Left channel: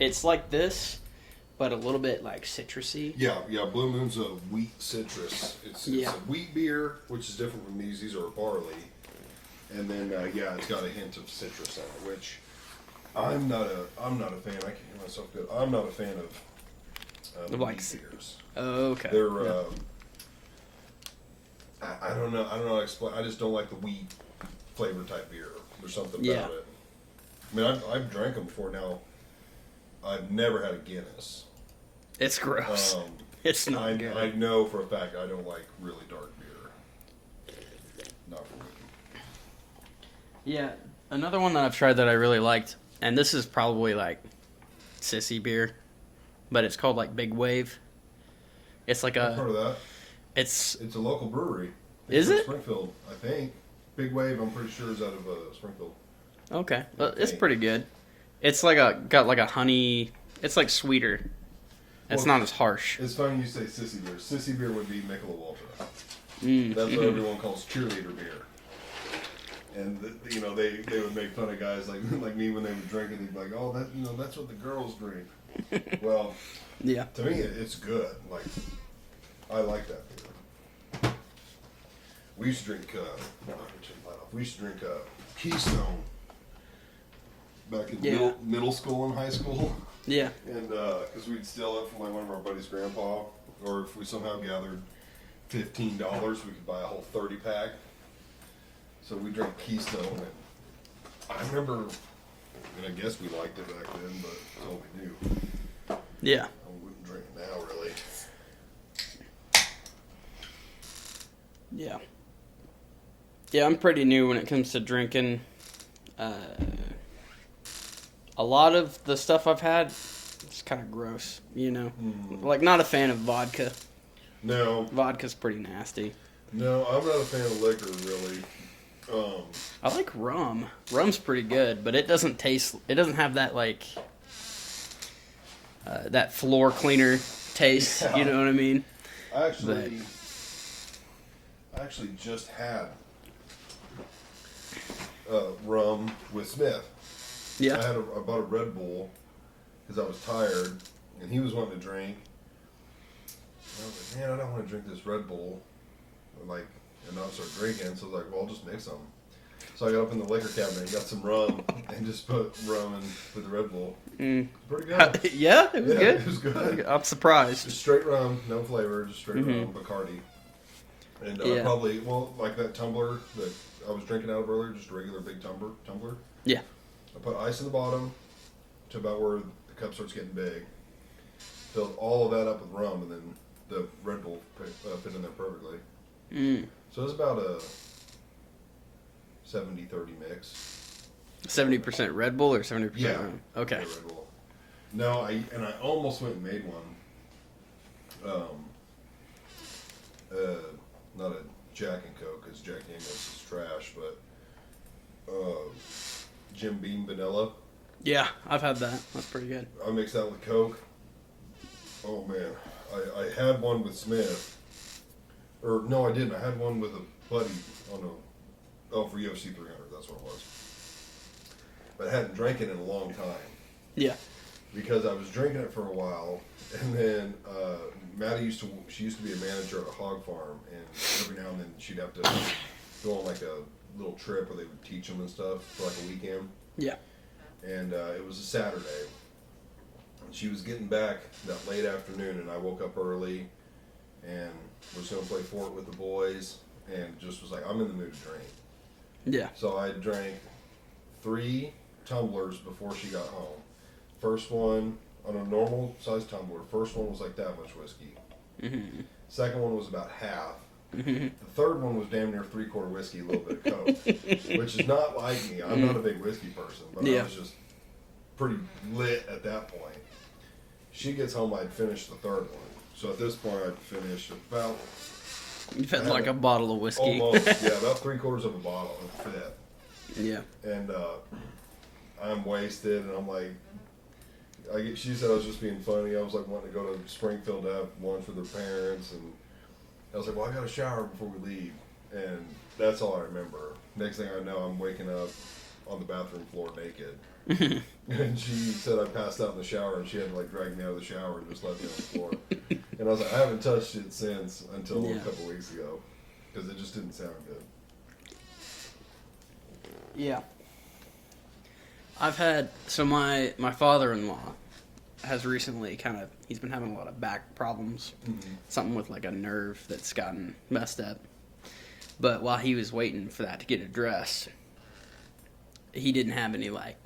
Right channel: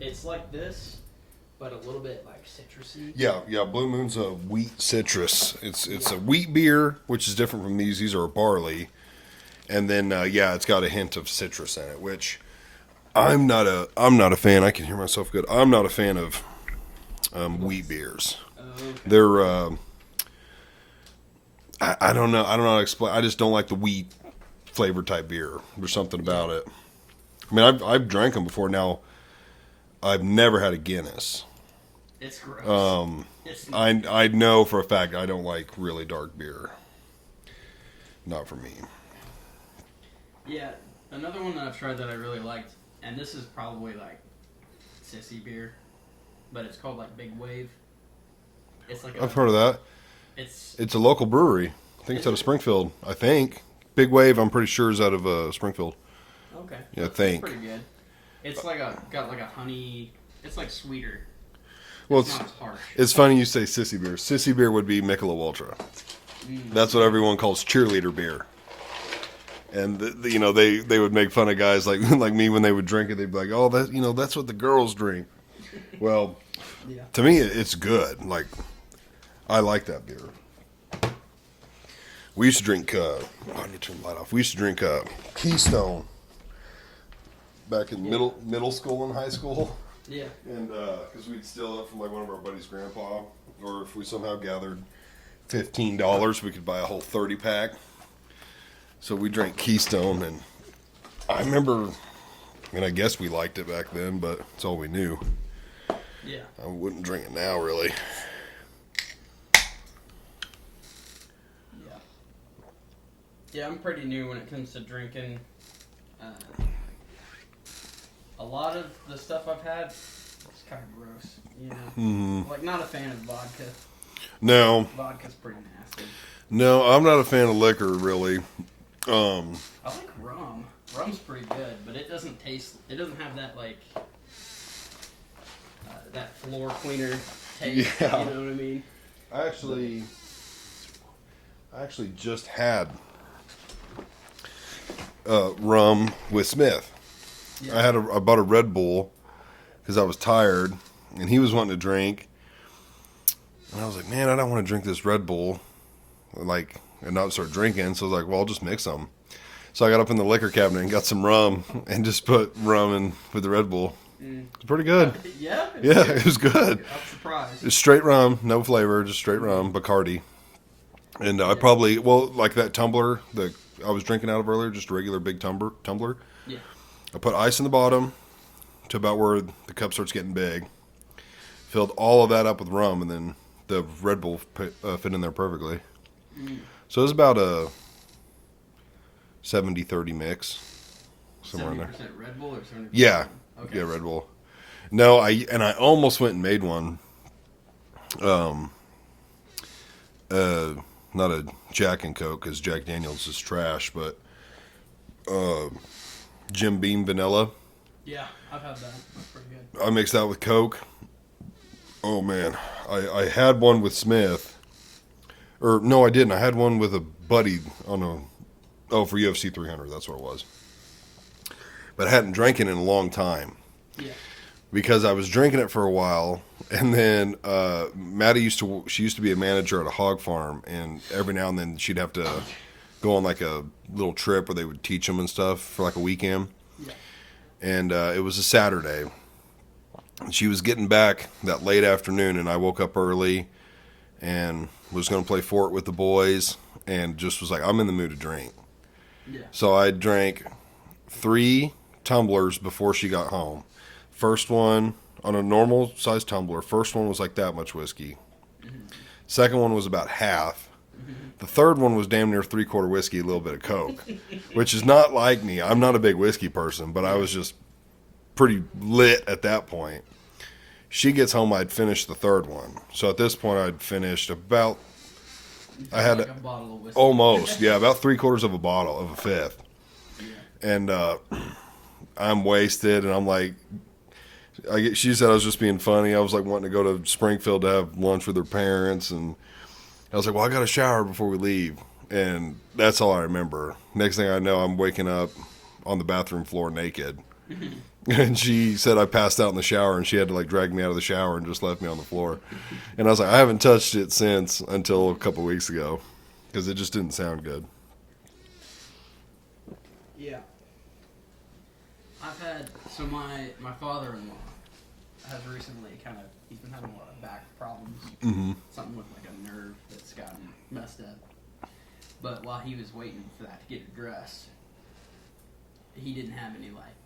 It's like this, but a little bit like citrusy. Yeah. Blue Moon's a wheat citrus. It's Yeah. a wheat beer, which is different from these. These are a barley, and then it's got a hint of citrus in it, which I'm not a fan. I can hear myself good. I'm not a fan of wheat beers. Oh, okay. They're I don't know. I don't know how to explain. I just don't like the wheat flavor type beer. There's something about it. I mean, I've drank them before. Now, I've never had a Guinness. It's gross. It's not good. I know for a fact I don't like really dark beer. Not for me. Yeah, another one that I've tried that I really liked, and this is probably like sissy beer, but it's called like Big Wave. It's like I've heard of that. It's a local brewery. I think Is it's out of it? Springfield. I think Big Wave. I'm pretty sure is out of Springfield. okay. Yeah, I It's think. pretty good. It's like got like a honey. It's like sweeter. Well, It's not as harsh. It's funny you say sissy beer. Sissy beer would be Michelob Ultra. That's what everyone calls cheerleader beer. And they would make fun of guys like like me when they would drink it. They'd be like, "Oh, that's what the girls drink." Well, Yeah. to me, it's good. Like, I like that beer. We used to drink. Let me turn the light off. We used to drink Keystone back in middle school and high school. Yeah. And because we'd steal it from like one of our buddies' grandpa, or if we somehow gathered $15, we could buy a whole 30-pack. So we drank Keystone, and I remember, and I guess we liked it back then, but it's all we knew. Yeah. I wouldn't drink it now, really. Yeah. Yeah, I'm pretty new when it comes to drinking. A lot of the stuff I've had, it's kind of gross, you know? Mm-hmm. Like, not a fan of vodka. No, Vodka's pretty nasty. no, I'm not a fan of liquor, really. I like rum. Rum's pretty good, but it doesn't have that, like, that floor cleaner taste, Yeah. you know what I mean? I actually just had rum with Smith. Yeah. I bought a Red Bull because I was tired, and he was wanting to drink. And I was like, man, I don't want to drink this Red Bull, and not start drinking. So I was like, well, I'll just mix them. So I got up in the liquor cabinet and got some rum and just put rum in with the Red Bull. It's pretty good. Yeah? It was Yeah, good? it was good. I'm surprised. Just straight rum, no flavor, just straight rum, Bacardi. And I Yeah. probably, like that tumbler that I was drinking out of earlier, just a regular big tumbler. Yeah. I put ice in the bottom to about where the cup starts getting big. Filled all of that up with rum, and then the Red Bull fit in there perfectly. So it was about a 70-30 mix. 70% Red Bull or 70%? Yeah. Okay. Yeah, Red Bull. No, I almost went and made one. Not a Jack and Coke, because Jack Daniels is trash, but Jim Beam vanilla. Yeah, I've had that. That's pretty good. I mixed that with Coke. Oh man, I had one with Smith, or no, I didn't. I had one with a buddy for UFC 300. That's what it was. But I hadn't drank it in a long time Yeah. because I was drinking it for a while, and then Maddie used to be a manager at a hog farm, and every now and then she'd have to go on like a little trip where they would teach them and stuff for like a weekend. Yeah. And it was a Saturday. She was getting back that late afternoon, and I woke up early and was going to play fort with the boys, and just was like, I'm in the mood to drink. Yeah. So I drank 3 tumblers before she got home. First one, on a normal size tumbler, first one was like that much whiskey. Second one was about half. The third one was damn near 3/4 whiskey, a little bit of Coke, which is not like me. I'm not a big whiskey person, but I Yeah. was just pretty lit at that point. She gets home, I'd finished the third one. So at this point, I'd finished about You've I had had like a bottle of whiskey. almost, yeah, about 3/4 of a bottle of a fifth. Yeah. And I'm wasted, and I'm like, she said I was just being funny. I was like wanting to go to Springfield to have lunch with her parents, and I was like, well, I got to shower before we leave. And that's all I remember. Next thing I know, I'm waking up on the bathroom floor naked. And she said I passed out in the shower, and she had to like drag me out of the shower and just left me on the floor. And I was like, I haven't touched it since until a couple weeks ago because it just didn't sound good. Yeah. I've had, so my father-in-law has recently he's been having a lot of back problems. Mm-hmm. Something with like a nerve that's gotten messed up. But while he was waiting for that to get addressed, he didn't have any like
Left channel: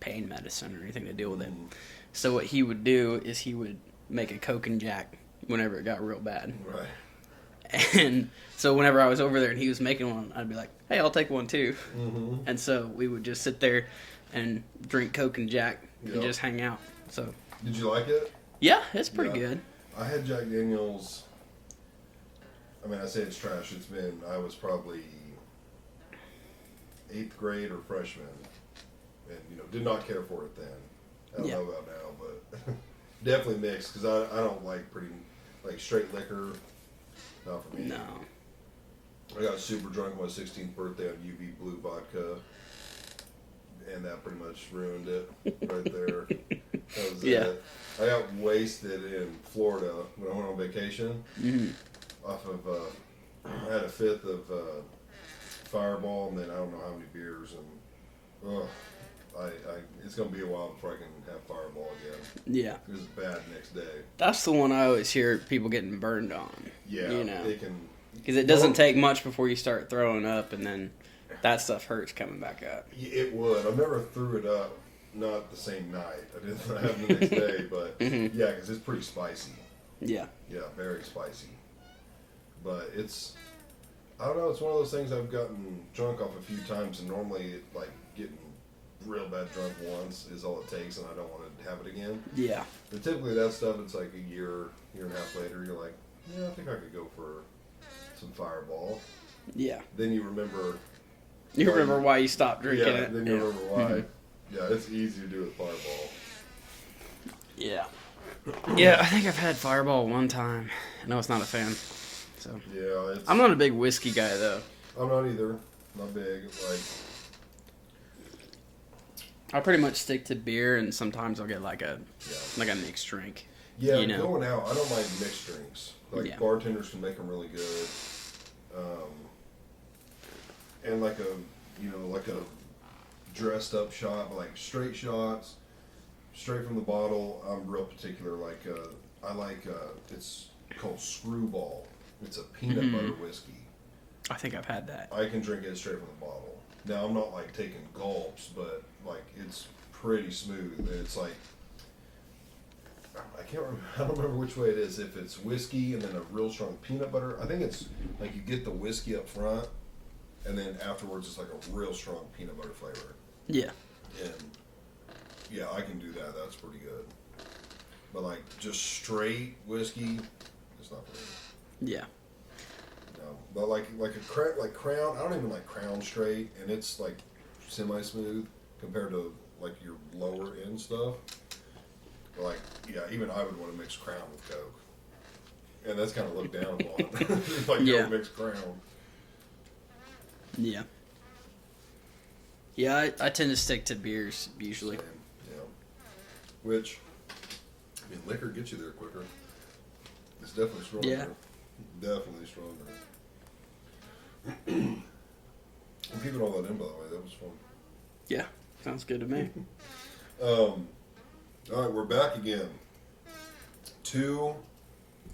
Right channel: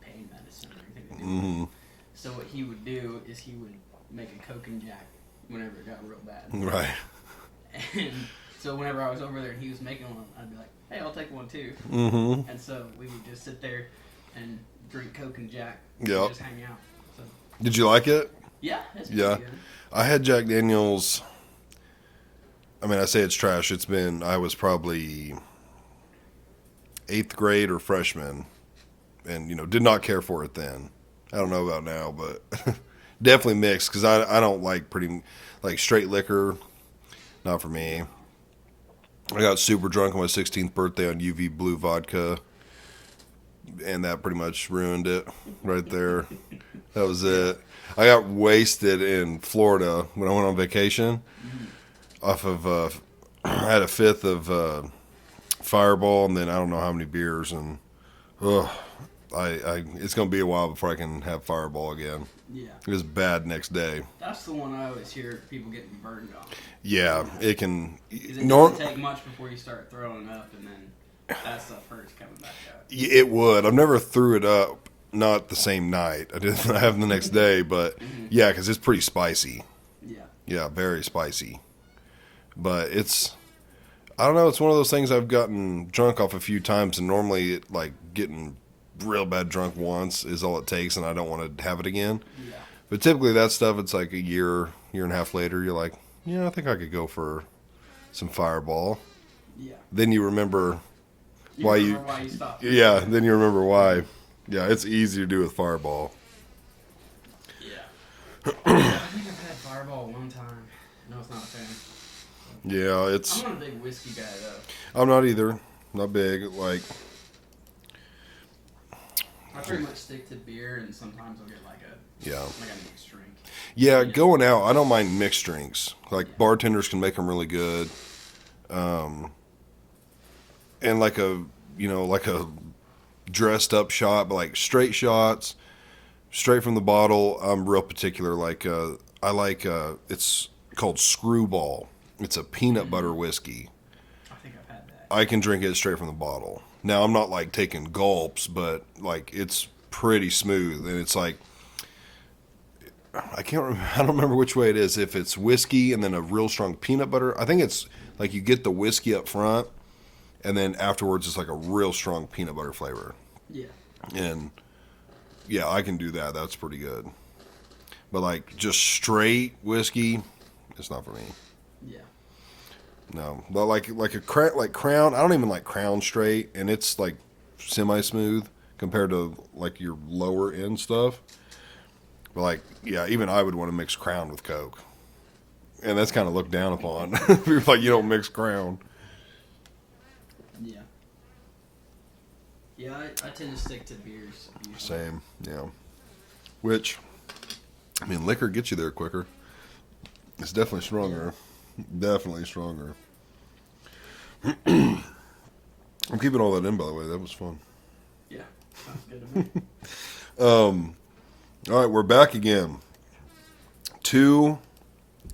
pain medicine or anything to deal with it. So what he would do is he would make a Coke and Jack whenever it got real bad. Right. And so whenever I was over there and he was making one, I'd be like, hey, I'll take one too. Mm-hmm. And so we would just sit there and drink Coke and Jack and just hang out. So Did you like it? yeah, it's pretty good. I had Jack Daniels. I mean, I say it's trash. I was probably 8th grade or freshman, and did not care for it then. I don't know about now, but definitely mixed because I don't like straight liquor. Not for me. No. I got super drunk on my 16th birthday on UV Blue vodka, and that pretty much ruined it right there. That was it. I got wasted in Florida when I went on vacation. Off of, I had a 5th of Fireball, and then I don't know how many beers, and it's gonna be a while before I can have Fireball again. Yeah. It was bad next day. That's the one I always hear people getting burned on. Yeah, it can. Because it doesn't take much before you start throwing up, and then that stuff hurts coming back up. It would. I've never threw it up. Not the same night. I didn't have them the next day, but yeah, because it's pretty spicy. Yeah. Yeah, very spicy. But I don't know, it's one of those things I've gotten drunk off a few times, and normally getting real bad drunk once is all it takes, and I don't want to have it again. Yeah. But typically that stuff, it's like a year and a half later, you're like, yeah, I think I could go for some Fireball. Yeah. Then you remember why you stopped drinking. Yeah, then you remember why. Yeah, it's easy to do with Fireball. Yeah. Yeah, I think I've had Fireball one time. No, it's not a fan. So Yeah, I'm not a big whiskey guy though. I'm not either. Not big. I pretty much stick to beer, and sometimes I'll get like a mixed drink. Yeah, going out, I don't mind mixed drinks. Bartenders can make them really good. And like a dressed up shot, but straight shots, straight from the bottle. I'm real particular. I like it's called Screwball. It's a peanut butter whiskey. I think I've had that. I can drink it straight from the bottle. Now I'm not taking gulps, but it's pretty smooth, and it's I don't remember which way it is. If it's whiskey and then a real strong peanut butter, I think it's you get the whiskey up front, and then afterwards it's a real strong peanut butter flavor. Yeah. And yeah, I can do that. That's pretty good. But just straight whiskey, it's not for me. Yeah. No, but Crown, I don't even like Crown straight, and it's semi smooth compared to your lower end stuff. But yeah, even I would want to mix Crown with Coke, and that's kind of looked down upon. You're you don't mix Crown. Yeah. Yeah, I tend to stick to beers usually. Same, yeah. Which, I mean, liquor gets you there quicker. It's definitely stronger. Yeah. Definitely stronger. I'm keeping all that in, by the way. That was fun. Yeah, sounds good to me. All right, we're back again. 2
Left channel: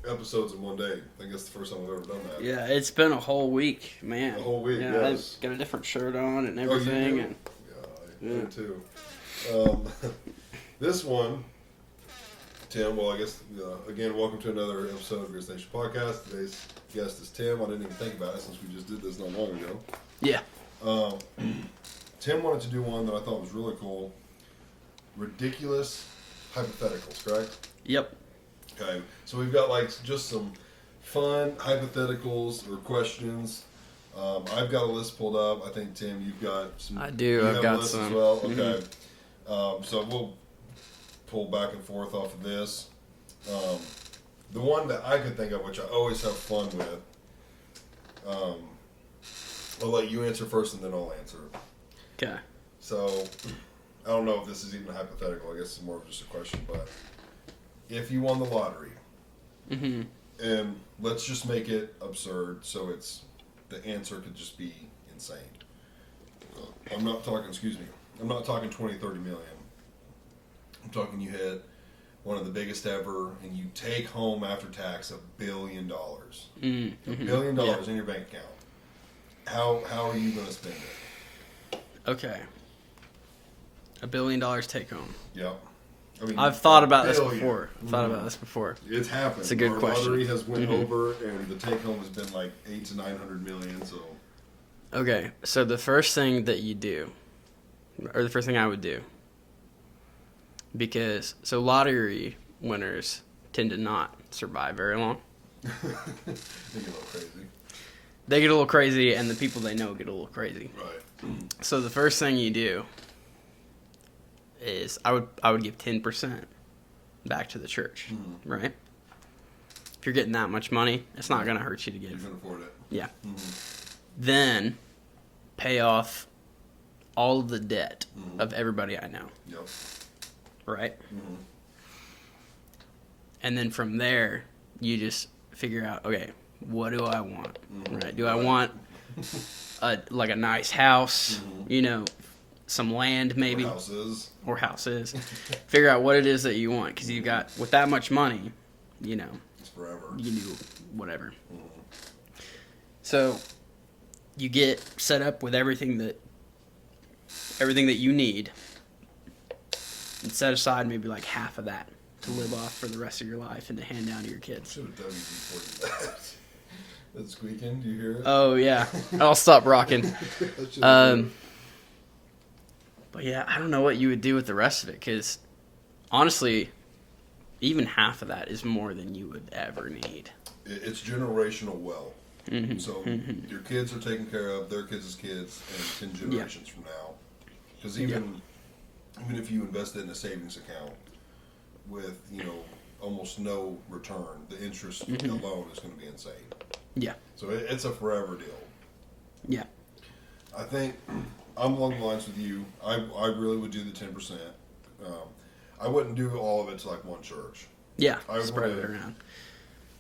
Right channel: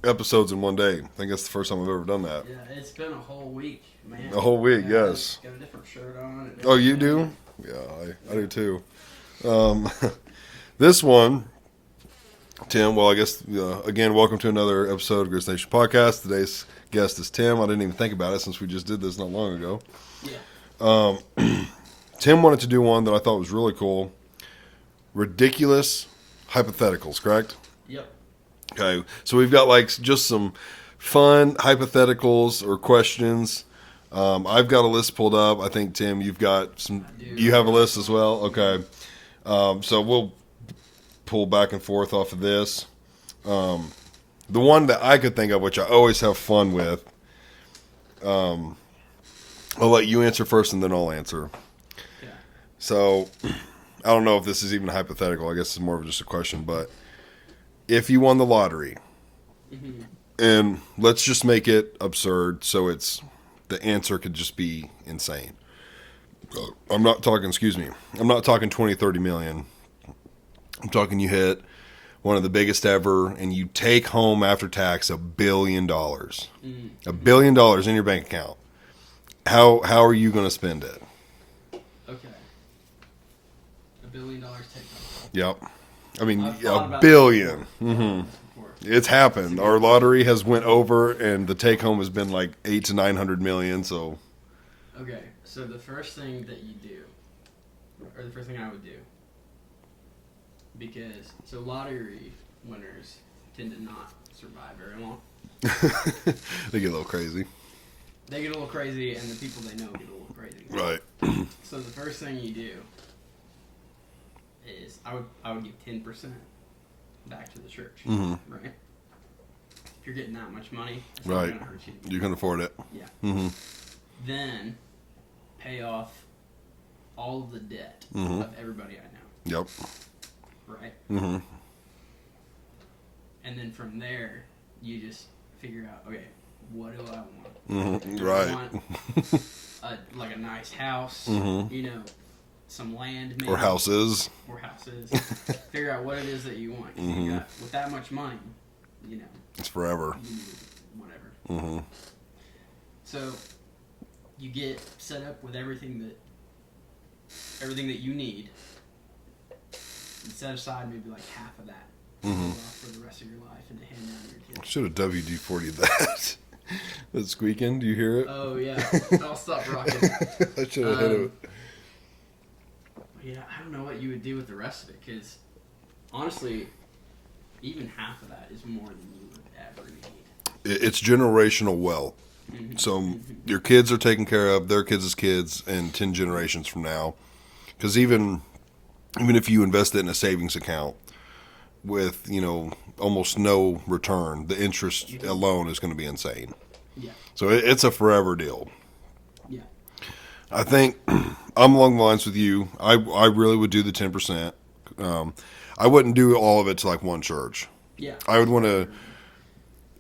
episodes in one day. I think that's the first time I've ever done that. Yeah, it's been a whole week, man. A whole week, yeah, yes. Got a different shirt on and everything. Oh, you do? Yeah, I do too. This one, Tim, well, I guess, again, welcome to another episode of Grist Nation Podcast. Today's guest is Tim. I didn't even think about it since we just did this not long ago. Yeah. Tim wanted to do one that I thought was really cool. Ridiculous hypotheticals, correct? Yep. Okay, so we've got just some fun hypotheticals or questions. I've got a list pulled up. I think, Tim, you've got some. I do. You have a list as well? Okay. Mm-hmm. So we'll pull back and forth off of this. The one that I could think of, which I always have fun with, I'll let you answer first and then I'll answer. Okay. So I don't know if this is even hypothetical. I guess it's more of just a question. But if you won the lottery, and let's just make it absurd, so the answer could just be insane. I'm not talking. Excuse me. I'm not talking 20, 30 million. I'm talking you hit one of the biggest ever, and you take home after tax $1 billion. $1 billion in your bank account. How are you going to spend it? Okay. $1 billion take home. Yep. I mean, I've thought about billion. this before. Thought about this before. It's happened. It's a good Our question. lottery has went over, and the take home has been like 800 to 900 million. So, Okay, so the first thing that you do, or the first thing I would do, because lottery winners tend to not survive very long. they get a little crazy. They get a little crazy, and the people they know get a little crazy. Right. So the first thing you do is I would give 10% back to the church, right? If you're getting that much money, it's not Right. going to hurt you to get You it. can afford it. Yeah. Then pay off all of the debt of everybody I know, Yep. right? And then from there, you just figure out, okay, what do I want? Right? Do I Right. want a nice house, some land maybe, Or houses. or houses? Figure out what it is that you want, because you got, with that much money, It's forever. you can do whatever. So you get set up with everything that you need, and set aside maybe like half of that to live off for the rest of your life and to hand down to your kids. Should have WD-40'd that. That's squeaking. Do you hear it? Oh yeah, I'll stop rocking. I should have heard it. But yeah, I don't know what you would do with the rest of it, because honestly, even half of that is more than you would ever need. It's generational wealth. So your kids are taken care of, their kids' kids, and 10 generations from now. Because even if you invest it in a savings account with, almost no return, the interest alone is going to be insane. Yeah, So it's a forever deal. yeah, I think I'm along the lines with you. I really would do the 10%. I wouldn't do all of it to like one church. yeah. I would want to.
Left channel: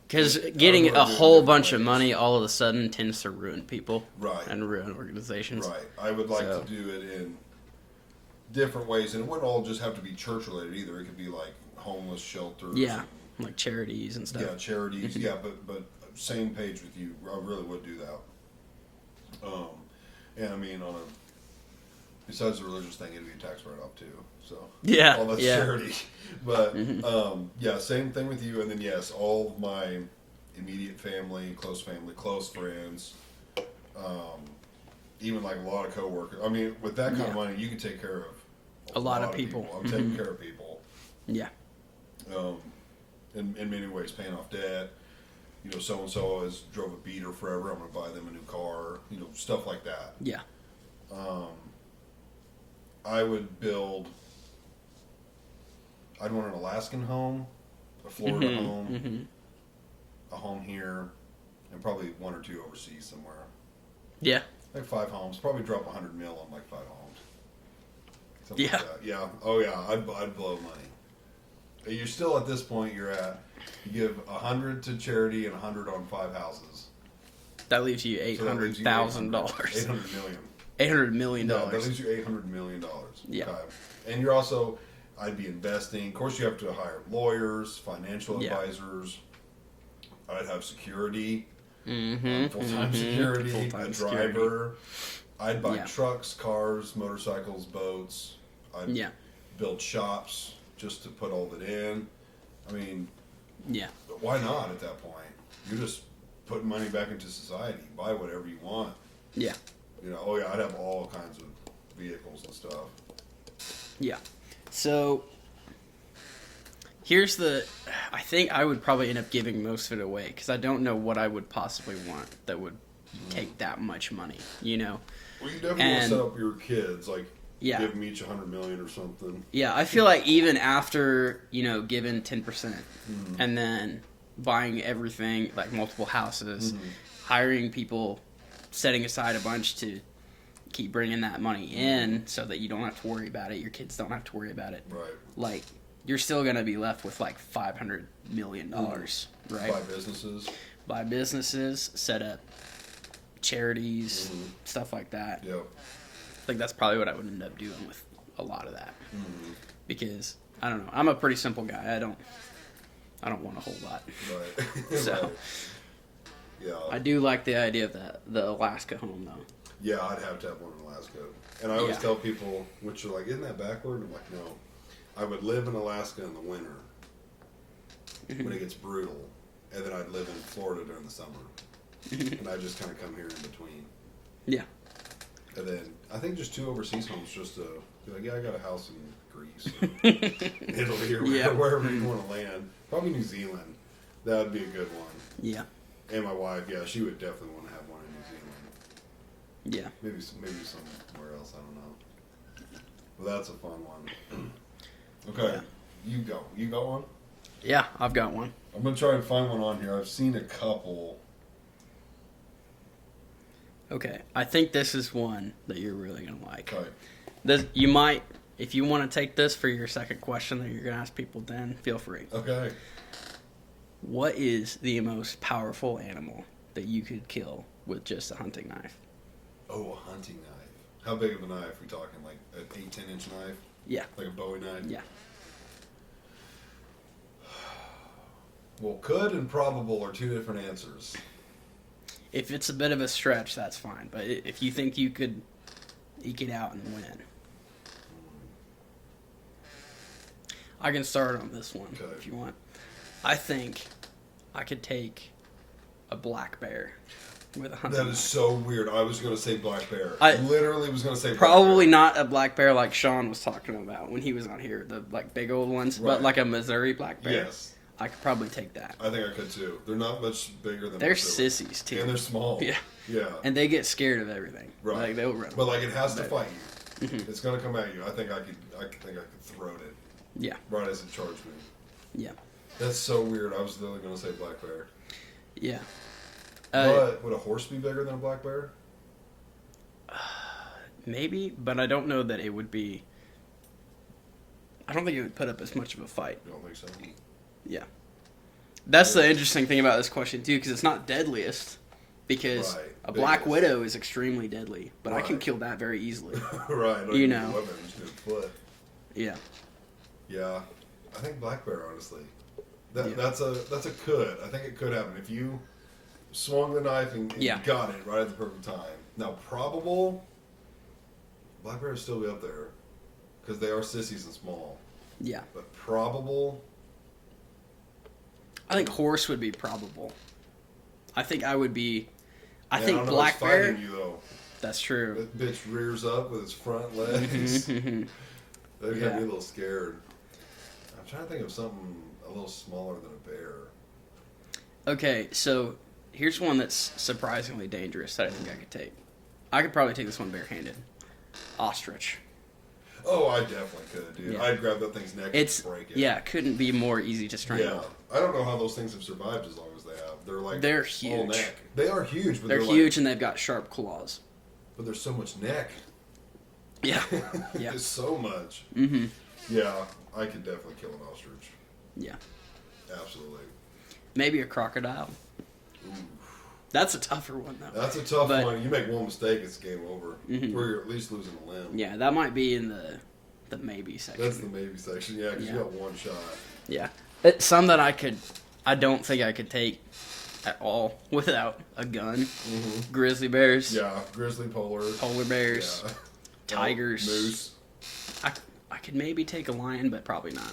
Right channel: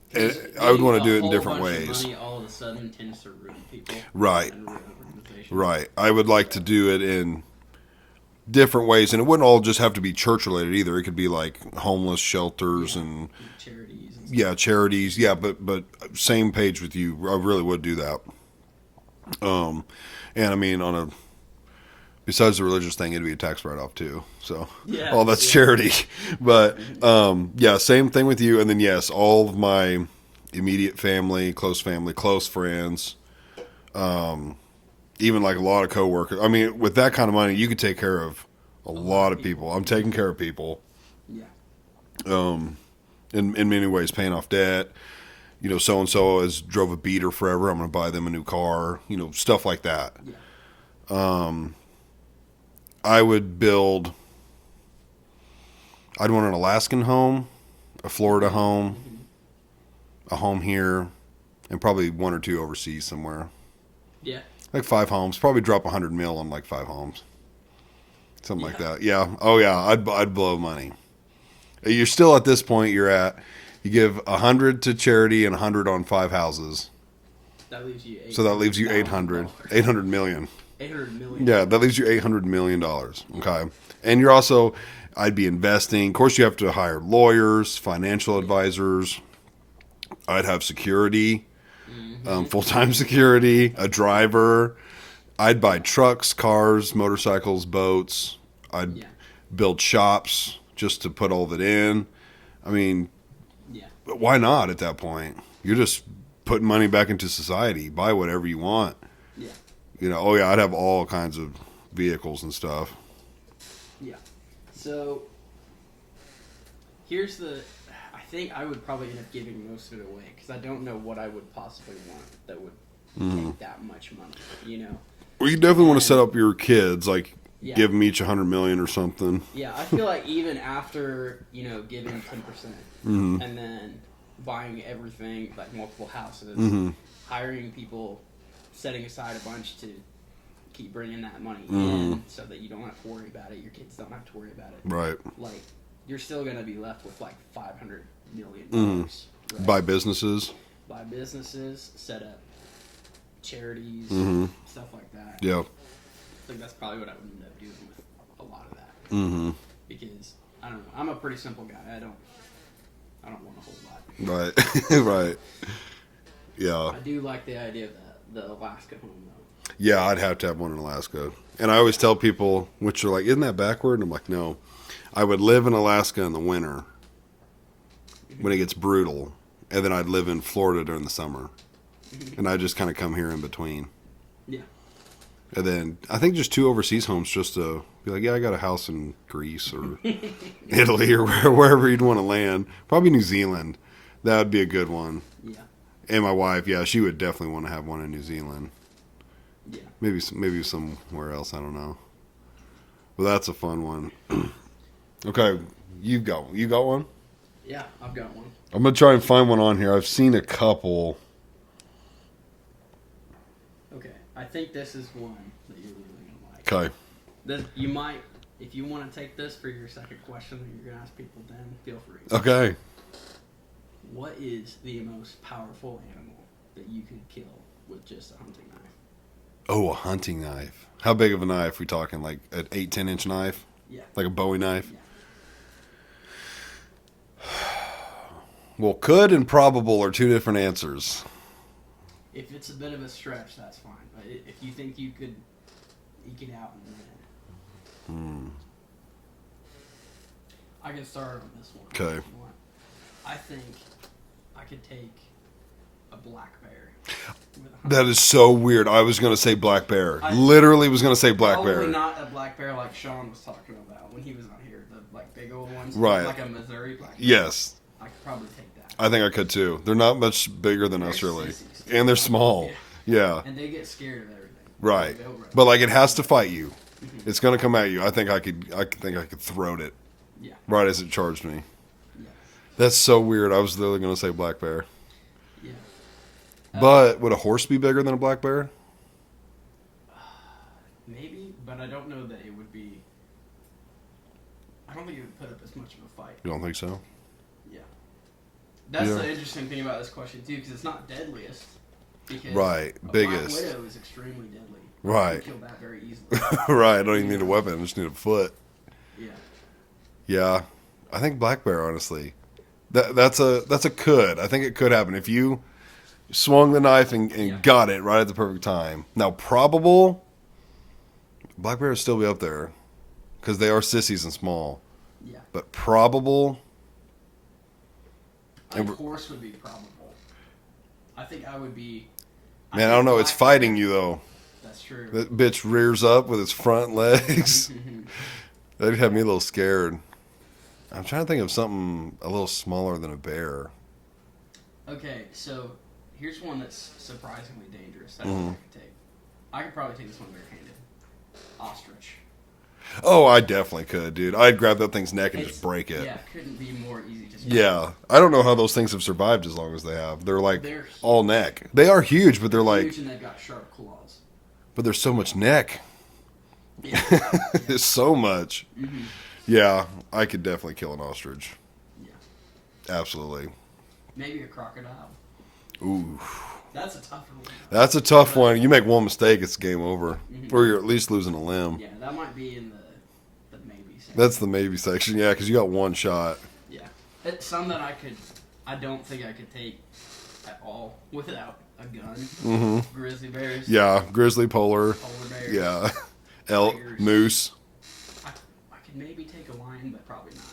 Because I would getting wanna do it a in whole different bunch of ways. money all of a sudden tends to ruin people. Right. And ruin organizations. Right. I would like to do it in different ways, and it wouldn't all just have to be church related either. It could be like homeless shelters Yeah, and like charities and stuff. charities. Yeah, but same page with you. I really would do that. And I mean, besides the religious thing, it'd be a tax write off too. So Yeah, all that's yeah. charity. But same thing with you. And then yes, all of my immediate family, close friends, even like a lot of coworkers. I mean, with that kind of money, you could take care of a lot of people. I'm taking care of people. Yeah. In many ways, paying off debt. So and so has drove a beater forever. I'm going to buy them a new car. Stuff like that. Yeah. I would build. I'd want an Alaskan home, a Florida home, a home here, and probably one or two overseas somewhere. Yeah. Like 5 homes. Probably drop 100 mil on like 5 homes. Something like Yeah. that. Yeah. Oh yeah. I'd blow money. You're still at this point. You give 100 to charity and 100 on 5 houses. That leaves you $800,000. So that leaves you 800 million. $800 million. Yeah, that leaves you $800 million. Okay. Yeah. And you're also, I'd be investing. Of course, you have to hire lawyers, financial advisors. I'd have security, full-time security, a driver. I'd buy trucks, cars, motorcycles, boats. I'd build shops just to put all of it in. I mean, why not at that point? You're just putting money back into society. Buy whatever you want. Yeah. I'd have all kinds of vehicles and stuff. Yeah. So I think I would probably end up giving most of it away, because I don't know what I would possibly want that would take that much money, Well, you definitely want to set up your kids, like give them each $100 million or something. Yeah, I feel like even after, giving 10% and then buying everything, like multiple houses, hiring people, setting aside a bunch to, keep bringing that money in so that you don't have to worry about it. Your kids don't have to worry about it. Right. Like, you're still going to be left with like $500 million, right? By businesses. By businesses, set up charities, stuff like that. Yep. I think that's probably what I would end up doing with a lot of that. Because, I don't know, I'm a pretty simple guy. I don't want a whole lot. Right. Right. Yeah. I do like the idea of the Alaska home, though. Yeah, I'd have to have one in Alaska. And I always tell people, which are like, isn't that backward? And I'm like, no. I would live in Alaska in the winter when it gets brutal. And then I'd live in Florida during the summer. And I just kind of come here in between. Yeah. And then I think just 2 overseas homes just to be like, yeah, I got a house in Greece or Italy or wherever you'd want to land. Probably New Zealand. That would be a good one. Yeah. And my wife, yeah, she would definitely want to have one in New Zealand. Yeah. Maybe somewhere else. I don't know. But that's a fun one. Okay, you got one? Yeah, I've got one. I'm gonna try and find one on here. I've seen a couple. Okay, I think this is one that you're really gonna like. Okay. This you might, if you want to take this for your second question that you're gonna ask people, then feel free. Okay. What is the most powerful animal that you could kill with just a hunting knife? Oh, a hunting knife. How big of a knife? We talking like an 8-10 inch knife? Yeah. Like a Bowie knife? Yeah. Well, could and probable are 2 different answers. If it's a bit of a stretch, that's fine. But if you think you could eke it out and win, I can start on this one if you want. I think I could take a black bear with a hunting That is so weird. I was going to say black bear. I Literally was going to say black bear. Probably not a black bear like Sean was talking about when he was on here. The like big old ones, Right. but like a Missouri black bear. Yes. I could probably take that. I think I could too. They're not much bigger than They're us, really. sissies, too. And they're small. Yeah. Yeah. And they get scared of everything. Right. Like, they'll run. But like it has to fight you. It's going to come at you. I think I could throw it Yeah. right as it charged me. Yeah. That's so weird. I was literally going to say black bear. Yeah. But would a horse be bigger than a black bear? Maybe, but I don't know that it would be. I don't think it would put up as much of a fight. You don't think so? Yeah. That's Yeah. the interesting thing about this question, too, because it's not deadliest. Because Right, a black biggest. widow is extremely deadly. But I Right. can kill that very easily. Right. I don't You even need a know. weapon. I just need a foot. Yeah. Yeah. I think black bear, honestly. That's a could. I think it could happen. If you swung the knife and Yeah. got it right at the perfect time. Now, probable, black bear would still be up there. Because they are sissies and small. Yeah. But probable, I think horse would be probable. I think I would be. man, I don't know. It's black fighting bear- you, though. That's true. That bitch rears up with its front legs. Mm-hmm. That'd have me a little scared. I'm trying to think of something a little smaller than a bear. Okay, so here's one that's surprisingly dangerous that I think I could take. I could probably take this one barehanded. Ostrich. Oh, I definitely could, dude. I'd grab that thing's neck and just break it. Yeah, couldn't be more easy to strangle. Yeah. I don't know how those things have survived as long as they have. They're like They're all huge. neck. They are huge, but They're they're huge like, and they've got sharp claws. but there's so much neck. Yeah. Yeah. There's so much. Mm-hmm. Yeah, I could definitely kill an ostrich. Yeah. Absolutely. Maybe a crocodile. Ooh. That's a tougher one, though. That's a tough But- one. You make one mistake, it's game over. Or you're at least losing a limb. Yeah, that might be in the maybe section. That's the maybe section, yeah, because you got one shot. Yeah. Some that I don't think I could take at all without a gun. Mm-hmm. Grizzly bears. Yeah, grizzly, polar. Polar bears. Yeah. Elk, Tigers. moose. I could maybe take a lion, but probably not.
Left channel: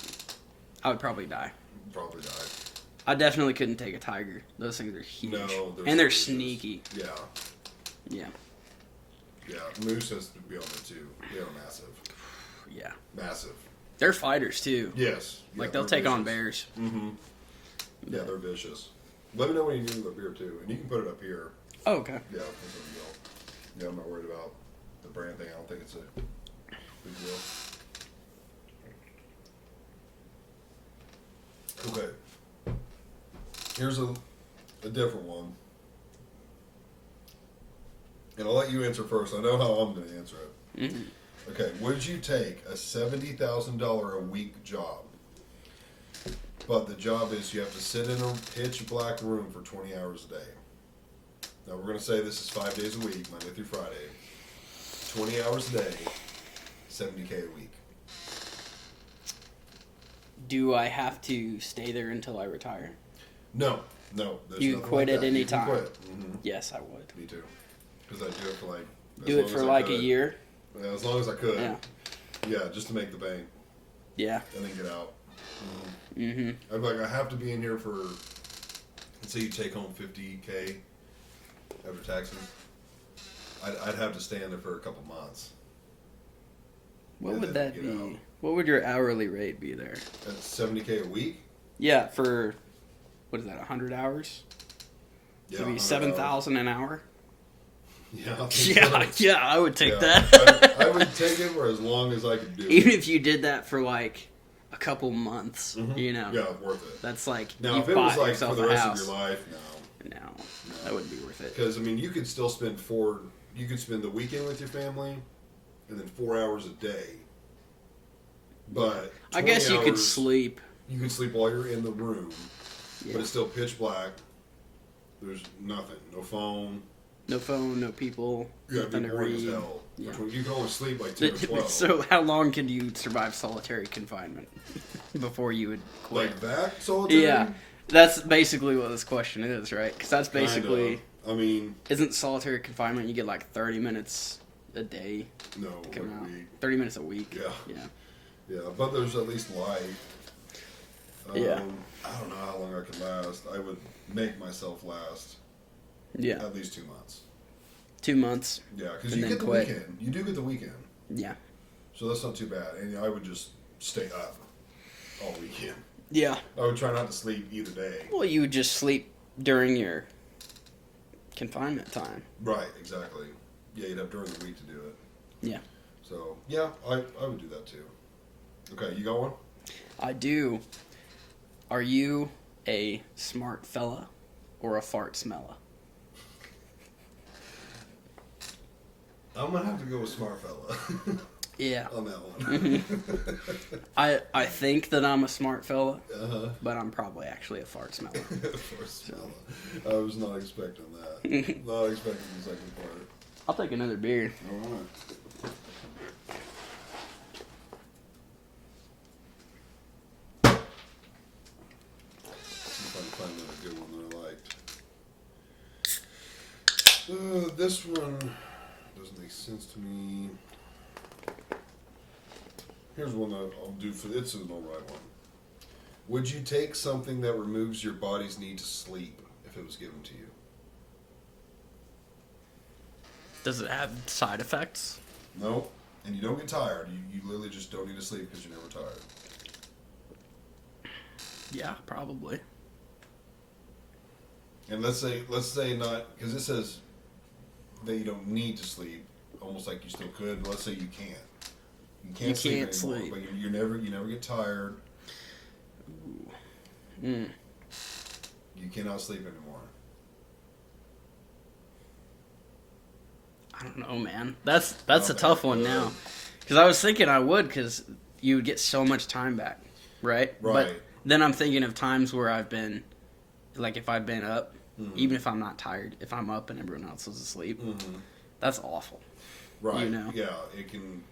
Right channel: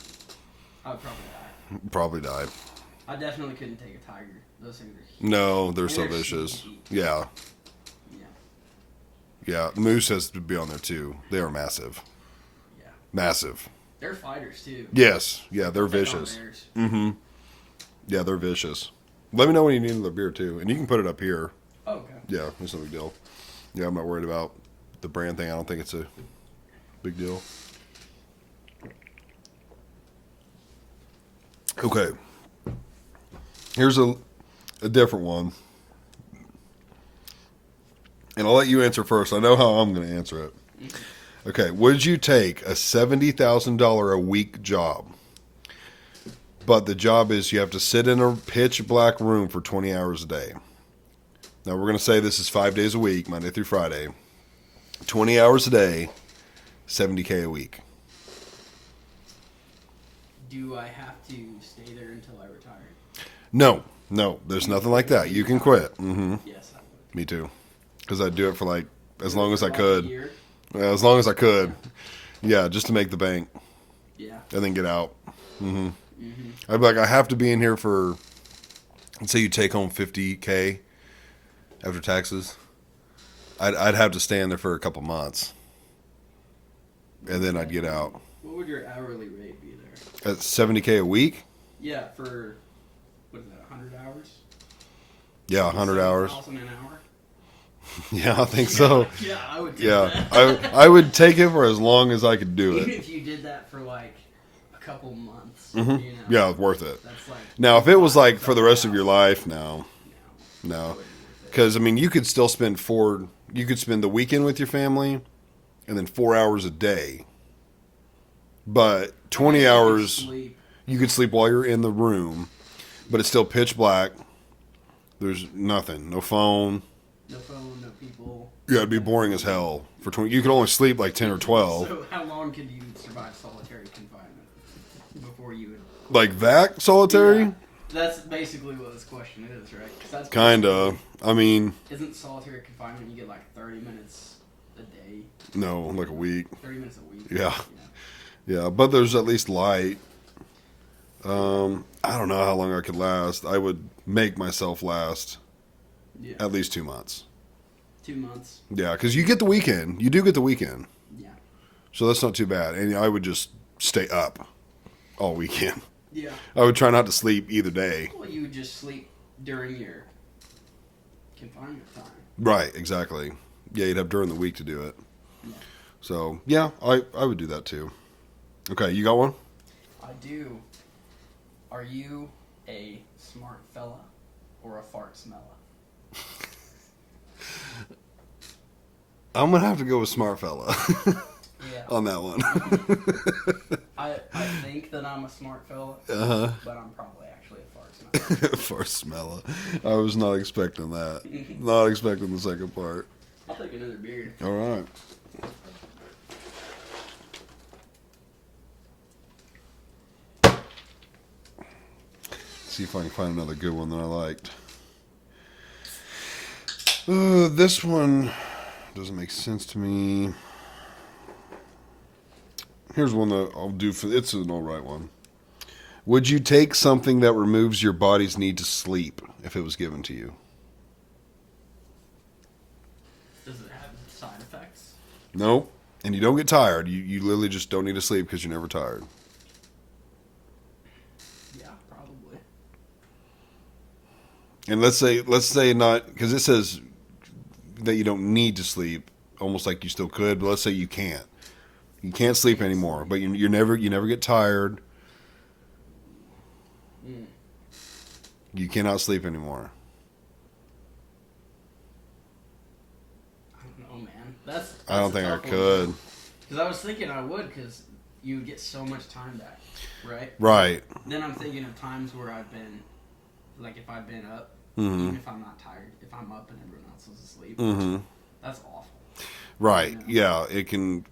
I would probably die. Probably died. I definitely couldn't take a tiger. Those things are huge. No, they're And so they're vicious. sneaky. Yeah. Yeah. Yeah. Moose has to be on there too. They are massive. Yeah. Massive. They're fighters, too. Yes. Yeah, Like, they're they'll take vicious. on bears. Yeah, they're vicious. Let me know when you need another beer too. And you can put it up here. Oh, okay. Yeah, that's no big deal. Yeah, I'm not worried about the brand thing. I don't think it's a big deal. Okay. Here's a different one. And I'll let you answer first. I know how I'm going to answer it. Mm-hmm. Okay, would you take a $70,000 a week job? But the job is you have to sit in a pitch black room for 20 hours a day. Now we're going to say this is 5 days a week, Monday through Friday. 20 hours a day, $70K a week. Do I have to stay there until I retire? No, there's You nothing like quit at that. any You can time? quit. Hmm. Yes, I would. Me too. Because I'd do it for like as Do it long as for I like could. A year? As long as I could. Yeah, just to make the bank Yeah. and then get out. Hmm. Mm-hmm. I'd be like, I have to be in here for, let's say you take home $50K after taxes. I'd have to stay in there for a couple months. What And would then I'd that get be? out. What would your hourly rate be there? At $70K a week? Yeah, for what is that? 100 hours? Yeah, 100 hours. 7,000 an hour. Yeah, I think Yeah, so. yeah, I would take Yeah, that. I would take it for as long as I could do Even it. if you did that for like a couple months, Mhm. you know. Yeah, it's worth it. That's like Now, you if it was bought like yourself for the a rest of your house. life, no. No, that No. wouldn't be worth it. Because, I mean, you could still spend you could spend the weekend with your family and then 4 hours a day. But I 20 guess hours, you could sleep. you could sleep while you're in the room, but it's still pitch black. There's nothing. No phone. No phone, no people. Yeah, it'd be in a boring as room. hell. For 20, you could only sleep like 10 or 12. So how long can you survive solitary confinement before you would quit? Like that solitary? Yeah, that's basically what this question is, right? Because that's Kind basically, of. I mean, isn't solitary confinement you get like 30 minutes a day? no, like a week. 30 minutes a week. Yeah. Yeah. Yeah, but there's at least light. Yeah. I don't know how long I could last. I would make myself last Yeah. at least 2 months. 2 months. Yeah, because you Yeah, get the right. weekend. You do get the weekend. Yeah. So that's not too bad. And I would just stay up all weekend. Yeah. I would try not to sleep either day. Well, you would just sleep during your confinement time. Right, exactly. Yeah, you'd have during the week to do it. Yeah. So, yeah, I would do that too. Okay, you got one? I do. Are you a smart fella or a fart smella? I'm going to have to go with smart fella Yeah. on that one. I think that I'm a smart fella, Uh-huh. but I'm probably actually a fart smeller. For smella. I was not expecting that. Not expecting the second part. I'll take another beer. All right. See if I can find another good one that I liked. This one doesn't make sense to me. Here's one that I'll do for. It's an all right one. Would you take something that removes your body's need to sleep if it was given to you? Does it have side effects? No. And you don't get tired. You literally just don't need to sleep because you're never tired. Yeah, probably. And let's say not, because it says that you don't need to sleep, almost like you still could. But let's say you can't. You can't sleep can't anymore. sleep. But you never get tired. Mm. You cannot sleep anymore. I don't know, man. That's I a don't think tough I one could. now. Because I was thinking I would, because you would get so much time back, right? Right. But then I'm thinking of times where I've been, like if I've been up, Mhm. even if I'm not tired, if I'm up and everyone else is asleep, Mm-hmm. that's awful. Right. You know? Yeah. It can.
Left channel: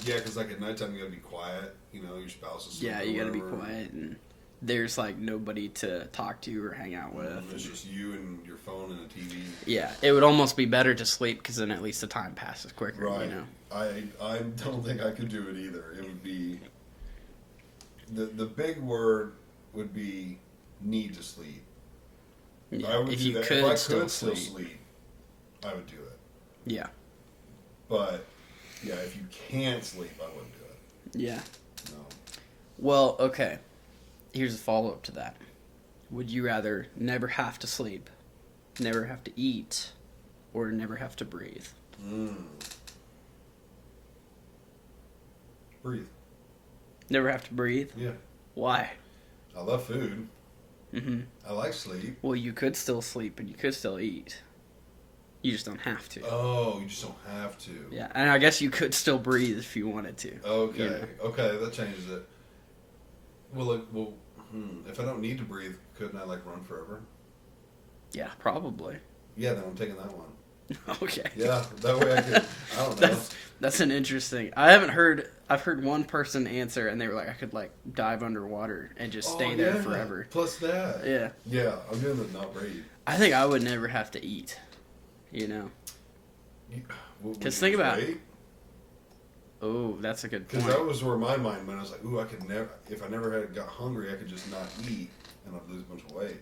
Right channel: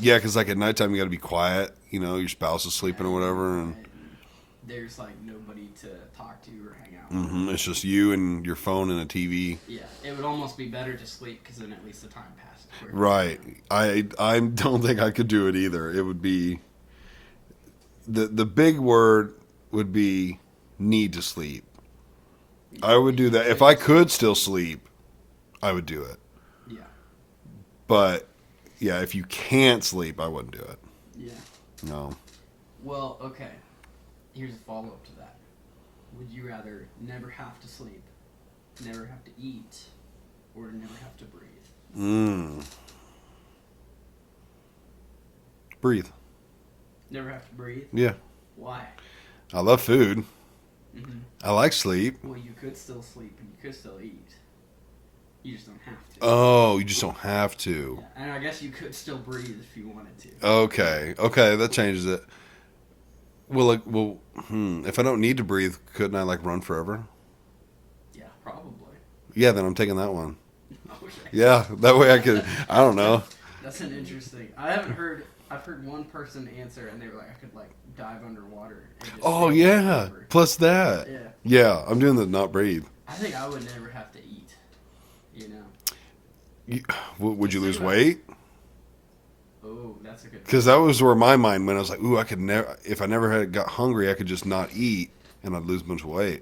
Yeah, because like at nighttime you got to be quiet. You know, your spouse is sleeping Yeah, or you gotta be whatever. And, quiet, and there's like nobody to talk to or hang out with. mhm, it's just you and your phone and a TV. Yeah, it would almost be better to sleep because then at least the time passes quicker. Right. You know? I don't think I could do it either. It would be the big word would be need to sleep. Yeah, I would if do you that if I could still sleep. I would do it. Yeah. But yeah, if you can't sleep, I wouldn't do it. Yeah. No. Well, okay. Here's a follow up to that. Would you rather never have to sleep, never have to eat, or never have to breathe? Breathe. Never have to breathe? Yeah. Why? I love food. Mm-hmm. I like sleep. Well, you could still sleep and you could still eat. You just don't have to. Oh, you just don't have to. Yeah, and I guess you could still breathe if you wanted to. Okay. Okay, that changes it. If I don't need to breathe, couldn't I like run forever? Yeah, probably. Yeah, then I'm taking that one. Okay. Yeah, that way I could. I don't know. That's an interesting. I've heard one person answer, and they were like, I could like dive underwater and just. Oh stay there yeah. forever. Plus that. Yeah. Yeah, I'm doing the not breathe. I think I would never have to eat. You know. Would Just you think lose about weight? Oh, that's a good. Because that was where my mind went. I was like, ooh, I could never. If I never had got hungry, I could just not eat, and I'd lose a bunch of weight.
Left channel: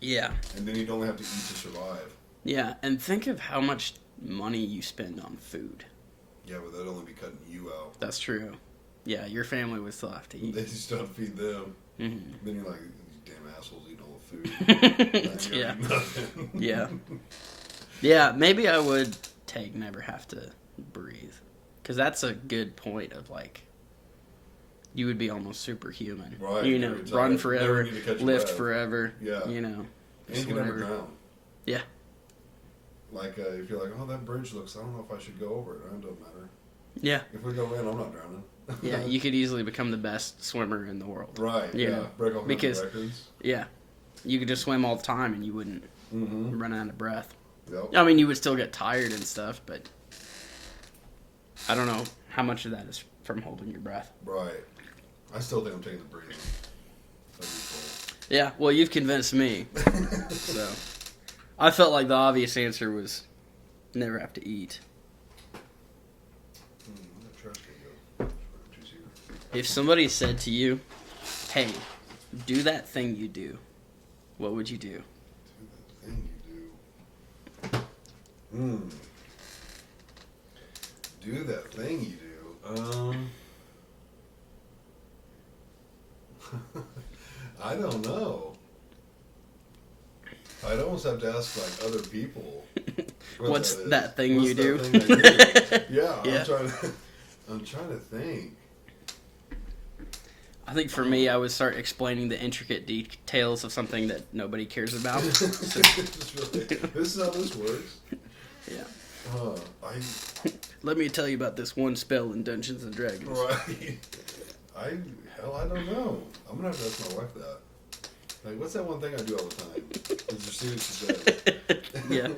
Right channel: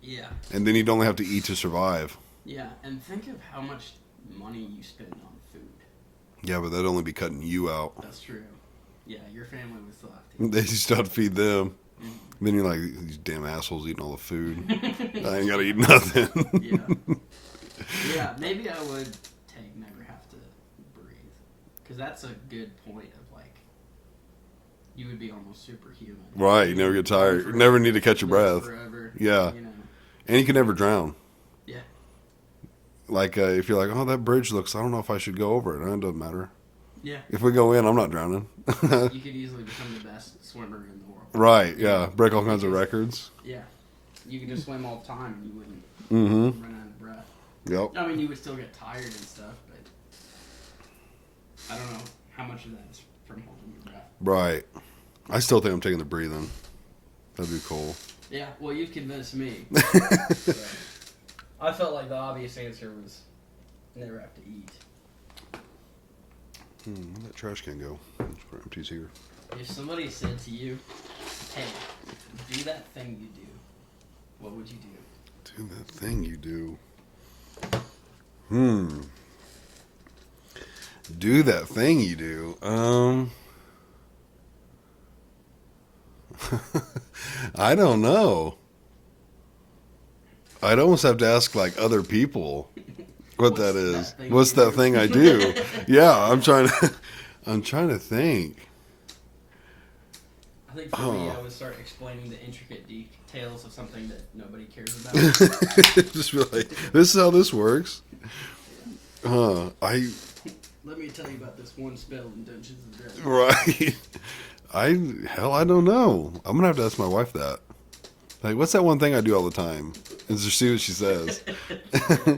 Yeah. And then you'd only have to eat to survive. Yeah, and think of how much money you spend on food. Yeah, but that'd only be cutting you out. That's true. Yeah, your family would still have to eat. They still have to feed them. Mm-hmm. Then you're like, these damn assholes eating all the food. I ain't gotta eat nothing. Yeah. Yeah, maybe I would never have to breathe. Because that's a good point of like, you would be almost superhuman. Right, you never get tired. You never need to catch your live breath. forever. Yeah. You know. And you can never drown. Yeah. Like, if you're like, oh, that bridge looks, I don't know if I should go over it. It doesn't matter. Yeah. If we go in, I'm not drowning. Yeah, you could easily become the best swimmer in the world. Right, You yeah. know, Break all kinds of because- records. Yeah. You could just swim all the time and you wouldn't Mm-hmm. run out of breath. Yep. I mean, you would still get tired and stuff, but I don't know how much of that is from holding your breath. Right. I still think I'm taking the breathing. That'd be cool. Yeah, well, you've convinced me. So I felt like the obvious answer was never have to eat. Where'd that trash can go? It's empties here. If somebody said to you, hey, do that thing you do, what would you do? Do that thing you do. Do that thing you do. I don't know. I'd almost have to ask like other people what What's that is. that thing What's you that do? thing I do? Yeah, Yeah. I'm trying to think. I think for me, I would start explaining the intricate details of something that nobody cares about. Just really, this is how this works. Yeah. I Let me tell you about this one spell in Dungeons and Dragons. right. I don't know. I'm gonna have to ask my wife that. Like, what's that one thing I do all the time? And just see what she says. Yeah.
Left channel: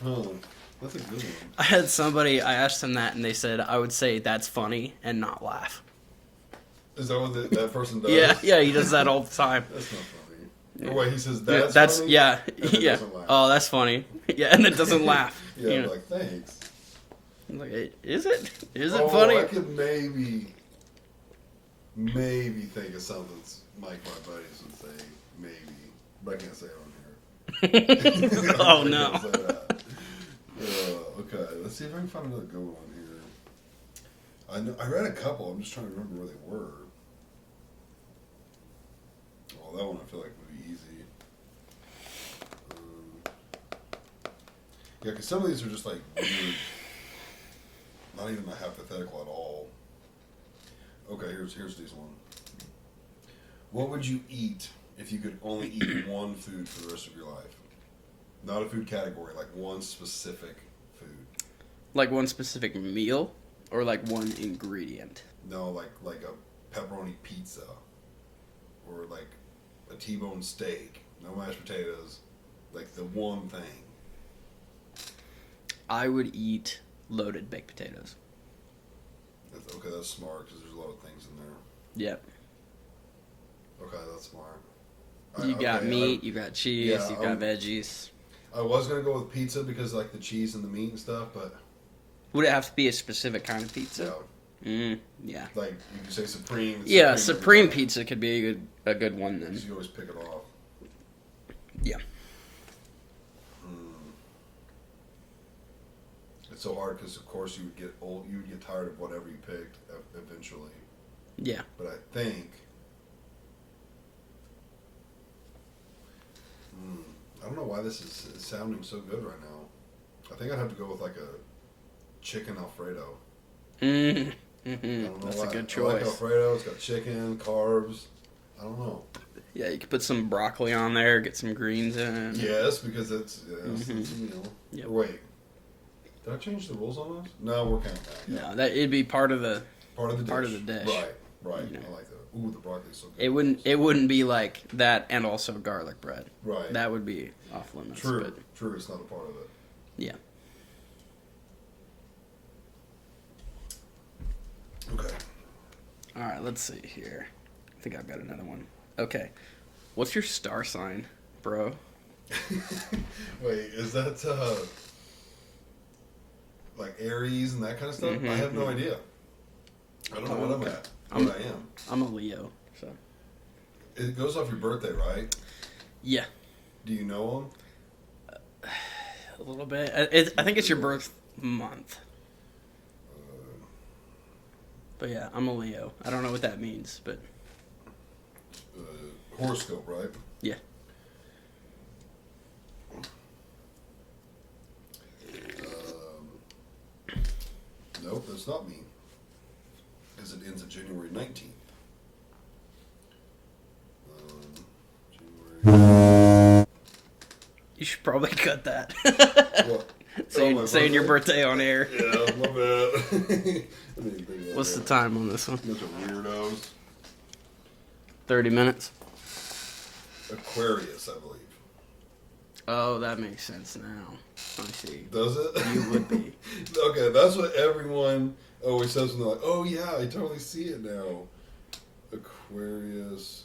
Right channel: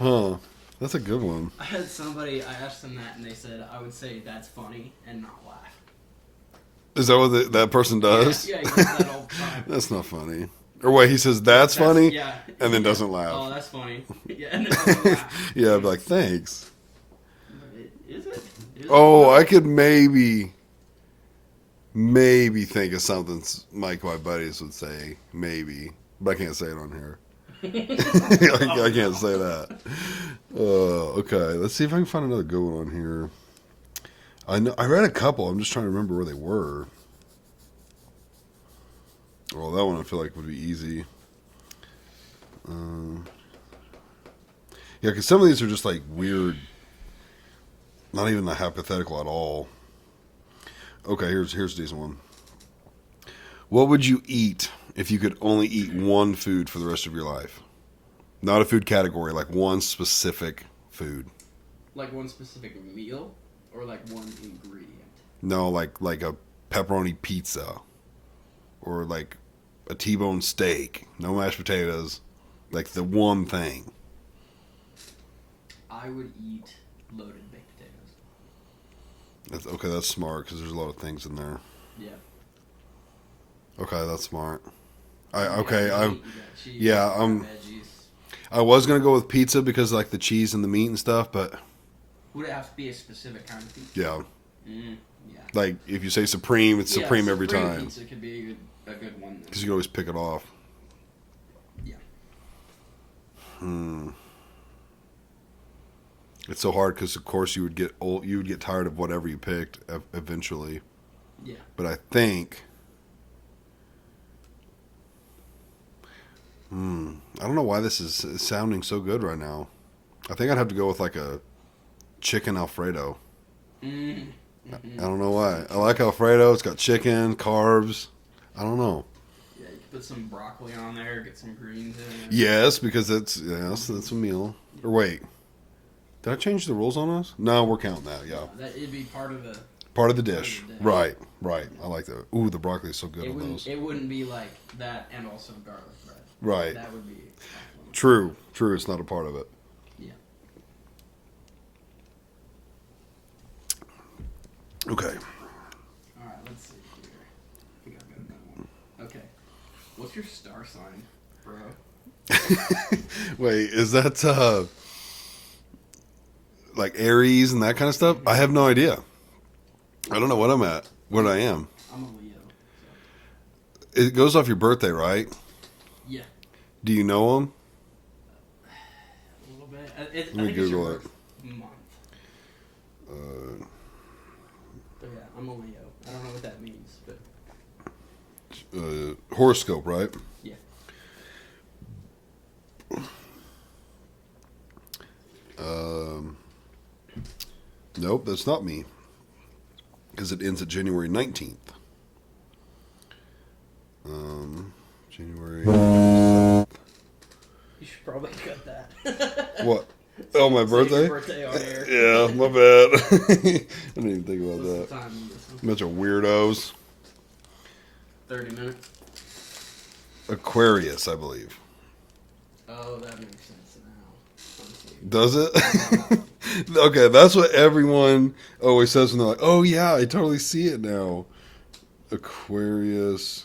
Huh. That's a good one. I had somebody, I asked them that, and they said I would say that's funny and not laugh. Is that what that person does? Yeah, he does that all the time. That's not funny. Or wait, he says that's funny? Yeah. And then yeah. doesn't laugh. Oh, that's funny. Yeah, and then doesn't laugh. Yeah, I'd You be know? like, thanks. I'm like, is it? Is it Oh, funny? I could maybe think of something Mike, my buddies, would say. Maybe. But I can't say it on here. Oh, I no. can't say that. Okay, let's see if I can find another good one on here. I read a couple. I'm just trying to remember where they were. Well, that one I feel like would be easy. Yeah, because some of these are just like weird. Not even like hypothetical at all. Okay, here's a decent one. What would you eat if you could only eat one food for the rest of your life? Not a food category, like one specific food. Like one specific meal or like one ingredient? No, like a pepperoni pizza. Or like a T-bone steak. No mashed potatoes. Like the one thing. I would eat loaded baked potatoes. That's smart because there's a lot of things in there. Yeah. Okay, that's smart. You got meat, you got cheese, yeah, you got veggies. I was gonna go with pizza because like the cheese and the meat and stuff, but Would it have to be a specific kind of pizza? yeah, Yeah. like if you say supreme, it's Yeah, supreme every supreme time. pizza could be a good one then. Because you can always pick it off. Yeah. It's so hard because of course you would get old, you would get tired of whatever you picked eventually. Yeah. But I think. I don't know why this is sounding so good right now. I think I'd have to go with like a chicken Alfredo. Mm-hmm. I don't know That's a why. good I like choice. Alfredo. It's got chicken, carbs. I don't know. Yeah, you could put some broccoli on there, get some greens in it. Yes, because that's a meal. Yep. Or wait, did I change the rules on us? No, we're counting that. Yeah, No, that it'd be part of the. part of the dish. Part of the dish. Right. Yeah. I like that. Ooh, the broccoli is so good. It with wouldn't. those. It wouldn't be like that, and also garlic bread. Right. That would be off limits. True. but True. It's not a part of it. Yeah. Okay. All right. Let's see here. I think I've got another one. Okay. What's your star sign, bro? Wait, is that like Aries and that kind of stuff? I have no idea. I don't know what I'm at. What I am. I'm a Leo. So. It goes off your birthday, right? Yeah. Do you know them? A little bit. I think it's your Google it. birth month. But yeah, I'm a Leo. I don't know what that means, but Horoscope, right? yeah. Nope, that's not me. Because it ends at January 19th. January. You should probably cut that. What? Saying- my saying birthday? your birthday on air. Yeah, my bad. I didn't even think about What's that. the time on this one? Bunch of weirdos. 30 minutes. Aquarius, I believe. Oh, that makes sense now. I see. Does it? Okay, that's what everyone always says when they're like, "Oh yeah, I totally see it now." Aquarius.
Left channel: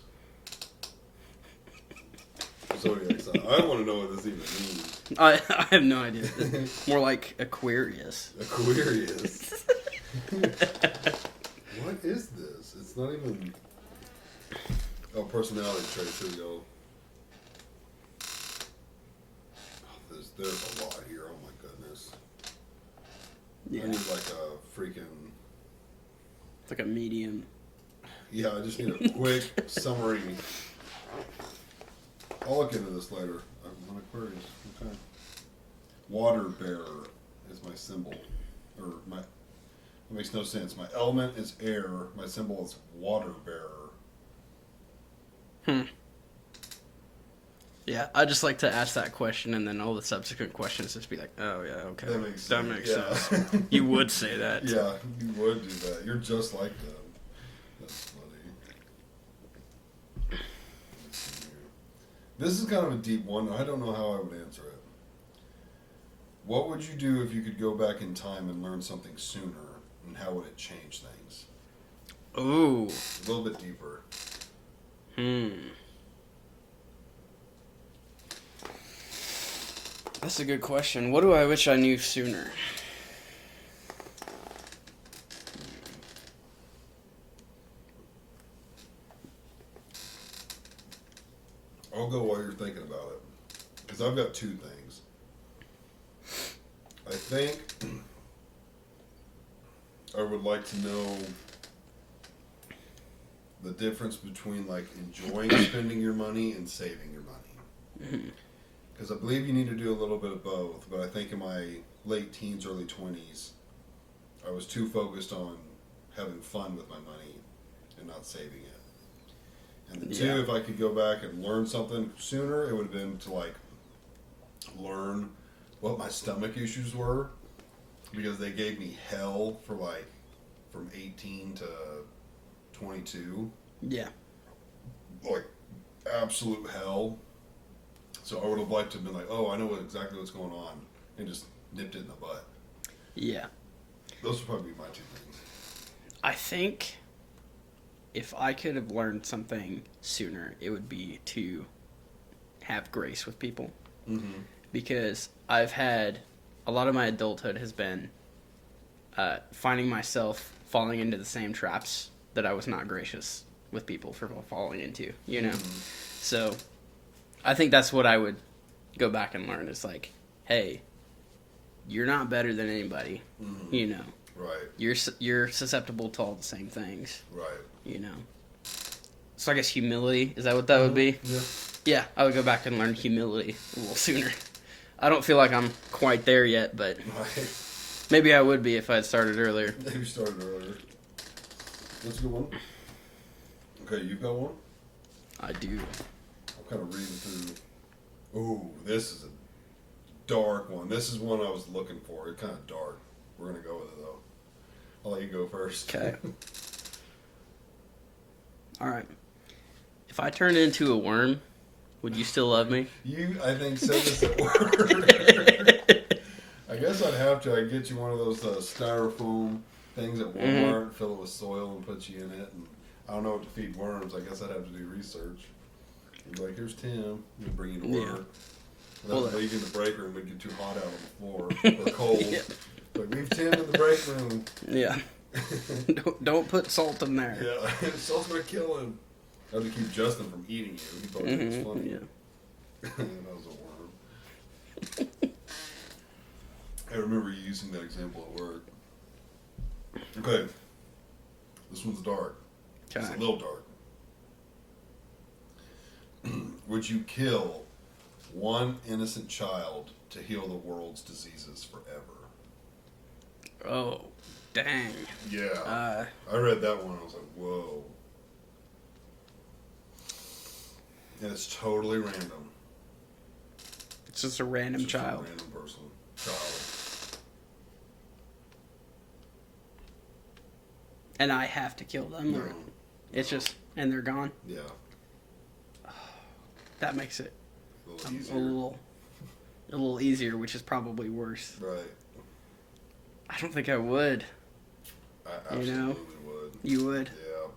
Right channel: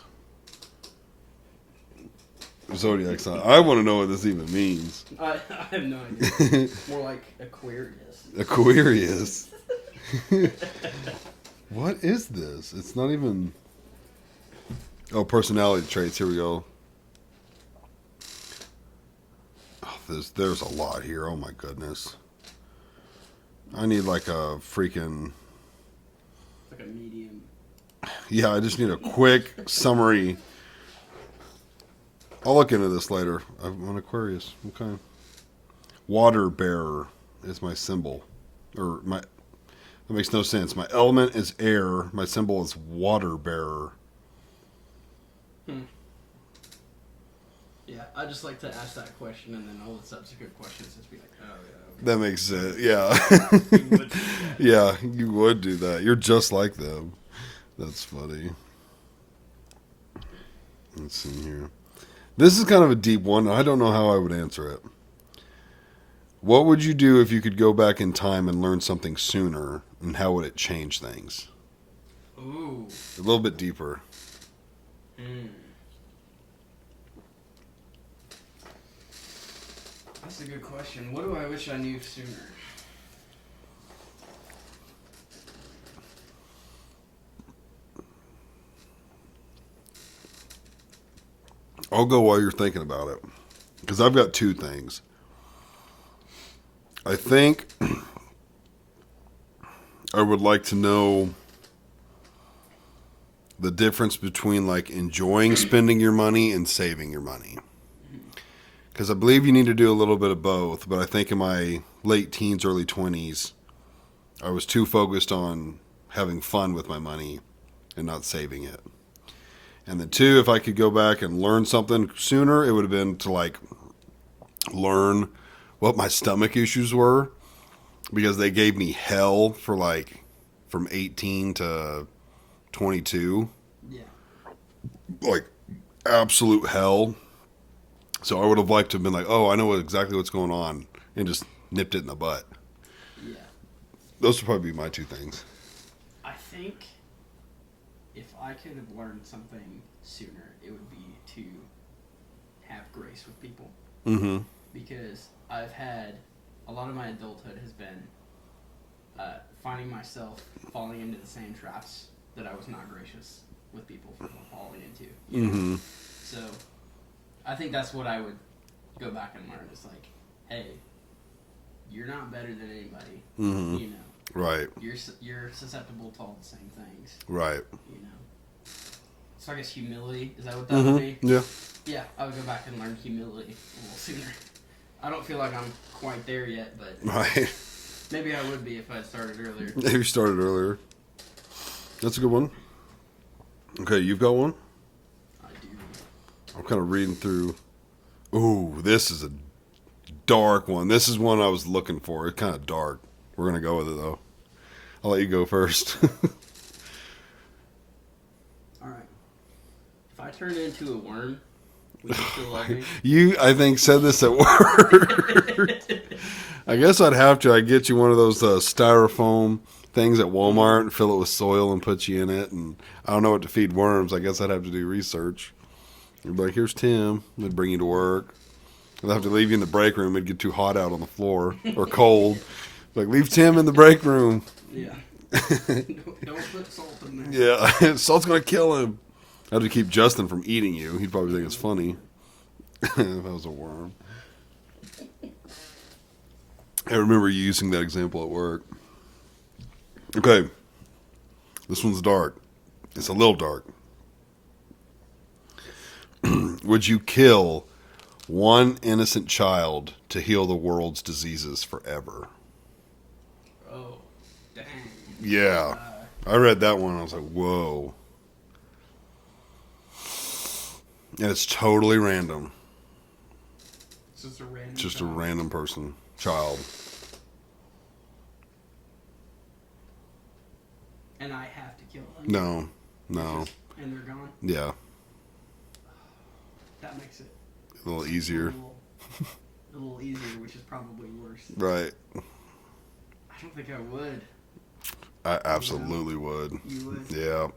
Zodiac sign. I want to know what this even means. I have no idea. More like Aquarius. Aquarius. What is this? It's not even. Oh, personality traits. Here we go. Oh, there's a lot here. Oh my goodness. I need like a freaking. It's like a medium. Yeah, I just need a quick summary. I'll look into this later. I'm an Aquarius. Okay. Water bearer is my symbol. Or my. That makes no sense. My element is air. My symbol is water bearer. Yeah, I just like to ask that question, and then all the subsequent questions just be like, "Oh yeah, okay." That makes sense. makes Yeah. You would say that. Yeah, you would do that. You're just like them. That's funny. Let's see here. This is kind of a deep one. I don't know how I would answer it. What would you do if you could go back in time and learn something sooner, and how would it change things? Ooh. A little bit deeper. That's a good question. What do I wish I knew sooner? I'll go while you're thinking about it. Because I've got two things. I think I would like to know the difference between like enjoying spending your money and saving your money. Because I believe you need to do a little bit of both. But I think in my late teens, early 20s, I was too focused on having fun with my money and not saving it. And then two, if I could go back and learn something sooner, it would have been to like learn what my stomach issues were, because they gave me hell for like from 18 to 22, Yeah. like absolute hell. So I would have liked to have been like, oh, I know exactly what's going on, and just nipped it in the butt. Yeah. Those would probably be my two things. I think if I could have learned something sooner, it would be to have grace with people. Mm-hmm. Because I've had a lot of my adulthood has been finding myself falling into the same traps that I was not gracious with people for falling into, you know? Mm-hmm. So I think that's what I would go back and learn is like, hey, you're not better than anybody, Mm-hmm. you know? Right, You're susceptible to all the same things, right. you know? So I guess humility, is that what that would be? Yeah. Yeah, I would go back and learn humility a little sooner. I don't feel like I'm quite there yet, but Right. maybe I would be if I had started earlier. Maybe you started earlier. That's a good one. Okay, you've got one? I do. I'm kind of reading through. Ooh, this is a dark one. This is one I was looking for. It's kind of dark. We're going to go with it, though. I'll let you go first. Okay. All right. If I turned into a worm, would you still love me? You, I think, said this at work. I guess I'd have to. I'd get you one of those styrofoam things at Walmart and fill it with soil and put you in it. And I don't know what to feed worms. I guess I'd have to do research. You'd be like, here's Tim. They'd bring you to work. I'd have to leave you in the break room. It'd get too hot out on the floor or cold. Like, leave Tim in the break room. Yeah. don't put salt in there. Yeah, salt's going to kill him. I have to keep Justin from eating you. He'd probably think it's funny. Yeah. If I was a worm. I remember you using that example at work. Okay. This one's dark. It's a little dark. Would you kill one innocent child to heal the world's diseases forever? Oh, dang. Yeah. I read that one. I was like, whoa. And it's totally random. It's just a random Just child. a random person. Child. And I have to kill them? No. It's just, and they're gone? Yeah. That makes it A little easier. a little easier, which is probably worse. Right. I don't think I would. I absolutely would. You would? Yeah.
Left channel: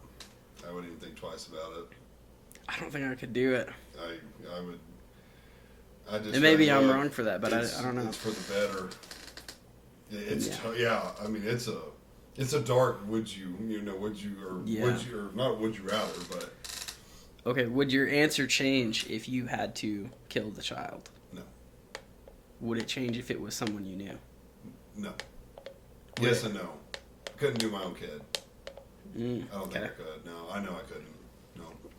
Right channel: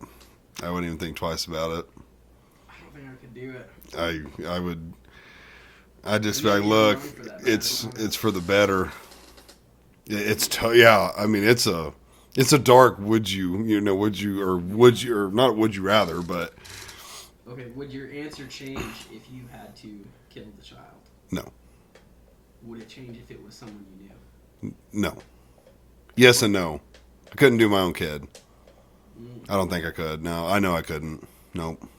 I wouldn't even think twice about it. I don't think I could do it. I would. I just And maybe like, I'm look, wrong for that, but it's I don't know. it's for the better. Yeah. I mean, it's a dark. Would you not? Would you rather? But Okay, would your answer change if you had to kill the child? no, Would it change if it was someone you knew? no. Yes and no. I couldn't do my own kid. I don't think I could. No, I know I couldn't. Nope.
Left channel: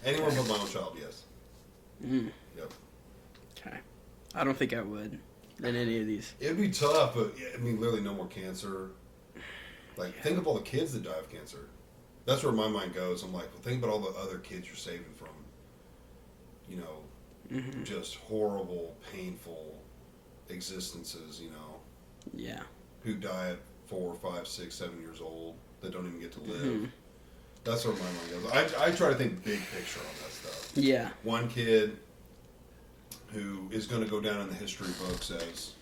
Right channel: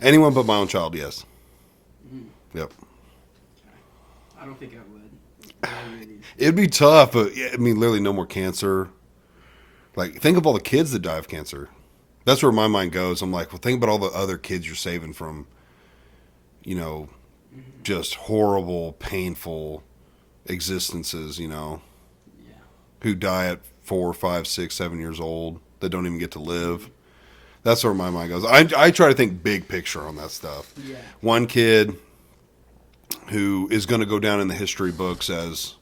Anyone but my own child, yes. Yep. Okay. I don't think I would in any of these. It'd be tough, but I mean, literally no more cancer. Like, think of all the kids that die of cancer. That's where my mind goes. I'm like, well, think about all the other kids you're saving from, just horrible, painful existences, Yeah. who die at 4, 5, 6, 7 years old that don't even get to live. That's where my mind goes. I try to think big picture on that stuff. Yeah. One kid who is going to go down in the history books as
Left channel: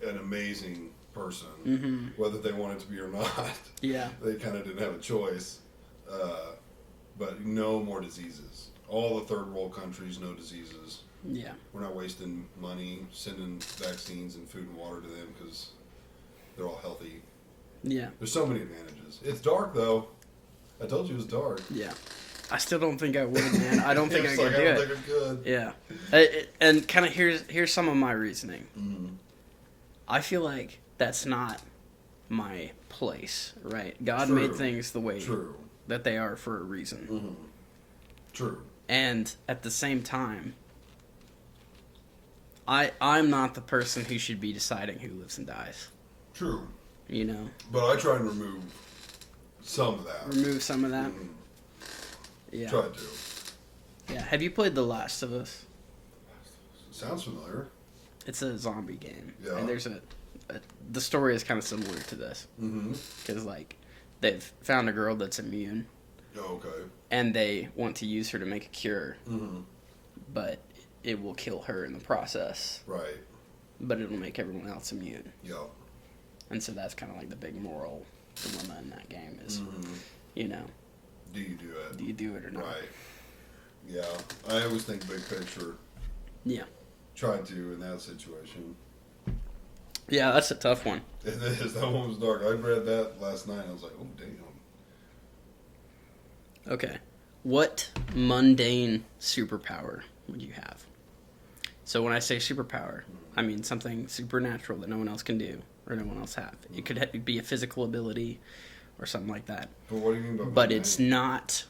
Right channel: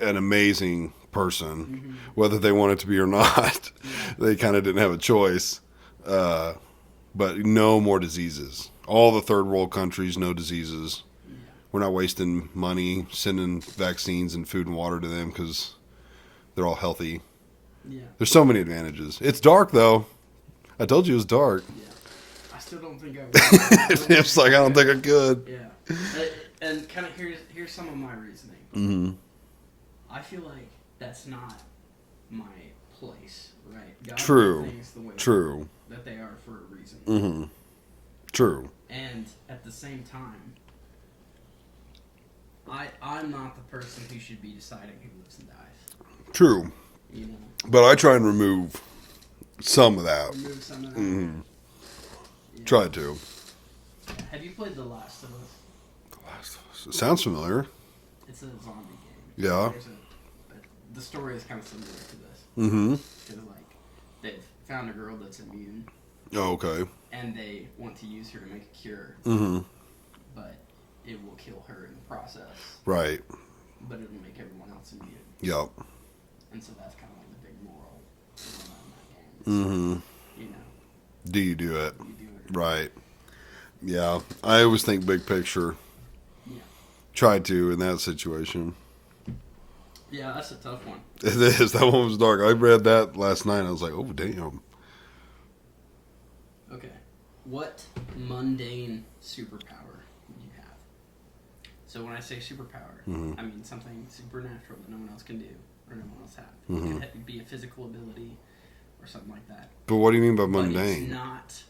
an amazing person, whether they want it to be or not. Yeah. They kind of didn't have a choice. But no more diseases. All the third world countries, no diseases. Yeah. We're not wasting money sending vaccines and food and water to them because they're all healthy. Yeah. There's so many advantages. It's dark, though. I told you it was dark. Yeah. I still don't think I would. I don't think It's like, I don't think I could. Yeah. And kind of here's some of my reasoning. Mm-hmm. I feel like that's not my place, right? God True. made things the way True. that they are for a reason. Mm-hmm. True. And at the same time, I'm not the person who should be deciding who lives and dies. True. You know? But I try and remove some of that. Remove some of that. Mm-hmm. Yeah. Try to. Yeah. Have you played The Last of Us? It sounds familiar. It's a zombie game. Yeah. And there's the story is kind of similar to this. Mm-hmm. Because, like, they've found a girl that's immune, Oh, okay. and they want to use her to make a cure, Mm-hmm. but it will kill her in the process, Right. but it'll make everyone else immune. Yep. And so that's kind of like the big moral dilemma in that game is, Mm-hmm. you know, Do you do it? do you do it or not? Right. Yeah. I always think big picture. Yeah. Try to in that situation. Yeah, that's a tough one. It is. That one was dark. I read that last night. I was like, oh, damn. Okay. What mundane superpower would you have? So when I say superpower, I mean something supernatural that no one else can do or no one else have. It could be a physical ability or something like that. But what do you mean by mundane? But it's not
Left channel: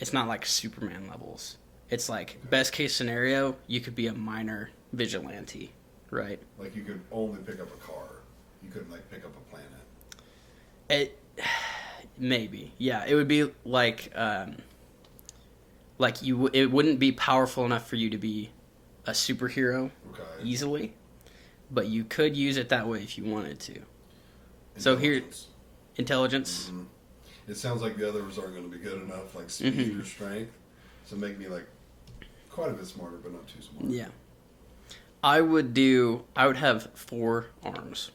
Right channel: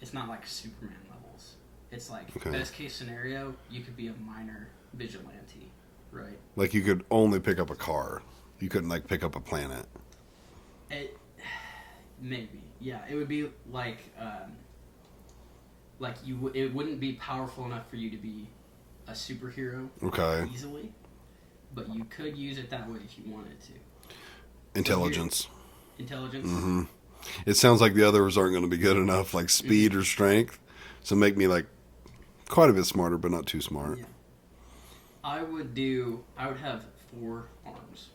it's not like Superman levels. It's like Okay. best case scenario, you could be a minor vigilante, right? Like you could only pick up a car. You couldn't like pick up a planet. Maybe. Yeah, it would be like Like it wouldn't be powerful enough for you to be a superhero Okay. easily, but you could use it that way if you wanted to. Intelligence. Intelligence. Mm-hmm. It sounds like the others aren't going to be good enough, like speed or strength. So make me like quite a bit smarter, but not too smart. Yeah. I would have 4 arms.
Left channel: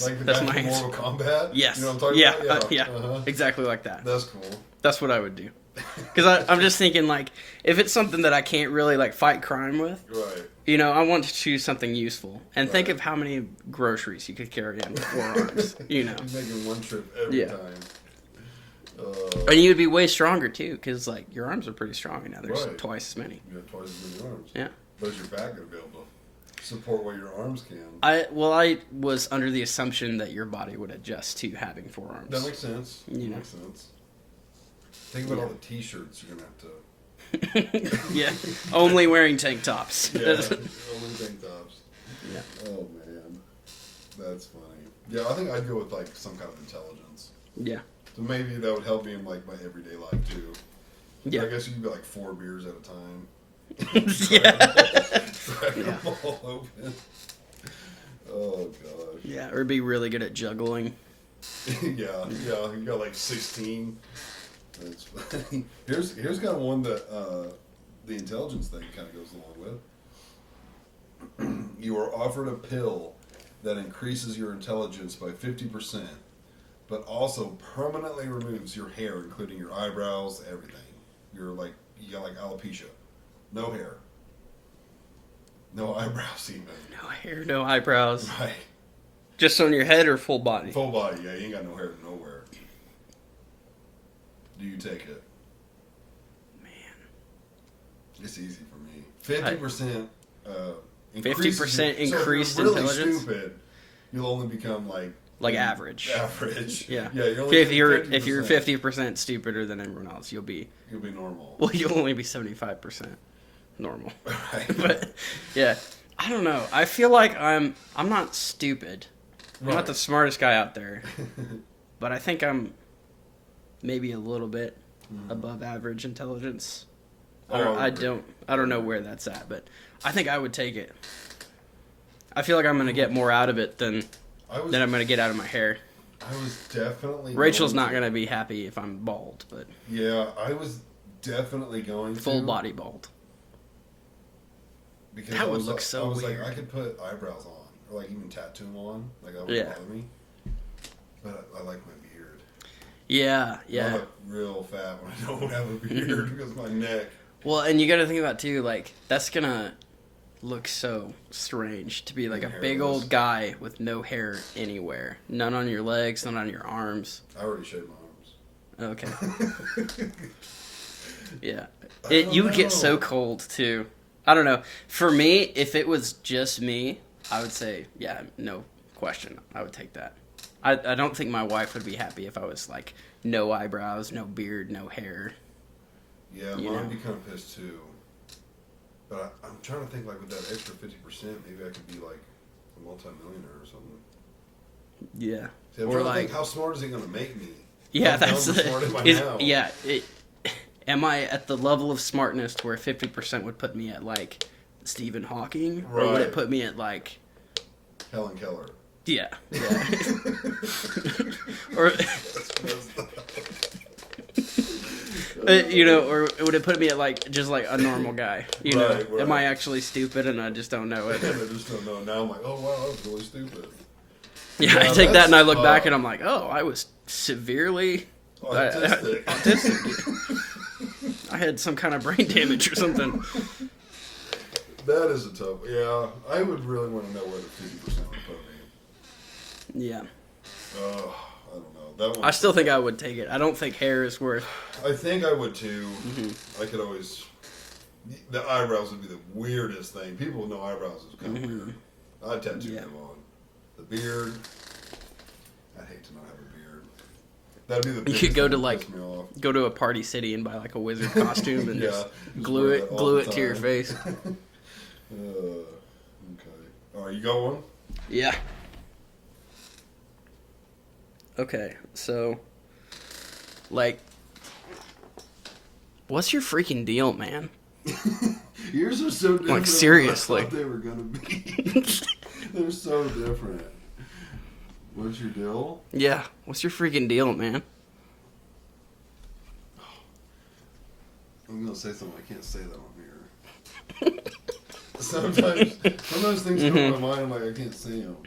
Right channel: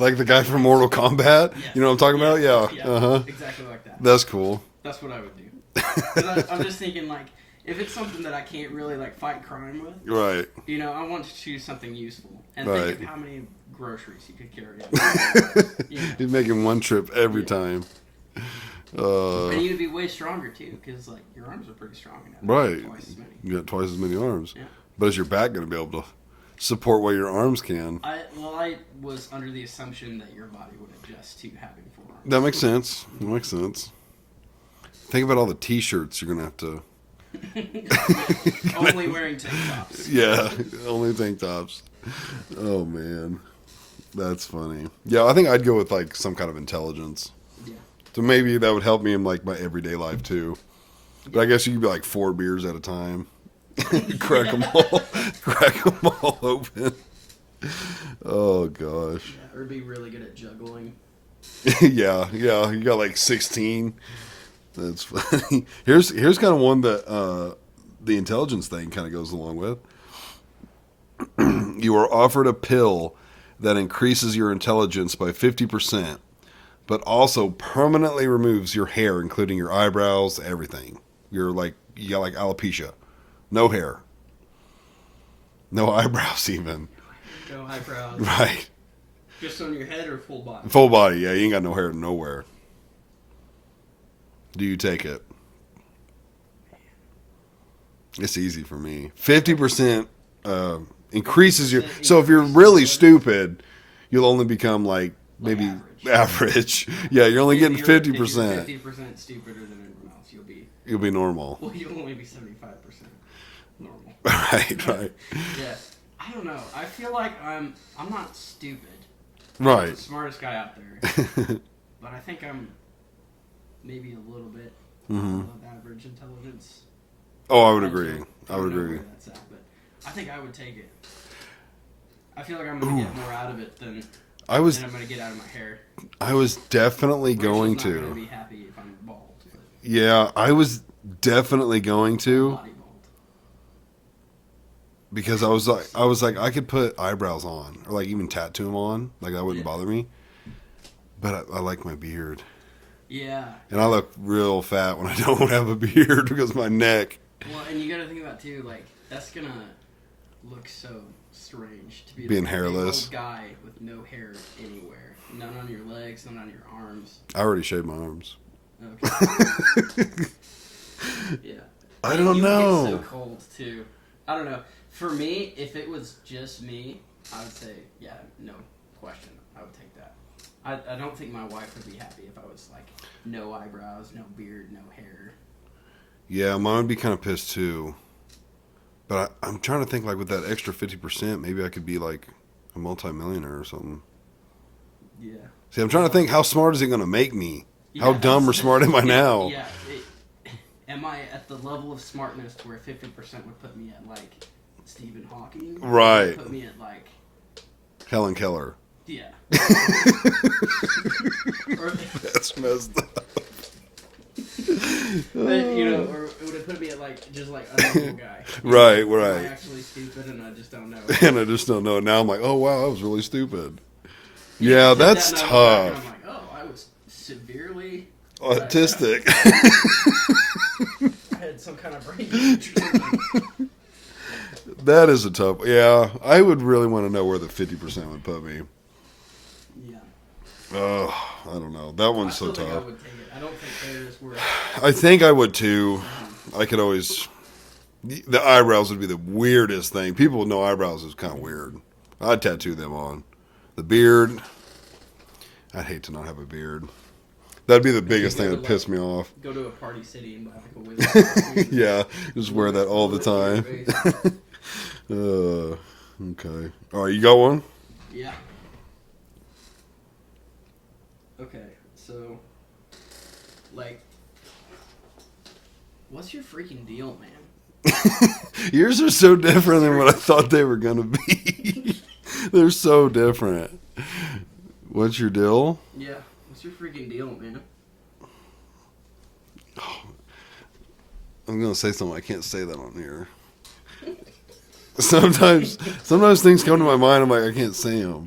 Like the guy from Mortal Kombat? Yes. You know what I'm talking about? Yeah. Yeah. Uh-huh. Exactly like that. That's cool. That's what I would do. Because I'm just thinking, like, if it's something that I can't really, like, fight crime with, Right. you know, I want to choose something useful. And think Right. of how many groceries you could carry in 4 arms, you know. He's making one trip every Yeah. time. And you'd be way stronger, too, because, like, your arms are pretty strong now. There's Right. twice as many. You got twice as many arms. Yeah. But is your back going to be able to support what your arms can? I was under the assumption that your body would adjust to having 4 arms. That makes sense. That makes sense. Think about all the T-shirts you're going to have to... Yeah. Only wearing tank tops. Yeah, only tank tops. Yeah. Oh, man. That's funny. Yeah, I think I'd go with, like, some kind of intelligence. Yeah. So maybe that would help me in, like, my everyday life, too. Yeah. I guess you could be, like, 4 beers at a time. Crack them all open. Oh, gosh. Yeah, or be really good at juggling. Yeah. You got, like, 16. That's funny. Here's kind of one that the intelligence thing kind of goes along with. You are offered a pill that increases your intelligence by 50%, but also permanently removes your hair, including your eyebrows, everything. You got like alopecia. No hair. No eyebrows even. No hair, no eyebrows. Right. Just on your head or full body? Full body, yeah. You ain't got no hair nowhere. Do you take it? Man. It's easy for me. 50% increases 50% your... So if you're increase really intelligence? stupid, you'll only become like maybe average. Average. Yeah, you're only getting 50%. If you're 50% stupider than everyone else, you'll be normal. Well, you'll only be 75% normal. Right. Yeah. I don't know. I feel like I'm not stupid. I'm Right. not the smartest guy out there. But I think I'm maybe a little bit above average intelligence. Oh, I would agree. I don't know where that's at, but I think I would take it. I feel like I'm going to get more out of it than I'm going to get out of my hair. I was definitely Rachel's going to. not going to be happy if I'm bald, but Yeah, I was definitely going to. full body bald. Because I was like, I could put eyebrows on, or like even tattoo them on, like that wouldn't bother me. But I like my beard. Yeah. And I look real fat when I don't have a beard because of my neck. Well, and you got to think about too, like that's gonna look so strange to be like Being a big hairless. old guy with no hair anywhere, none on your legs, none on your arms. I already shaved my arms. Okay. Yeah. I And don't you get know. so cold too. I don't know. For me, if it was just me, I would say, yeah, no question. I would take that. I don't think my wife would be happy if I was like no eyebrows, no beard, no hair. Yeah, mine would be kind of pissed too. But I'm trying to think, like, with that extra 50%, maybe I could be like a multimillionaire or something. Yeah. See, I'm trying to think, how smart is it going to make me? Yeah, How dumb or that's- smart am I now? Yeah. Am I at the level of smartness where 50% would put me at like Stephen Hawking? Or would Right. it put me at like Helen Keller. yeah. Or That's messed up. you know, or would it put me at like just like a normal guy? You Right, know? Am I right. actually stupid and I just don't know it? And I just don't know. Now I'm like, oh, wow, that was really stupid. Yeah, I take that that's and I look back tough. and I'm like, oh, I was severely Autistic. I had some kind of brain damage or something. That is a tough. Yeah, I would really want to know where the 50% would put me. Yeah. Ugh, I don't know. That one. I still think I would take it. I don't think hair is worth. I think I would too. I could always. The eyebrows would be the weirdest thing. People with no eyebrows is kind of weird. I'd tattoo them on. The beard. I'd hate to not have a beard. That'd be the biggest go thing to, that like, piss me off. Go to a party city and buy like a wizard costume. And Yeah, just wear that all glue the it to your time. face. Okay. All right, you got one? Yeah. Okay, so, like, What's your freaking deal, man? Yours are so different than what I seriously. thought they were gonna be. They're so different. What's your deal? Yeah, what's your freaking deal, man? I'm gonna say something. I can't say that on here. Sometimes things come to my mind. I'm like, I can't say them.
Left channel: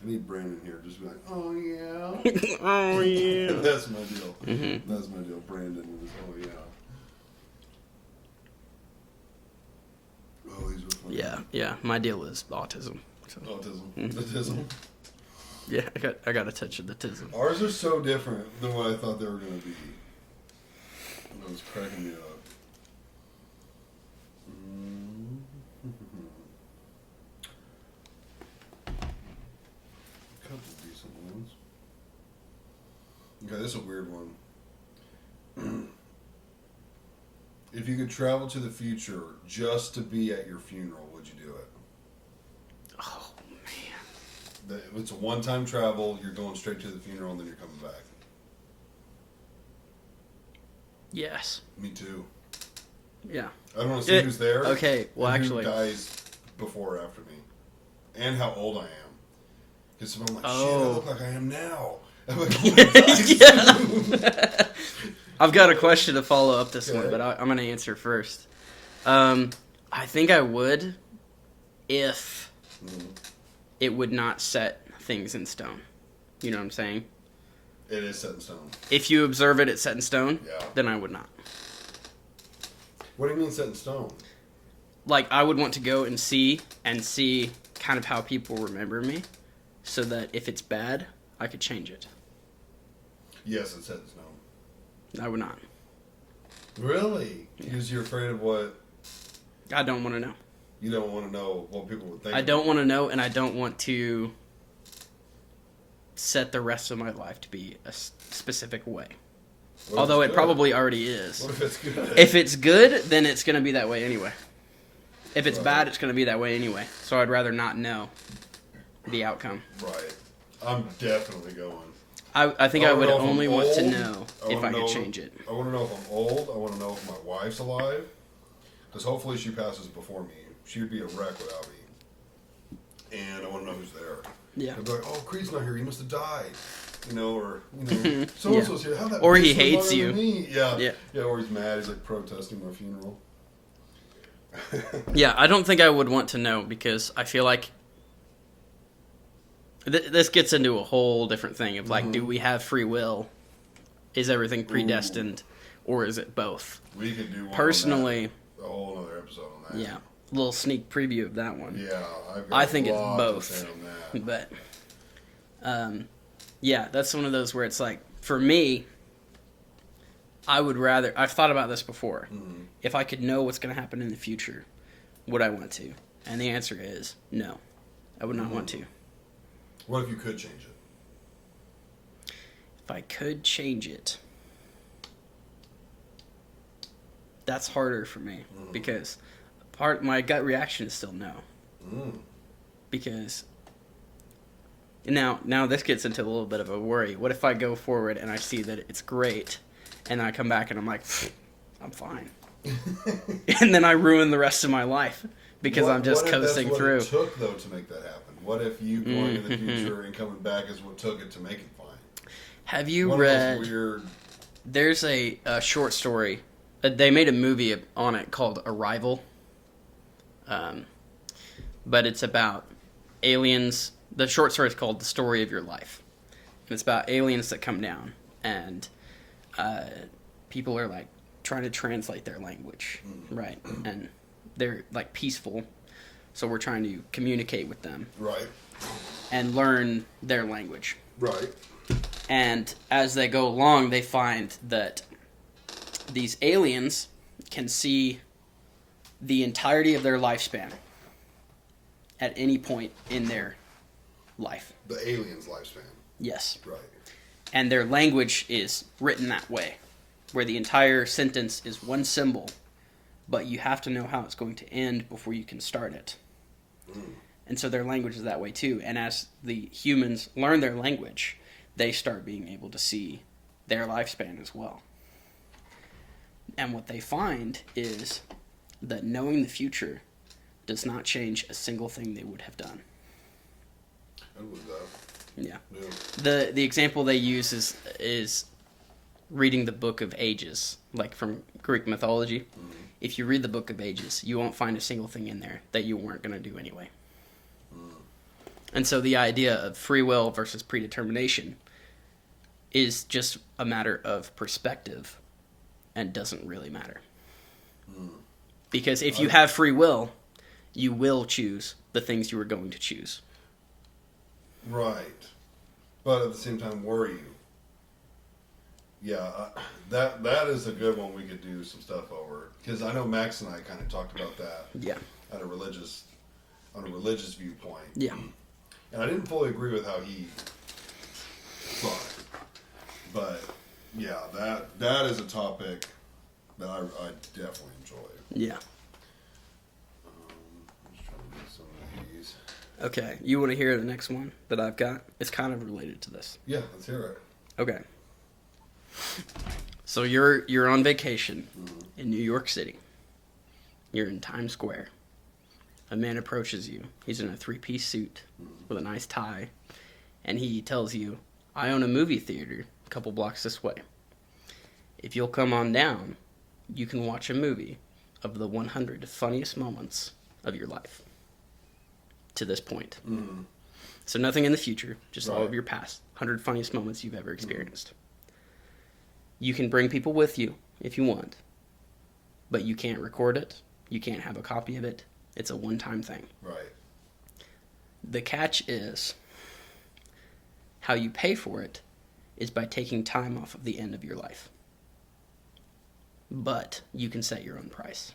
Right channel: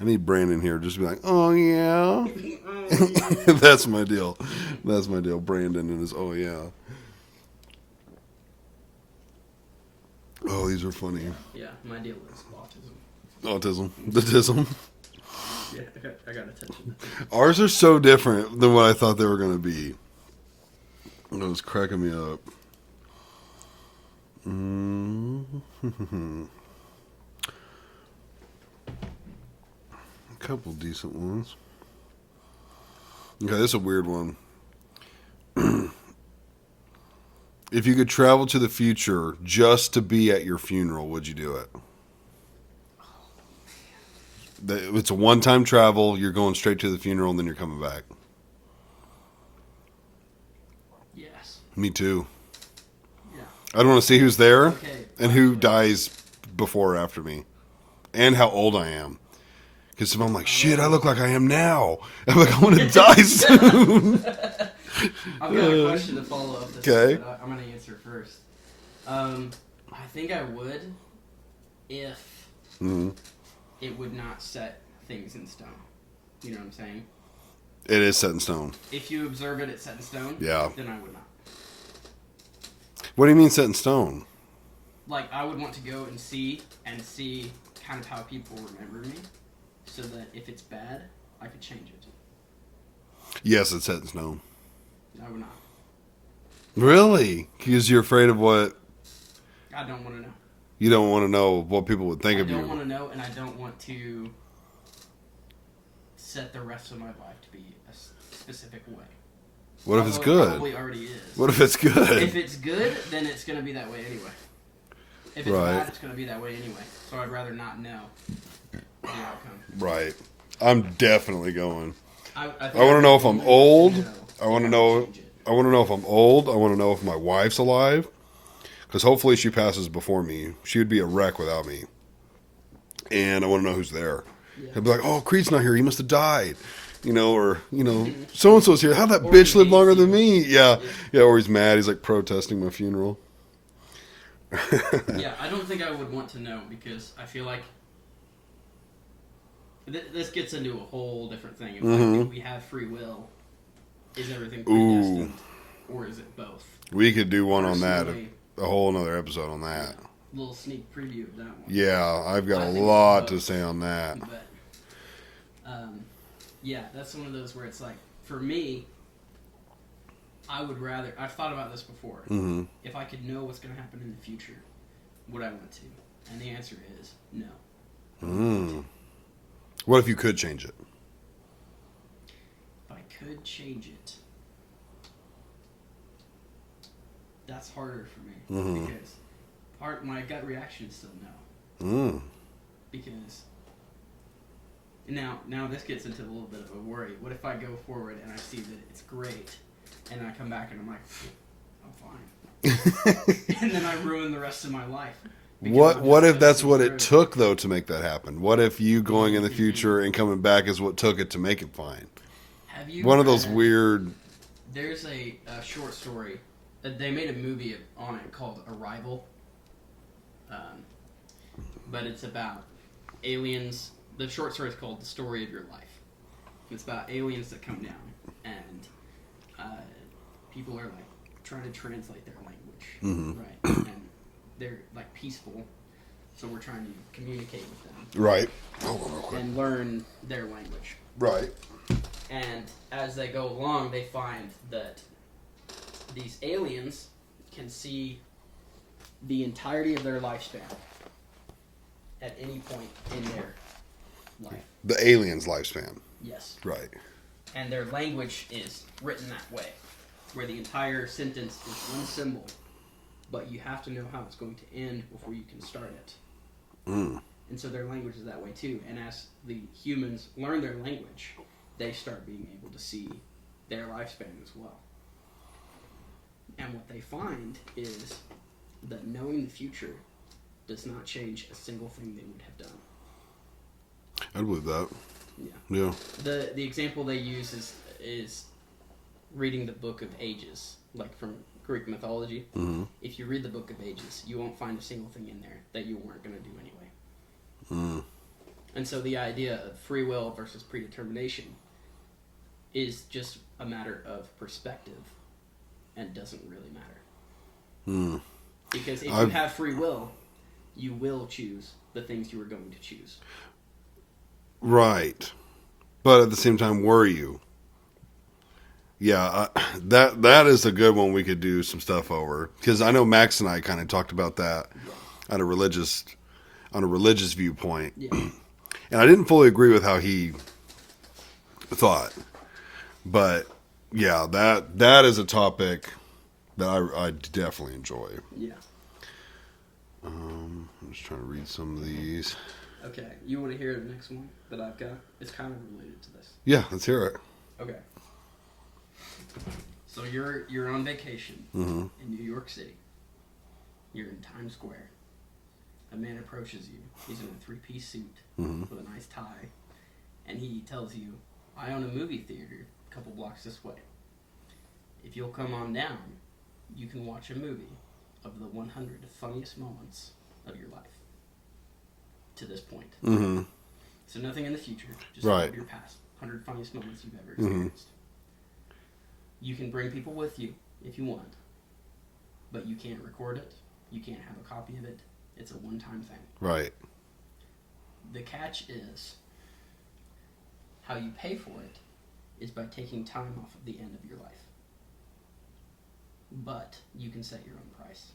I need Brandon here just to be like, oh yeah. Oh, yeah. That's my deal. That's my deal. Brandon and his oh yeah. Oh, these are funny. Yeah. My deal is autism. So, Autism. The tism. yeah, I got a touch of the tism. Ours are so different than what I thought they were going to be. It was cracking me up. A couple decent ones. Okay, this is a weird one. If you could travel to the future just to be at your funeral, would you do it? Oh, man. It's a one-time travel. You're going straight to the funeral, and then you're coming back. Yes. Me too. Yeah. I don't want to see who's there Okay. Well, and who actually, dies before or after me, and how old I am. Because if I'm like, shit, I look like I am now. I'm like, I'm going to die soon. I've got a question to follow up this Okay. one, but I'm going to answer first. I think I would if it would not set things in stone. You know what I'm saying? It is set in stone. If you observe it, it's set in stone. Yeah. Then I would not. What do you mean set in stone? Like, I would want to go and see kind of how people remember me, so that if it's bad, I could change it. Yes, it's set in stone. I would not. Really? Because you're afraid of what? I don't want to know. You don't want to know what people would think I of don't you. want to know, and I don't want to set the rest of my life to be a specific way. What if Although it's it good? probably already is. What if it's good? If it's good, then it's going to be that way anyway. If it's Right. bad, it's going to be that way anyway. So I'd rather not know the outcome. Right. I'm definitely going. I think I I want would to know if I'm only old. want to know I want to if know. could change it. I want to know if I'm old. I want to know if my wife's alive. Because hopefully she passes before me. She would be a wreck without me. And I want to know who's there. Yeah. I'd be like, oh, Creed's not here. He must have died. You know, or, you know, so-and-so's here. How'd that Or bitch he live longer hates than you. me? Yeah. Yeah. Yeah, or he's mad. He's like protesting my funeral. Yeah, I don't think I would want to know because I feel like this gets into a whole different thing of like, do we have free will? Is everything predestined, or is it both? We could do one on Personally, that. A whole another episode on that. yeah, little sneak preview of that one. Yeah, I've I got think a it's lot to both. say on that. But, yeah, that's one of those where it's like, for me, I would rather. I've thought about this before. Mm-hmm. If I could know what's going to happen in the future, would I want to? And the answer is no. I would not want to. What if you could change it? If I could change it, that's harder for me because my gut reaction is still no. Because now this gets into a little bit of a worry. What if I go forward and I see that it's great, and then I come back and I'm like, I'm fine, and then I ruin the rest of my life because I'm just what if that's coasting what through. it took though to make that happen? What if you going in the future and coming back is what took it to make it fine? Have you One read, of those weird. There's a short story. They made a movie on it called Arrival. But it's about aliens. The short story is called The Story of Your Life. And it's about aliens that come down, and people are like trying to translate their language, right? And they're like peaceful, so we're trying to communicate with them Right. and learn their language. Right. And as they go along, they find that these aliens can see the entirety of their lifespan at any point in their life. The alien's lifespan. Yes. Right. And their language is written that way, where the entire sentence is one symbol, but you have to know how it's going to end before you can start it. And so their language is that way too. And as the humans learn their language, they start being able to see their lifespan as well. And what they find is that knowing the future does not change a single thing they would have done. I believe that. Yeah. Yeah. The example they use is reading the Book of Ages, like from Greek mythology. Mm-hmm. If you read the Book of Ages, you won't find a single thing in there that you weren't going to do anyway. Mm. And so the idea of free will versus predetermination is just a matter of perspective and doesn't really matter. Mm. Because if you have free will, you will choose the things you are going to choose. Right. But at the same time, were you? Yeah, that is a good one we could do some stuff over. Because I know Max and I kind of talked about that on a religious viewpoint. Yeah. And I didn't fully agree with how he thought. But, yeah, that is a topic that I definitely enjoy. Yeah. I'm just trying to read some of these. Okay. You want to hear the next one that I've got? It's kind of related to this. Yeah, let's hear it. Okay. So you're on vacation Mm-hmm. in New York City. You're in Times Square. A man approaches you. He's in a 3-piece suit with a nice tie. And he tells you, I own a movie theater a couple blocks this way. If you'll come on down, you can watch a movie of the 100 funniest moments of your life to this point. Mm-hmm. So nothing in the future, just all Right. of your past 100 funniest moments you've ever experienced. You can bring people with you if you want, but you can't record it. You can't have a copy of it. It's a one-time thing. Right. The catch is how you pay for it is by taking time off of the end of your life. But you can set your own price.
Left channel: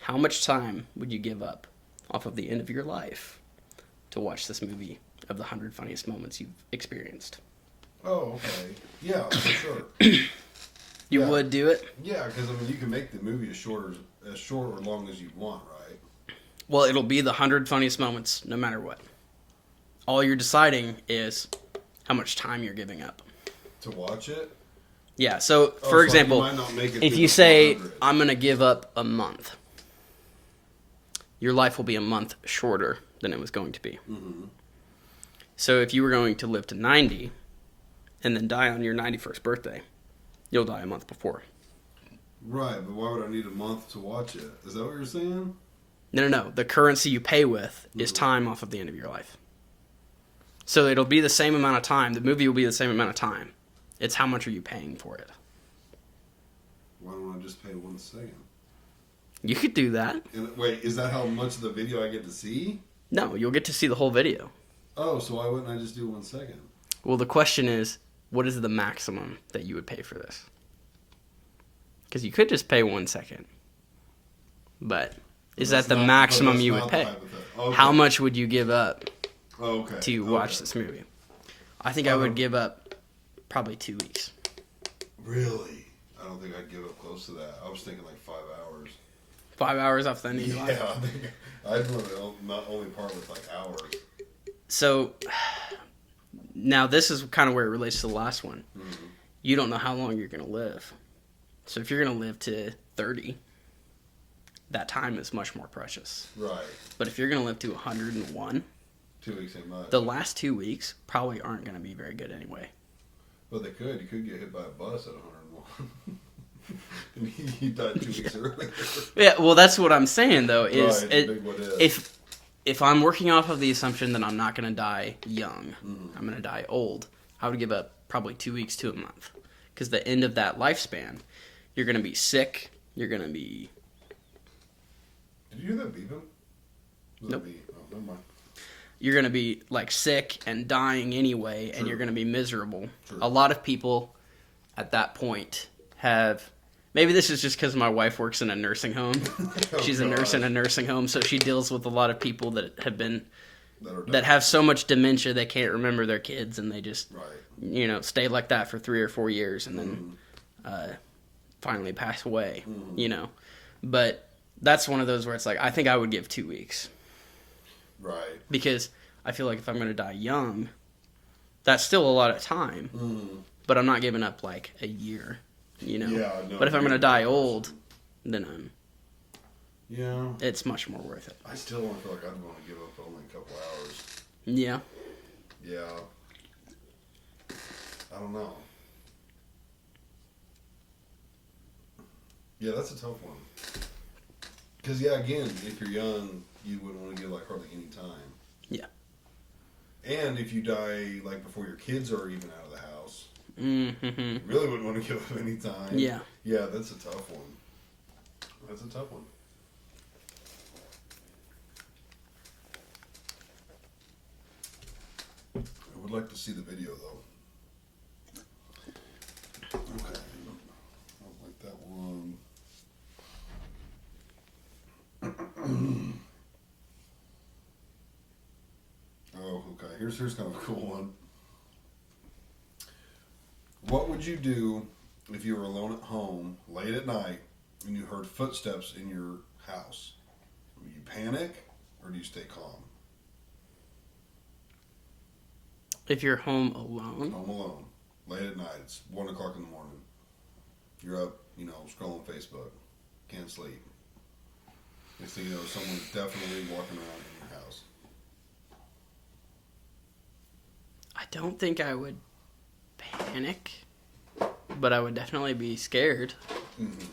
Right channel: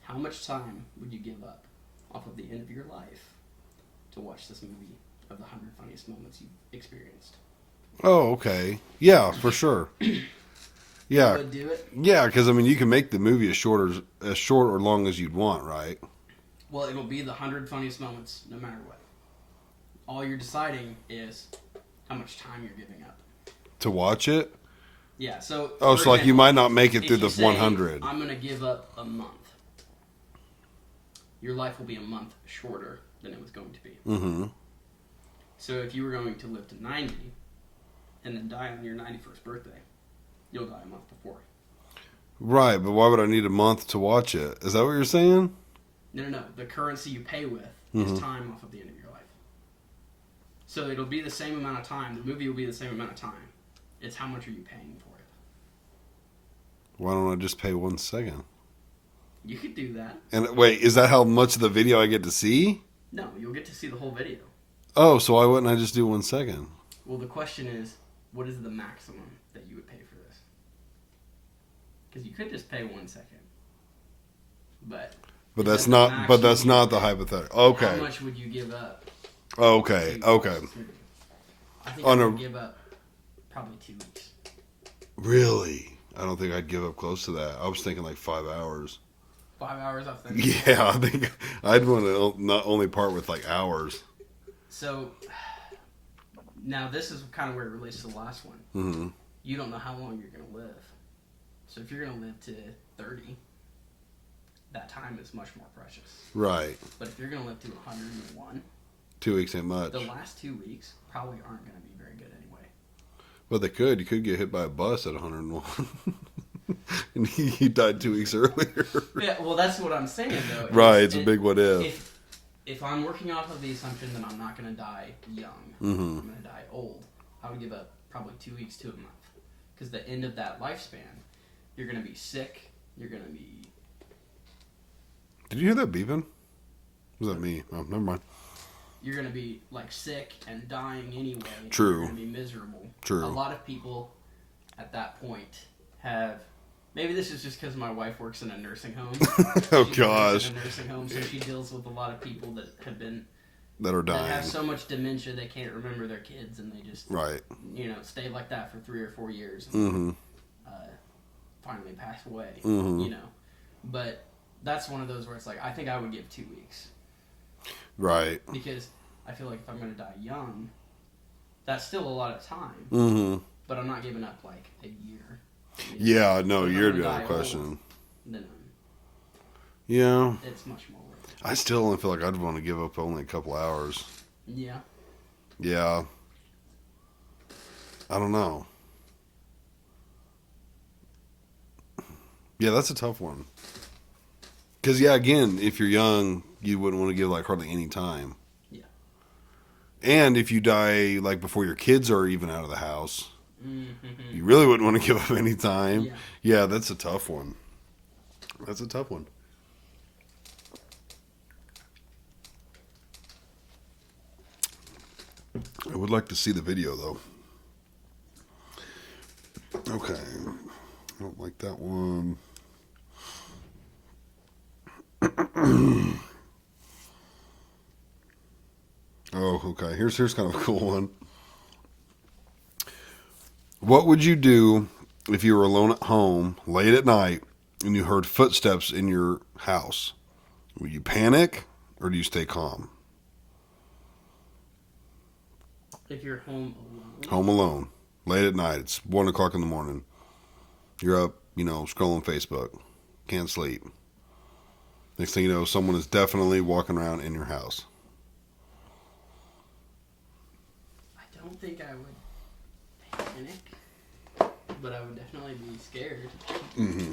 How much time would you give up off of the end of your life to watch this movie of the 100 funniest moments you've experienced? Oh, okay. Yeah, for sure. Yeah. Would do it? Yeah, because I mean, you can make the movie as short or long as you'd want, right? Well, it'll be the 100 funniest moments no matter what. All you're deciding is how much time you're giving up. To watch it. Yeah, so Oh, for so example, like you might not make it if through you the say, 100. I'm going to give up a month, your life will be a month shorter than it was going to be. Mm-hmm. So if you were going to live to 90 and then die on your 91st birthday, you'll die a month before. Right, but why would I need a month to watch it? Is that what you're saying? No. The currency you pay with is time off of the end of your life. So it'll be the same amount of time. The movie will be the same amount of time. It's how much are you paying for it. Why don't I just pay 1 second? You could do that. And wait, is that how much of the video I get to see? No, you'll get to see the whole video. Oh, so why wouldn't I just do 1 second? Well, the question is, what is the maximum that you would pay for this? Because you could just pay 1 second. But is that the maximum But that's you would not the pay? hypothetical. Okay. How much would you give up Okay. to Okay. watch this movie? I think I would give up probably 2 weeks. Really? I don't think I'd give up close to that. I was thinking like 5 hours. 5 hours off the end of your life. Yeah, I think I'd want to not only part with like hours. So now this is kind of where it relates to the last one. Mm-hmm. You don't know how long you're going to live. So if you're going to live to 30, that time is much more precious. Right. But if you're going to live to 101, 2 weeks ain't much. the last 2 weeks probably aren't going to be very good anyway. But they could. You could get hit by a bus at 101. And he died 2 weeks earlier. Yeah, well, that's what I'm saying, though. Right, it's a big what if. If I'm working off of the assumption that I'm not going to die young, Mm-hmm. I'm going to die old, I would give up probably 2 weeks to a month. Because the end of that lifespan, you're going to be sick, you're going to be... Did you hear that beeping? Was that Nope. me? Oh, never mind. You're going to be, like, sick and dying anyway, True. and you're going to be miserable. True. A lot of people at that point have... Maybe this is just because my wife works in a nursing home. Oh, She's a nurse in gosh. a nursing home, so she deals with a lot of people that have been... That are dying. that have so much dementia they can't remember their kids, and they just, Right. stay like that for 3 or 4 years, and Mm-hmm. then finally pass away, Mhm. But that's one of those where it's like, I think I would give 2 weeks. Right. Because I feel like if I'm going to die young, that's still a lot of time. Mm-hmm. but I'm not giving up like a year. You know? Yeah, no. But if I'm you're gonna die depression. old, then Yeah. it's much more worth it. I still only feel like I'd want to give up only a couple hours. Yeah. Yeah. I don't know. Yeah, that's a tough one. Because, yeah, again, if you're young, you wouldn't want to give, like, hardly any time. Yeah. And if you die, like, before your kids are even out of the house, Mm-hmm. you really wouldn't want to give up any time. Yeah. Yeah, that's a tough one. That's a tough one. I would like to see the video, though. Okay. I don't like that one. Oh, okay. Here's kind of a cool one. What would you do if you were alone at home late at night and you heard footsteps in your house? Would you panic or do you stay calm? If you're home alone. Home alone, late at night. It's 1 o'clock in the morning. You're up, scrolling Facebook. Can't sleep. Next thing you know, someone is definitely walking around in your house. I don't think I would panic, but I would definitely be scared. Mm-hmm.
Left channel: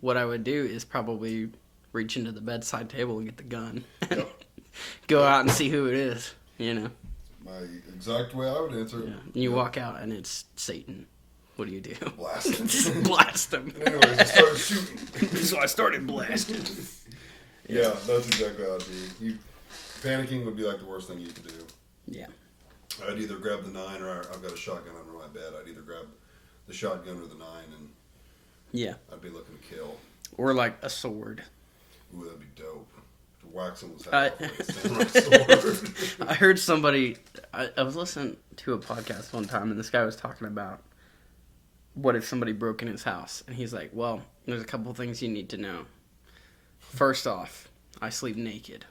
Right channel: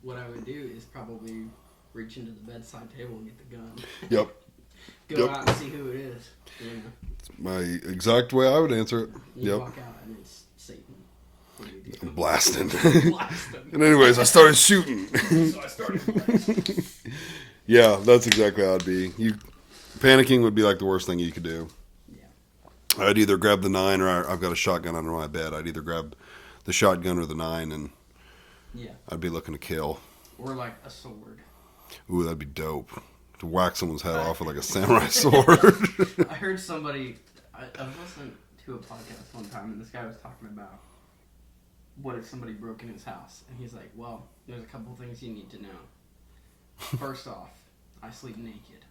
What I would do is probably reach into the bedside table and get the gun. Yep. Go Yep. out and see who it is, My exact way I would answer it. You Yep. walk out and it's Satan. What do you do? Blasting. Blast them. And anyways, I started shooting. So I started blasting. Yeah, that's exactly how I'd be. Panicking would be like the worst thing you could do. Yeah. I'd either grab the 9 or I've got a shotgun under my bed. I'd either grab the shotgun or the 9 and Yeah. I'd be looking to kill. Or like a sword. Ooh, that'd be dope. To whack someone's head off with like a samurai sword. I heard somebody, I was listening to a podcast one time and this guy was talking about what if somebody broke in his house. And he's like, well, there's a couple things you need to know. First off, I sleep naked.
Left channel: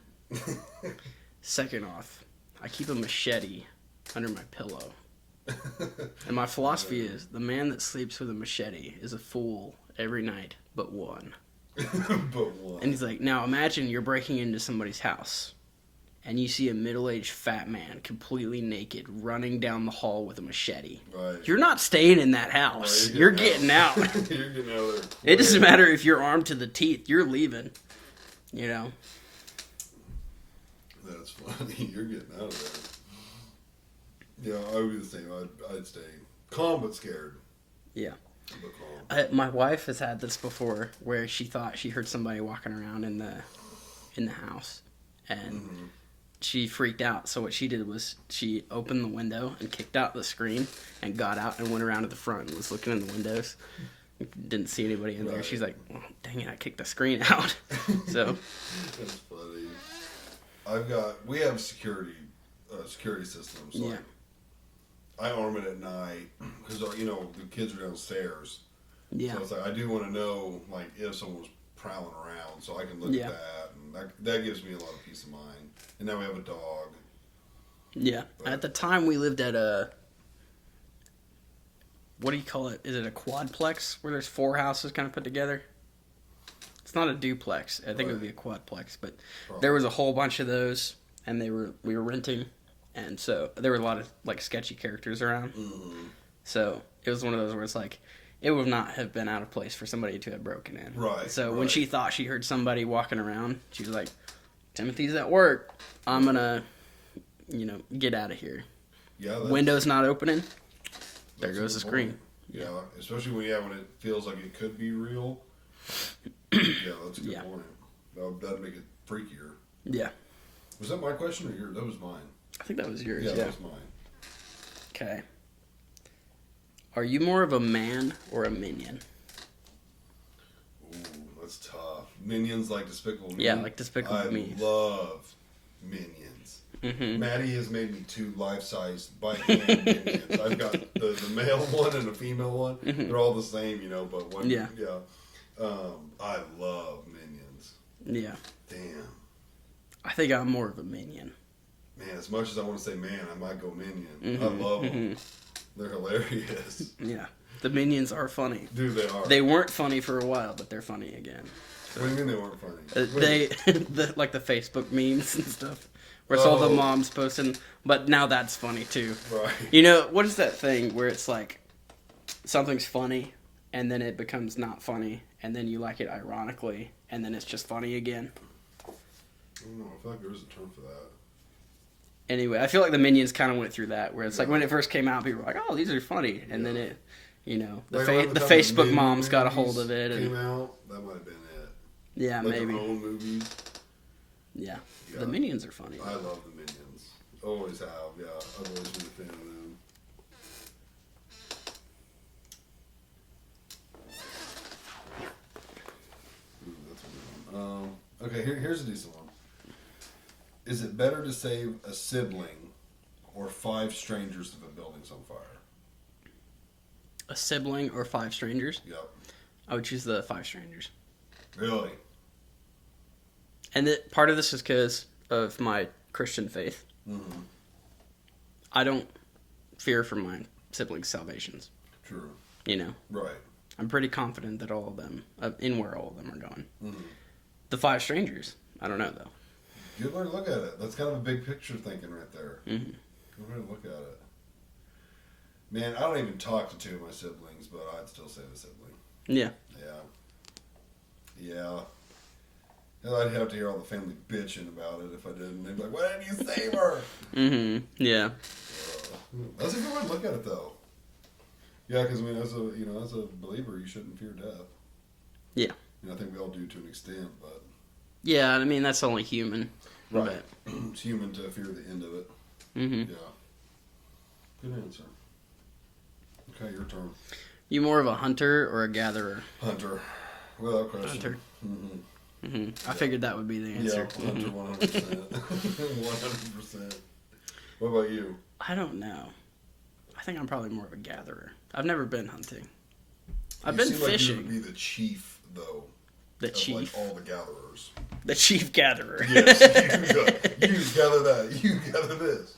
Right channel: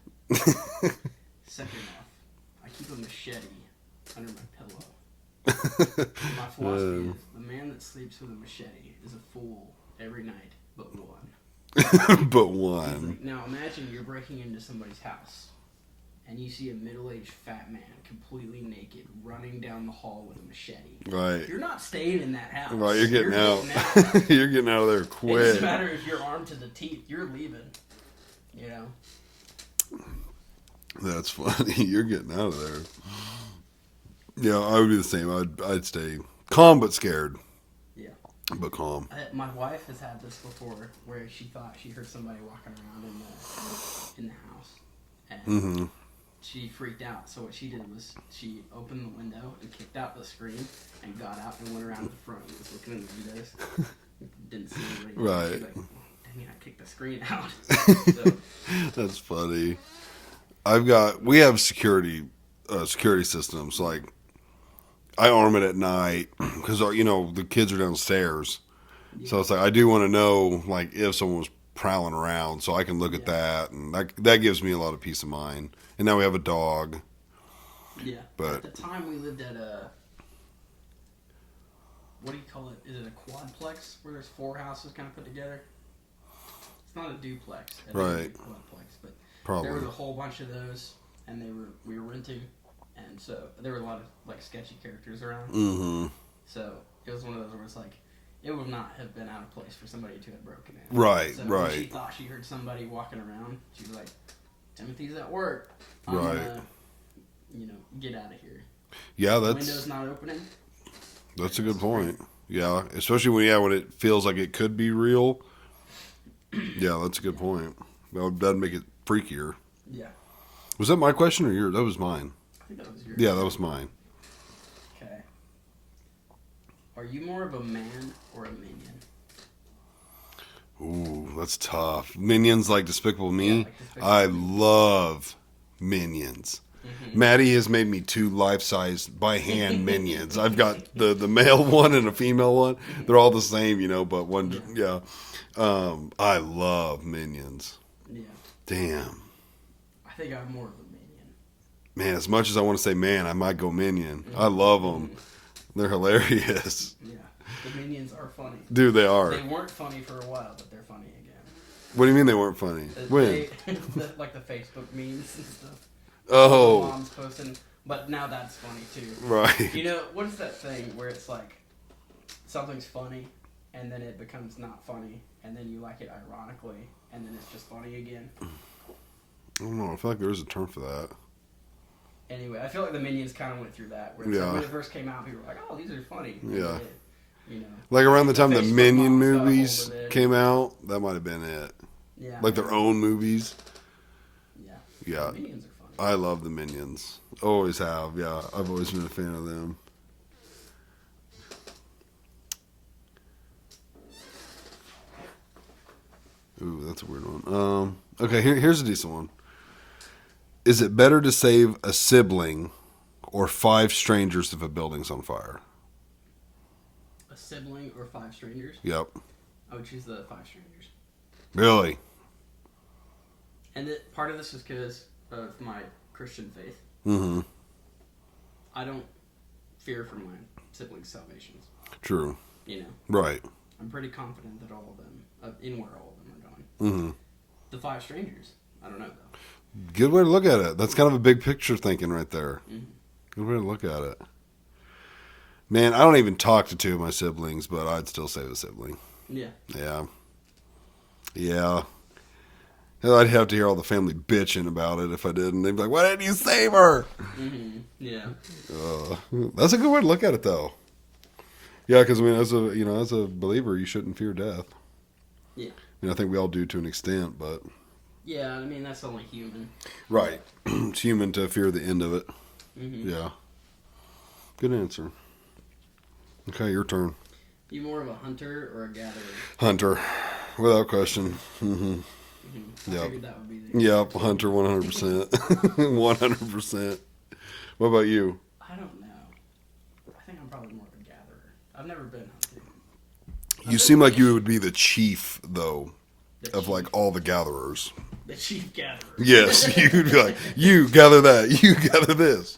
Second off, I keep a machete under my pillow. And my philosophy is the man that sleeps with a machete is a fool every night but one. But one. And he's like, now imagine you're breaking into somebody's house and you see a middle-aged fat man completely naked running down the hall with a machete. Right. You're not staying in that house. Right, you're getting out. You're getting out of there quick. It doesn't matter if you're armed to the teeth. You're leaving. That's funny. You're getting out of there. Yeah, I would be the same. I'd stay calm but scared. Yeah. But calm. My wife has had this before where she thought she heard somebody walking around in the house. And she freaked out. So what she did was she opened the window and kicked out the screen and got out and went around to the front and was looking in the windows. Didn't see anybody in there. Right. She's like, oh, dang it, I kicked the screen out. So That's funny. We have security systems. Like, I arm it at night because, the kids are downstairs. yeah. So it's like, I do want to know, like, if someone was prowling around so I can look at that. And that gives me a lot of peace of mind. And now we have a dog. Yeah. But at the time we lived at a, what do you call it? Is it a quadplex where there's 4 houses kind of put together? It's not a duplex. I think it would be a quadplex, but Probably. there was a whole bunch of those, and we were renting, and so there were a lot of like sketchy characters around. Mm-hmm. So it was one of those where it's like it would not have been out of place for somebody to have broken in. Right. So right. when she thought she heard somebody walking around, she was like, "Timothy's at work. I'm gonna, get out of here." Yeah, that's Windows not opening. That's a There good goes the screen. point. Yeah, especially when it feels like it could be real. Yeah, that's a good point. That'd make it freakier. Yeah. Was that my question or yours? That was mine. I think that was yours. Yeah, that was mine. Okay. Are you more of a man or a minion? Ooh, that's tough. Minions like Despicable Me? Yeah, like Despicable I Me. love Minions. Mm-hmm. Maddie has made me 2 life-sized by hand Minions. I've got the male one and a female one. They're all the same, but one. Yeah. I love Minions. Yeah. Damn. I think I'm more of a minion. Man, as much as I want to say man, I might go Minion. I love them. They're hilarious. Yeah. The Minions are funny. Dude, they are. They weren't funny for a while, but they're funny again. What do you mean they weren't funny? Like the Facebook memes and stuff. Or all the moms posting. But now that's funny too. Right. You know, what is that thing where it's like something's funny and then it becomes not funny and then you like it ironically and then it's just funny again? I don't know. I feel like there is a term for that. Anyway, I feel like the Minions kind of went through that where it's like Yeah. when it first came out, people were like, "Oh, these are funny," and then it, you know, Like around the time the Facebook Minion moms got a hold movies of it. came out, that might have been it. Yeah, Like maybe. their own movies. Yeah, Yeah. The Minions are funny. I love the Minions. Always have. Yeah, I've always been a fan of them. Ooh, that's a weird one. Okay, here's a decent one. Is it better to save a sibling or 5 strangers if a building's on fire? A sibling or 5 strangers? Yep. I would choose the 5 strangers. Really? And part of this is because of my Christian faith. Mm-hmm. I don't fear for my siblings' salvations. True. You know, Right. I'm pretty confident that all of them, in where all of them are going. Mm-hmm. The 5 strangers, I don't know though. Good way to look at it. That's kind of a big picture thinking right there. Mm-hmm. Good way to look at it. Man, I don't even talk to 2 of my siblings, but I'd still save a sibling. Yeah. Yeah. Yeah. Hell, I'd have to hear all the family bitching about it if I didn't. They'd be like, "Why didn't you save her?" Mm-hmm. Yeah. That's a good way to look at it, though. Yeah, because I mean, as a believer, you shouldn't fear death. Yeah. I think we all do to an extent, but Yeah, I mean, that's only human. right, it's human to fear the end of it. Mm-hmm. Yeah. Good answer. Okay, your turn. You more of a hunter or a gatherer? Hunter, without question. Mm-hmm. Mm-hmm. I Yep. figured that would be the answer. Yep, hunter, 100%. 100%. What about you? I don't know. I think I'm probably more of a gatherer. I've never been hunting. You seem like you would be the chief, though, of like all the gatherers. The chief gatherer. Yes, you gather that. You gather this.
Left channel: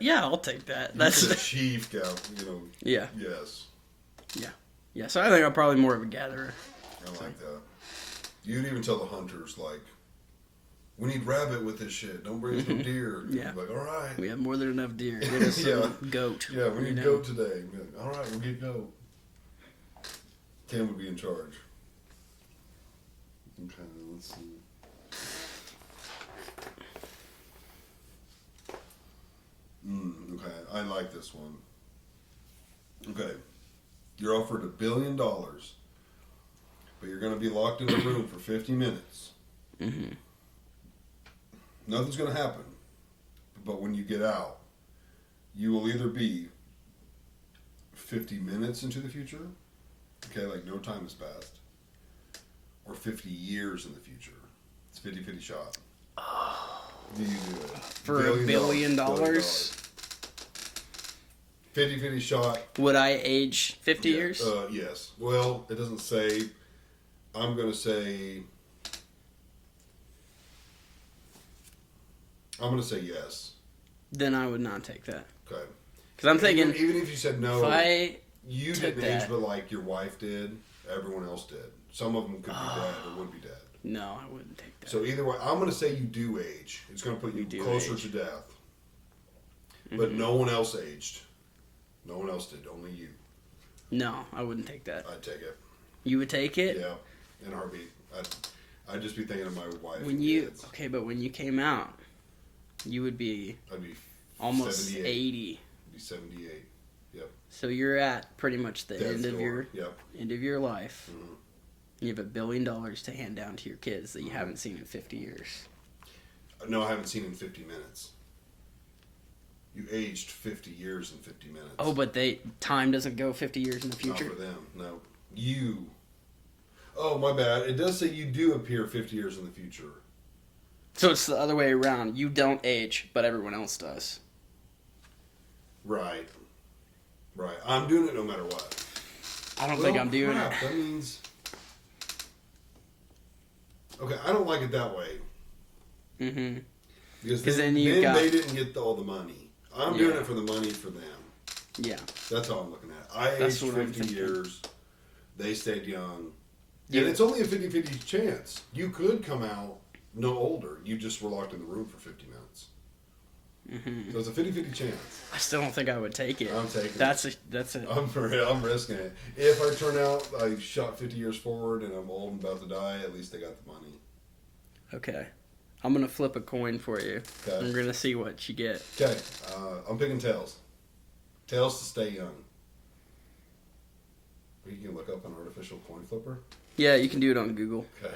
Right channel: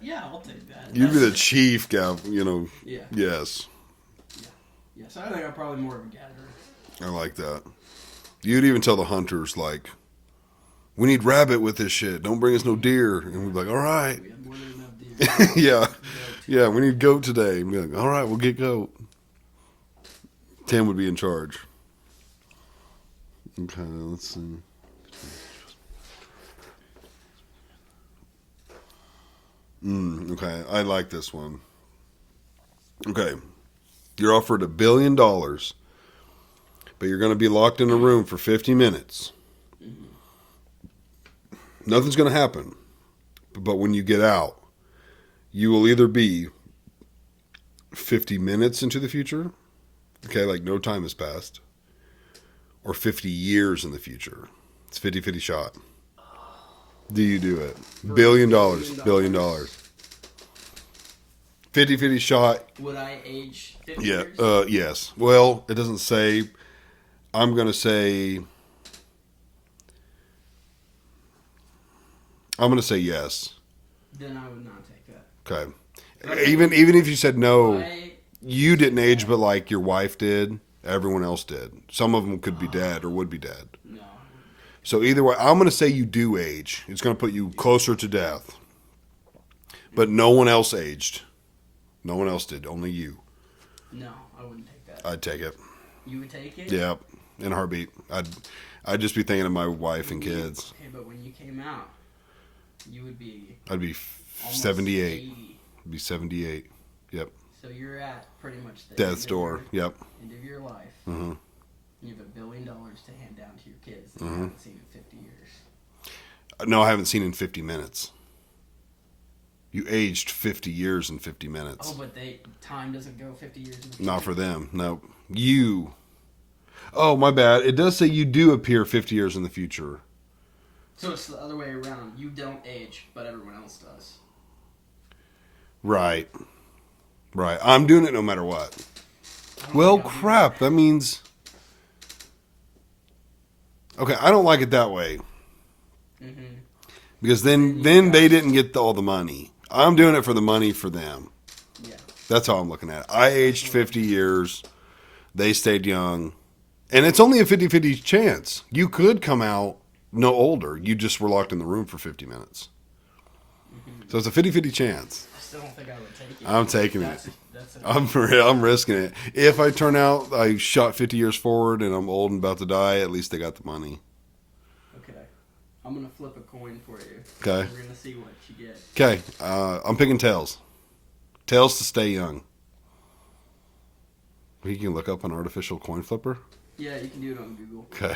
Yeah, I'll take that. You be the chief, Yeah. Yes, Yeah, so I think I'm probably more of a gatherer. I like that. You'd even tell the hunters, like, "We need rabbit with this shit. Don't bring us no deer." And we'd be like, "All right." We have more than enough deer. Yeah. Goat. Yeah, we need goat today. And be like, "All right, we'll get goat." Tim would be in charge. Okay, let's see. Okay, I like this one. Okay, you're offered $1 billion, but you're going to be locked in a room for 50 minutes. Mm-hmm. Nothing's going to happen. But when you get out, you will either be 50 minutes into the future, okay, like no time has passed, or 50 years in the future. It's 50-50 shot. Do you do it? For $1 billion. $1 billion? 50-50 shot. Would I age 50 years? Yes. Well, it doesn't say. I'm going to say yes. Then I would not take that. Okay. 'Cause I'm thinking, Even if you said no, I you didn't take age, that. but like your wife did, everyone else did. Some of them could be dead or would be dead. No, I wouldn't take that. So either way, I'm going to say you do age. It's going to put you closer to death. But no one else aged. No one else did. Only you. No, I wouldn't take that. I'd take it. You would take it? Yeah, in a heartbeat. I'd just be thinking of my wife and kids. Okay, but when you came out, you would be I'd be almost 78. 80. I'd be 78. Yep. So you're at pretty much the Death's door. Yep. end of your life. Mm-hmm. You have $1 billion to hand down to your kids that you haven't seen in 50 years. No, I haven't seen in 50 minutes. You aged 50 years in 50 minutes. Oh, but time doesn't go 50 years in the future. Not for them. No. You. Oh, my bad. It does say you do appear 50 years in the future. So it's the other way around. You don't age, but everyone else does. Right. Right. I'm doing it no matter what. I don't Well, think I'm doing crap. That means. Okay, I don't like it that way. Mm-hmm. Because then then you got- they didn't get all the money. I'm doing it for the money for them. Yeah. That's how I'm looking at it. I aged what I'm 50 thinking. years. They stayed young. And it's only a 50-50 chance. You could come out no older. You just were locked in the room for 50 minutes. So it's a 50-50 chance. I still don't think I would take it. I'm taking That's it. That's a. I'm risking it. If I turn out I shot 50 years forward and I'm old and about to die, at least they got the money. Okay. I'm gonna flip a coin for you. Okay. I'm gonna see what you get. Okay, I'm picking tails. Tails to stay young. You can look up an artificial coin flipper. Yeah, you can do it on Google. Okay,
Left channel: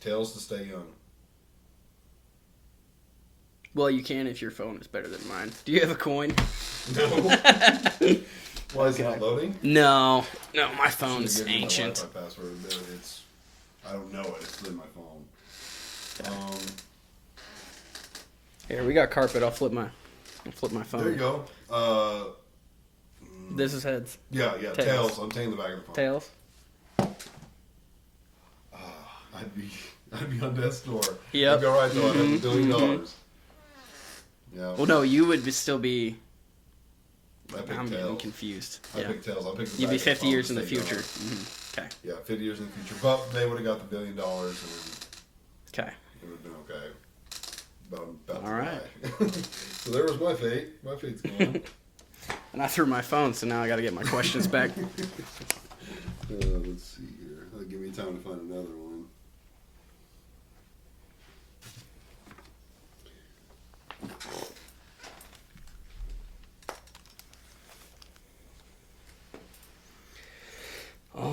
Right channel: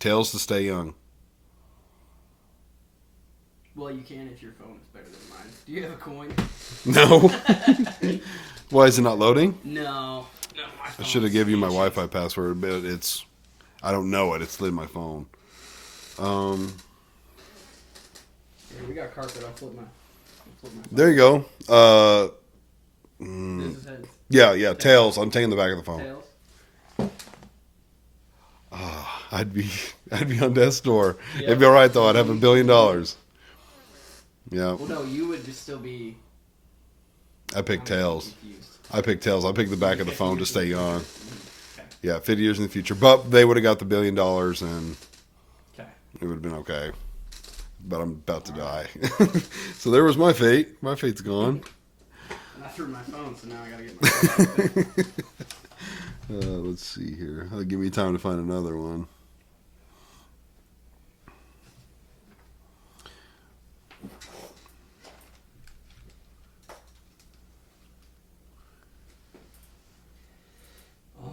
tails to stay young. Well, you can if your phone is better than mine. Do you have a coin? No. Why is it not loading? No, my I phone. should have given you my Wi-Fi password, but I don't know it. It's in my phone. Here, we got carpet. I'll flip my phone. There you go. This is heads. Yeah. Tails. I'm taking the back of the phone. Tails. I'd be on death's door. Yep. It'd be all right though. I'd have $1 billion. Yeah. Well, no, you would still be. I picked I'm tails. confused. I picked tails. I picked the You'd back be of the 50 phone to years in stay the young. future. Mhm. Okay. Yeah, 50 years in the future. But they would have got the $1 billion and Okay. it would have been okay. But I'm about to All die. right. So there was my fate. My fate's gone. And I threw my phone, so now I got to get my questions back. Let's see here. That'll give me time to find another one. All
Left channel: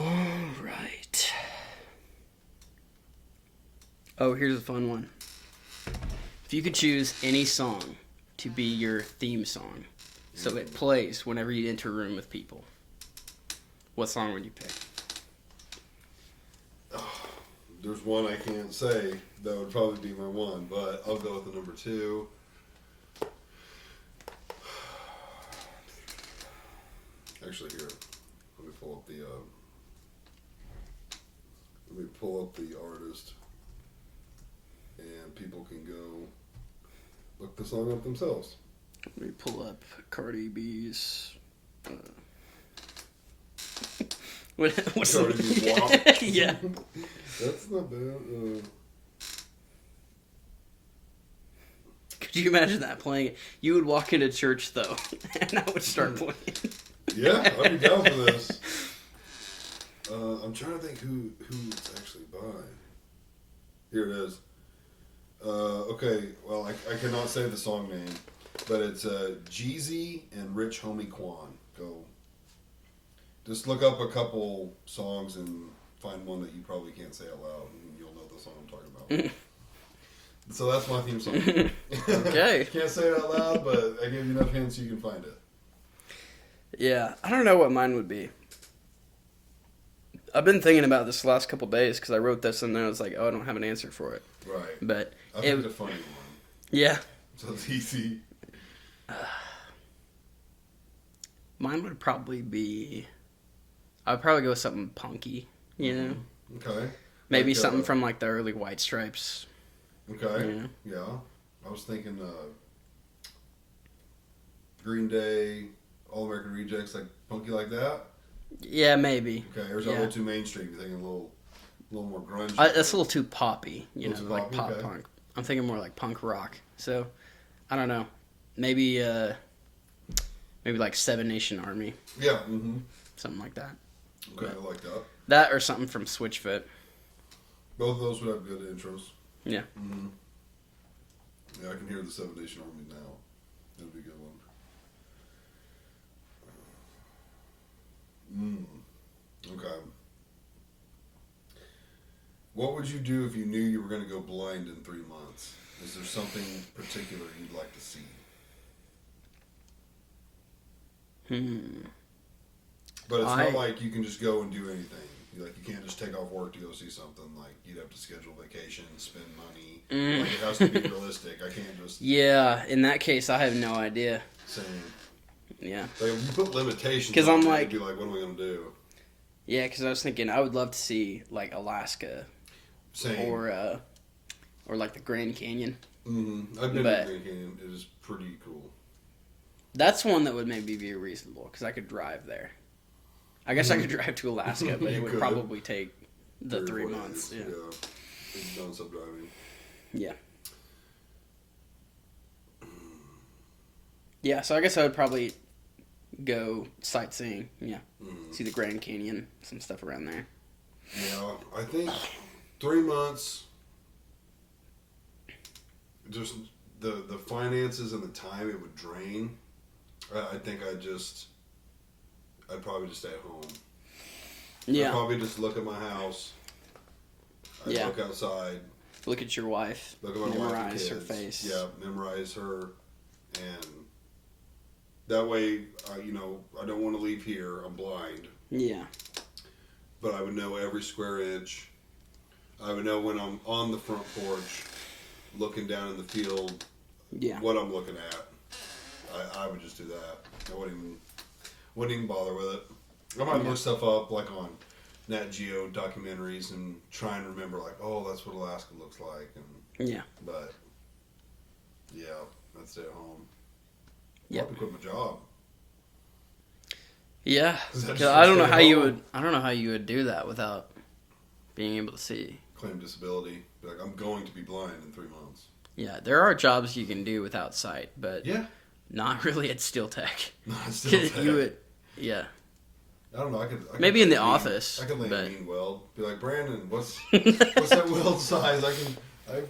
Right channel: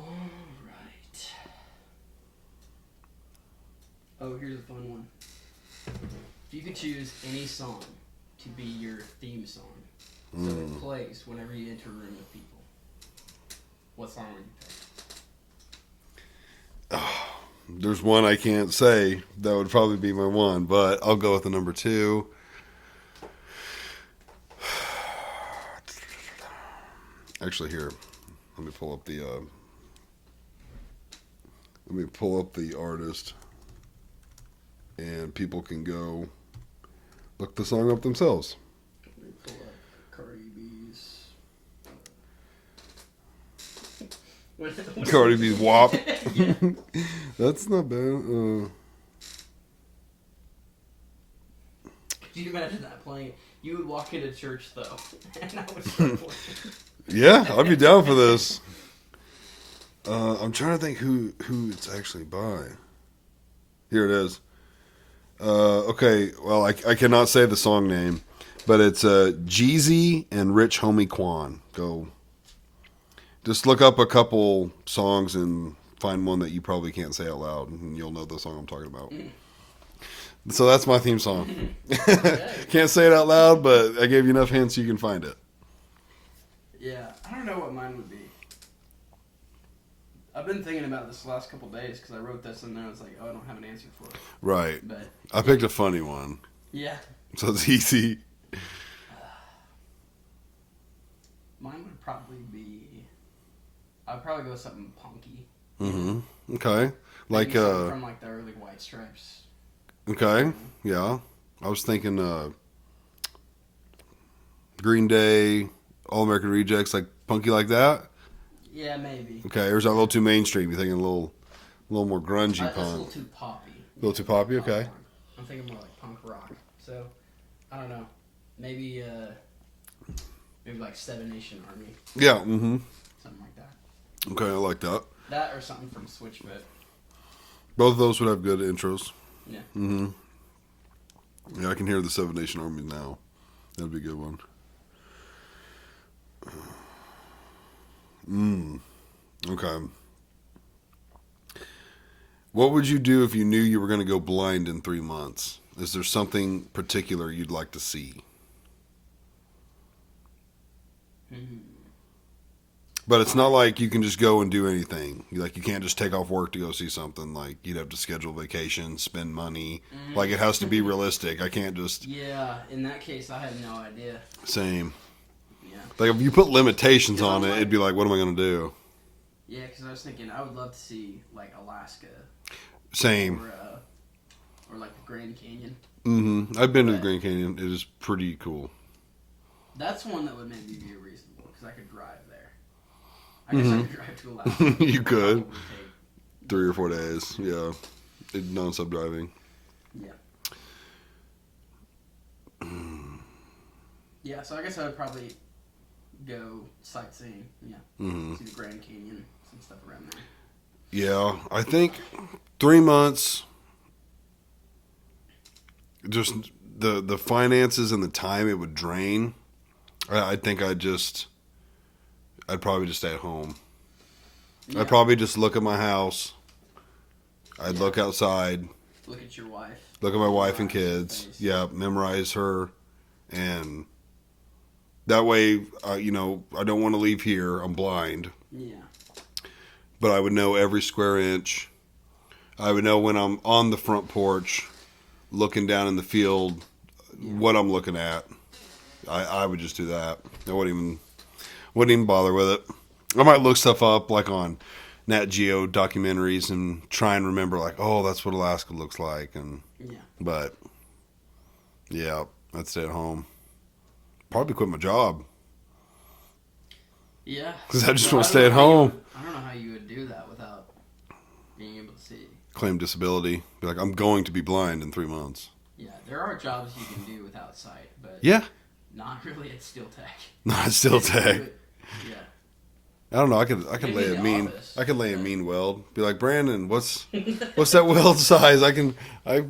right. Oh, here's a fun one. If you could choose any song to be your theme song, so it plays whenever you enter a room with people, what song would you pick? There's one I can't say. That would probably be my one, but I'll go with the number 2. Actually, here, let me pull up the artist, and people can go look the song up themselves. Let me pull up Cardi B's. What's Cardi B's WAP. Yeah. That's not bad. Could you imagine that playing? You would walk into church though, and I would start playing. Yeah, I'd be down for this. I'm trying to think who it's actually by. Here it is. Okay, well, I cannot say the song name, but it's Jeezy and Rich Homie Quan. Go. Just look up a couple songs and find one that you probably can't say out loud, and you'll know the song I'm talking about. So that's my theme song. Okay. Can't say it out loud, but I gave you enough hints you can find it. Yeah, I don't know what mine would be. I've been thinking about this the last couple days because I wrote this and then I was like, oh, I don't have an answer for it. Right. But I picked a funny one, yeah, so it's easy. mine would probably be. I'd probably go with something punky. You know, Okay. maybe Like, something from like the early White Stripes. Okay. Yeah. I was thinking Green Day, All American Rejects, like punky like that. Yeah, maybe. Okay. Or is that a little too mainstream? You thinking a little more grungy? That's a punk? little too poppy. A little too poppy? pop Okay. punk. I'm thinking more like punk rock. So, I don't know. Maybe like Seven Nation Army, Yeah. Mm-hmm. something like that. Okay. I like that. That or something from Switchfoot. Both of those would have good intros. Yeah. Mm-hmm. Yeah, I can hear the Seven Nation Army now. That'd be a good one. Okay. What would you do if you knew you were going to go blind in 3 months? Is there something particular you'd like to see? But it's not like you can just go and do anything. You can't just take off work to go see something. Like, you'd have to schedule vacation, spend money. Like, it has to be realistic. I can't just... Yeah, in that case, I have no idea. Same. Yeah. Like, if you put limitations 'Cause on I'm it, like- it'd be like, what am I going to do? Yeah, because I was thinking I would love to see like Alaska Same. or like the Grand Canyon. I've been to but- Grand Canyon. It is pretty cool. That's one that would maybe be reasonable because I could drive there. I guess I could drive to Alaska. But You it would could. probably take 3 or 4 months. days. Yeah. Non-stop driving. Yeah. Yeah, so I guess I would probably go sightseeing. Yeah. See the Grand Canyon, some stuff around there. Yeah, I think 3 months. Just the finances and the time it would drain. I think I'd probably just stay at home. Yeah. I'd probably just look at my house. I'd look outside. Look at your wife. Look at my wife and Memorize her kids. face. Yeah, memorize her, and that way, I don't want to leave here. I'm blind, Yeah. but I would know every square inch. I would know when I'm on the front porch, looking down in the field, what I'm looking at. I would just do that. I wouldn't even bother with it. I might look stuff up like on Nat Geo documentaries and try and remember like, oh, that's what Alaska looks like, but yeah, I'd stay at home. Probably quit my job. Yeah. Because I just want to stay at home. I don't know how you would do that without being able to see. Claim disability. Be like, I'm going to be blind in 3 months. Yeah, there are jobs you can do without sight, but not really at Steel Tech. Not Steel Tech. Yeah. I don't know. I could maybe in the office. I could lay a mean weld. Be like, Brandon, what's that weld size? I can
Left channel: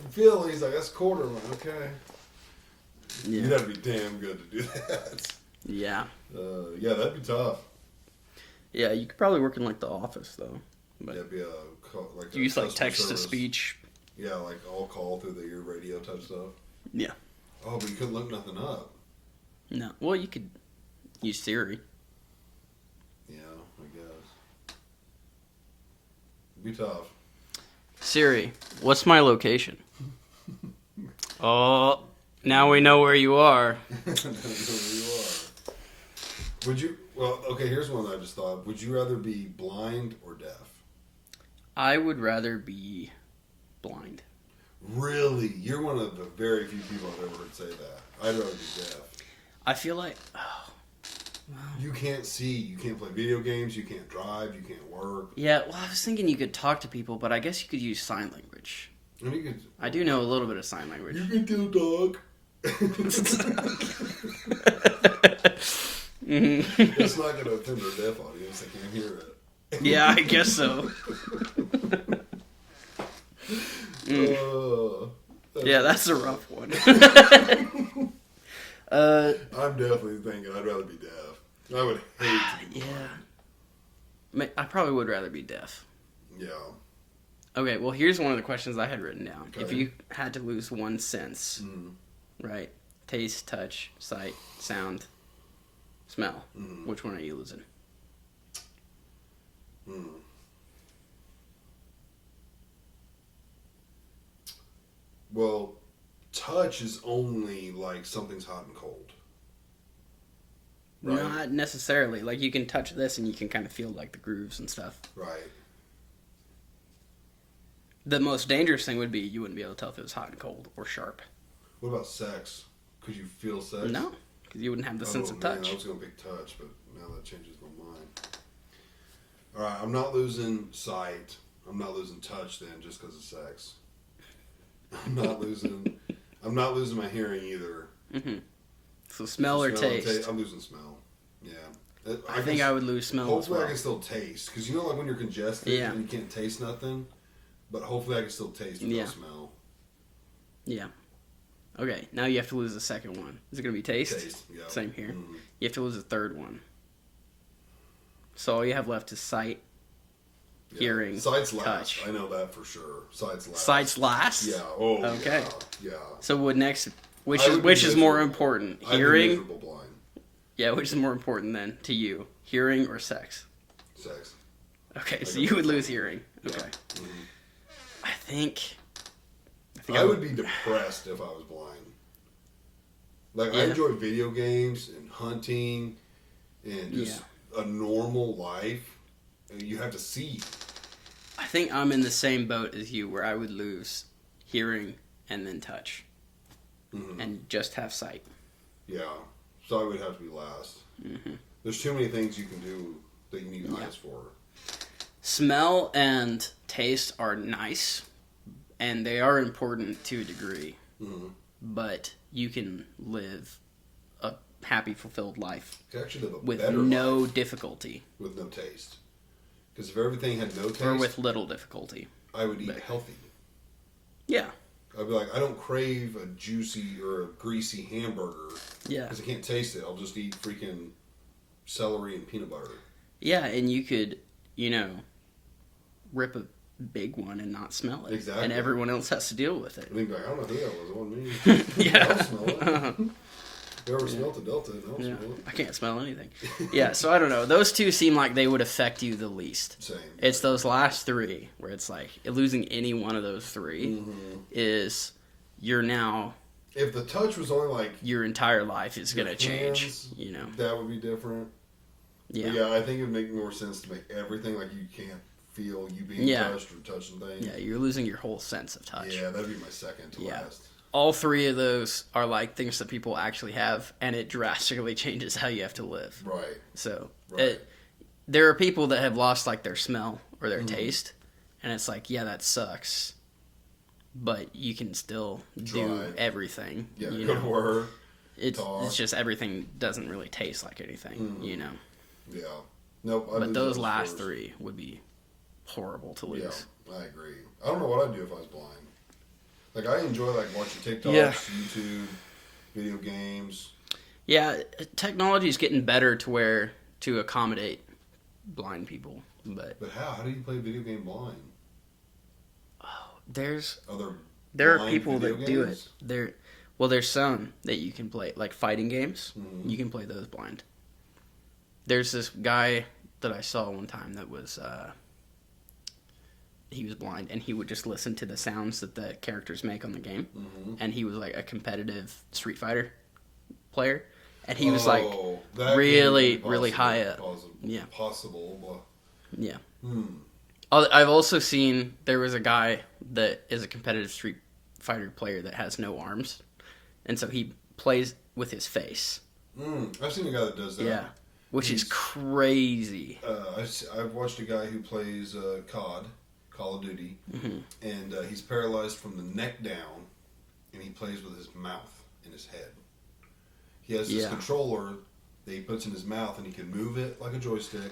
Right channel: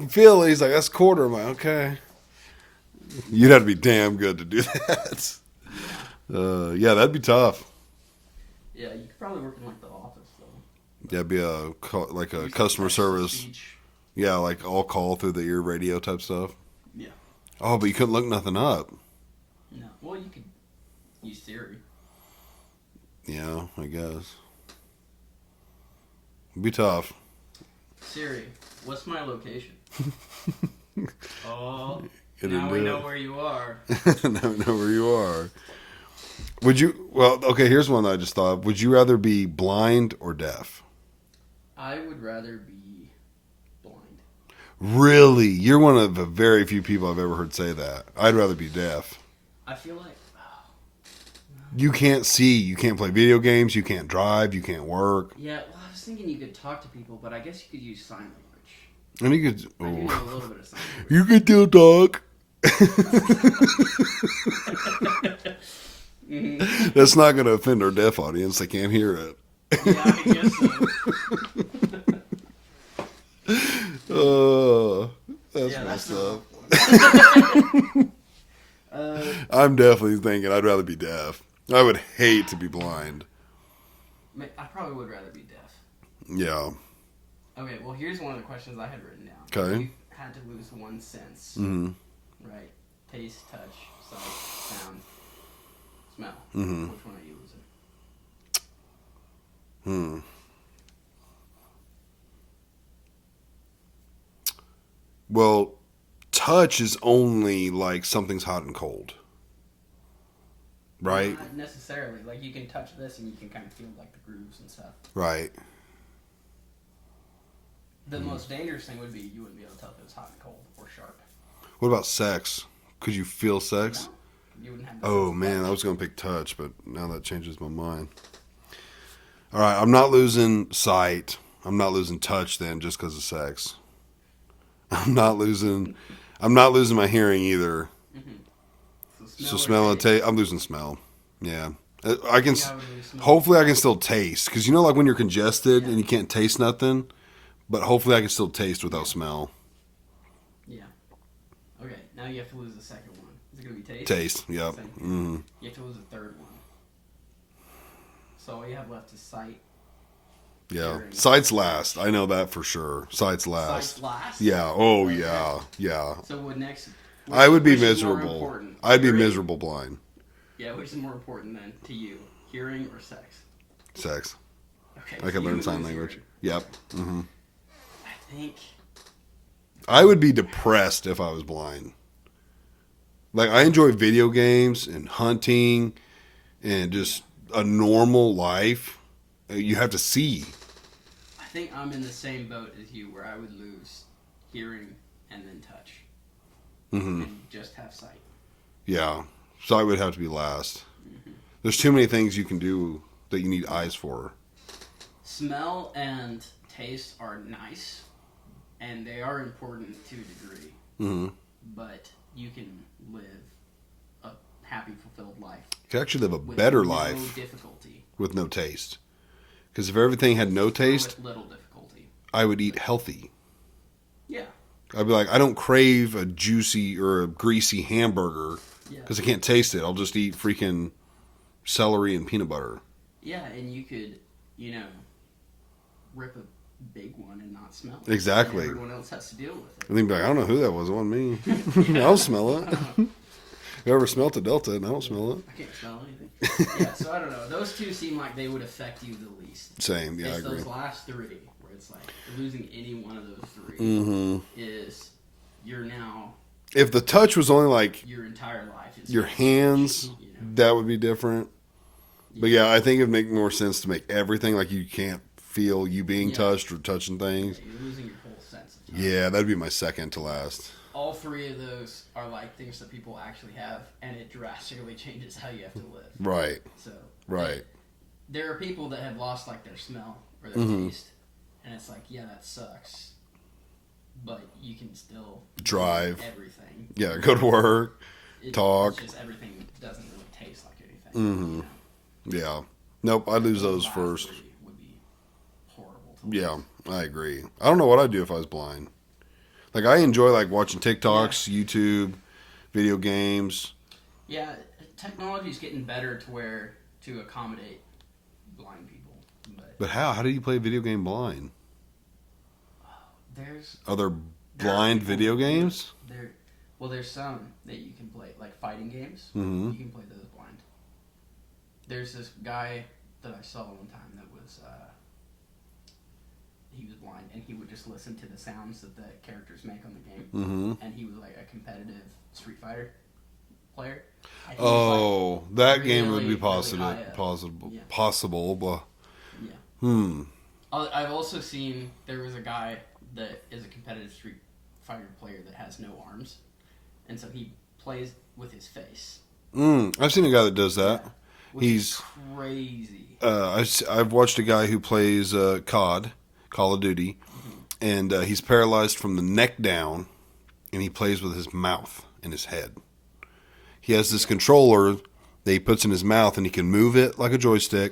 feel it. He's like, that's quarter. I'm like, okay. You'd have to be damn good to do that. Yeah. Yeah, that'd be tough. Yeah, you could probably work in like the office though. But yeah, be a use, customer like, service. Speech. Yeah, like all call through the ear radio type stuff. Yeah. Oh, but you couldn't look nothing up. No. Well, you could use Siri. Yeah, I guess. It'd be tough. Siri, what's my location? Oh, now we know where you are. Now we know where you are. Would you? Well, okay. Here's one that I just thought. Would you rather be blind or deaf? I would rather be blind. Really? You're one of the very few people I've ever heard say that. I'd rather be deaf. I feel like you can't see, you can't play video games, you can't drive, you can't work. Yeah, well, I was thinking you could talk to people, but I guess you could use sign language. And you could. I do know a little bit of sign language. You could do talk. That's not going to offend our deaf audience. They can't hear it. Yeah, I guess so. That's a rough one. I'm definitely thinking I'd rather be deaf. I would hate to be blind. I probably would rather be deaf. Yeah. Okay, well, here's one of the questions I had written down. Okay. If you had to lose one sense, right? Taste, touch, sight, sound, smell. Which one are you losing? Well, touch is only like something's hot and cold. Right? Not necessarily. Like, you can touch this and you can kind of feel like the grooves and stuff. Right. The most dangerous thing would be you wouldn't be able to tell if it was hot and cold or sharp. What about sex? Could you feel sex? No, because you wouldn't have the sense of touch. Oh, man, I was going to pick touch, but now that changes my mind. All right, I'm not losing sight. I'm not losing touch then just because of sex. I'm not losing my hearing either. So smell or or taste? I'm losing smell. Yeah. I think I would lose smell. Hopefully I can still taste. Because you know like when you're congested and you can't taste nothing? But hopefully I can still taste without smell. Yeah. Okay, now you have to lose the second one. Is it going to be taste? Taste, yep. Same here. You have to lose the third one. So all you have left is sight, hearing. Sight's last. Touch. I know that for sure. Sight's last. Sight's last? Yeah. Oh, Okay. yeah. So what next? Which is more important? I'd Hearing? be miserable blind. Yeah, which is more important then to you? Hearing or sex? Sex. Okay, so you would lose hearing. Yep. Okay. I think I would be depressed if I was blind. Like, I enjoy video games and hunting and just a normal life. You have to see. I think I'm in the same boat as you where I would lose hearing and then touch. And just have sight. Yeah. Sight would have to be last. There's too many things you can do that you need eyes for. Smell and taste are nice, and they are important to a degree. But you can live a happy, fulfilled life. You can actually live a with better no life difficulty. with no taste. Because if everything had no Or taste, with little difficulty. I would eat healthy. Yeah. I'd be like, I don't crave a juicy or a greasy hamburger Yeah. because I can't taste it. I'll just eat freaking celery and peanut butter. Yeah, and you could, rip a big one and not smell it. Exactly. And everyone else has to deal with it. And they'd be like, I don't know who that was. It wasn't me. Yeah. I'll smell it. Whoever smelt the Delta, and I don't smell it. I can't smell anything. Yeah, so I don't know. Those two seem like they would affect you the least. Same. Yeah, It's I agree. those last three where it's like losing any one of those three is you're now If the touch was only like your entire life is your gonna hands, change, that would be different. Yeah. But yeah, I think it'd make more sense to make everything like you can't feel you being Yeah. touched or touching things. Yeah, you're losing your whole sense of touch. Yeah, that'd be my second to last. All three of those are like things that people actually have, and it drastically changes how you have to live. Right. So Right. there are people that have lost like their smell or their taste, and it's like, yeah, that sucks, but you can still Drive. do everything. Yeah, go to work. talk. It's just everything doesn't really taste like anything, Yeah. Nope, I'd But lose those those last first. three would be horrible to lose. Yeah, I agree. I don't know what I'd do if I was blind. Like, I enjoy, like, watching TikToks, YouTube, video games. Yeah, technology is getting better to accommodate blind people, but But how? How do you play a video game blind? there's Are there there are blind people video that do it. games? There's some that you can play, like fighting games. You can play those blind. There's this guy that I saw one time that was he was blind, and he would just listen to the sounds that the characters make on the game. And he was like a competitive Street Fighter player, and he was like that really, game would be possible, really high up. Possible. Possible, but Yeah. I've also seen there was a guy that is a competitive Street Fighter player that has no arms, and so he plays with his face. I've seen a guy that does that. Yeah, which is crazy. I've watched a guy who plays Call of Duty, and he's paralyzed from the neck down, and he plays with his mouth and his head. He has this controller that he puts in his mouth, and he can move it like a joystick,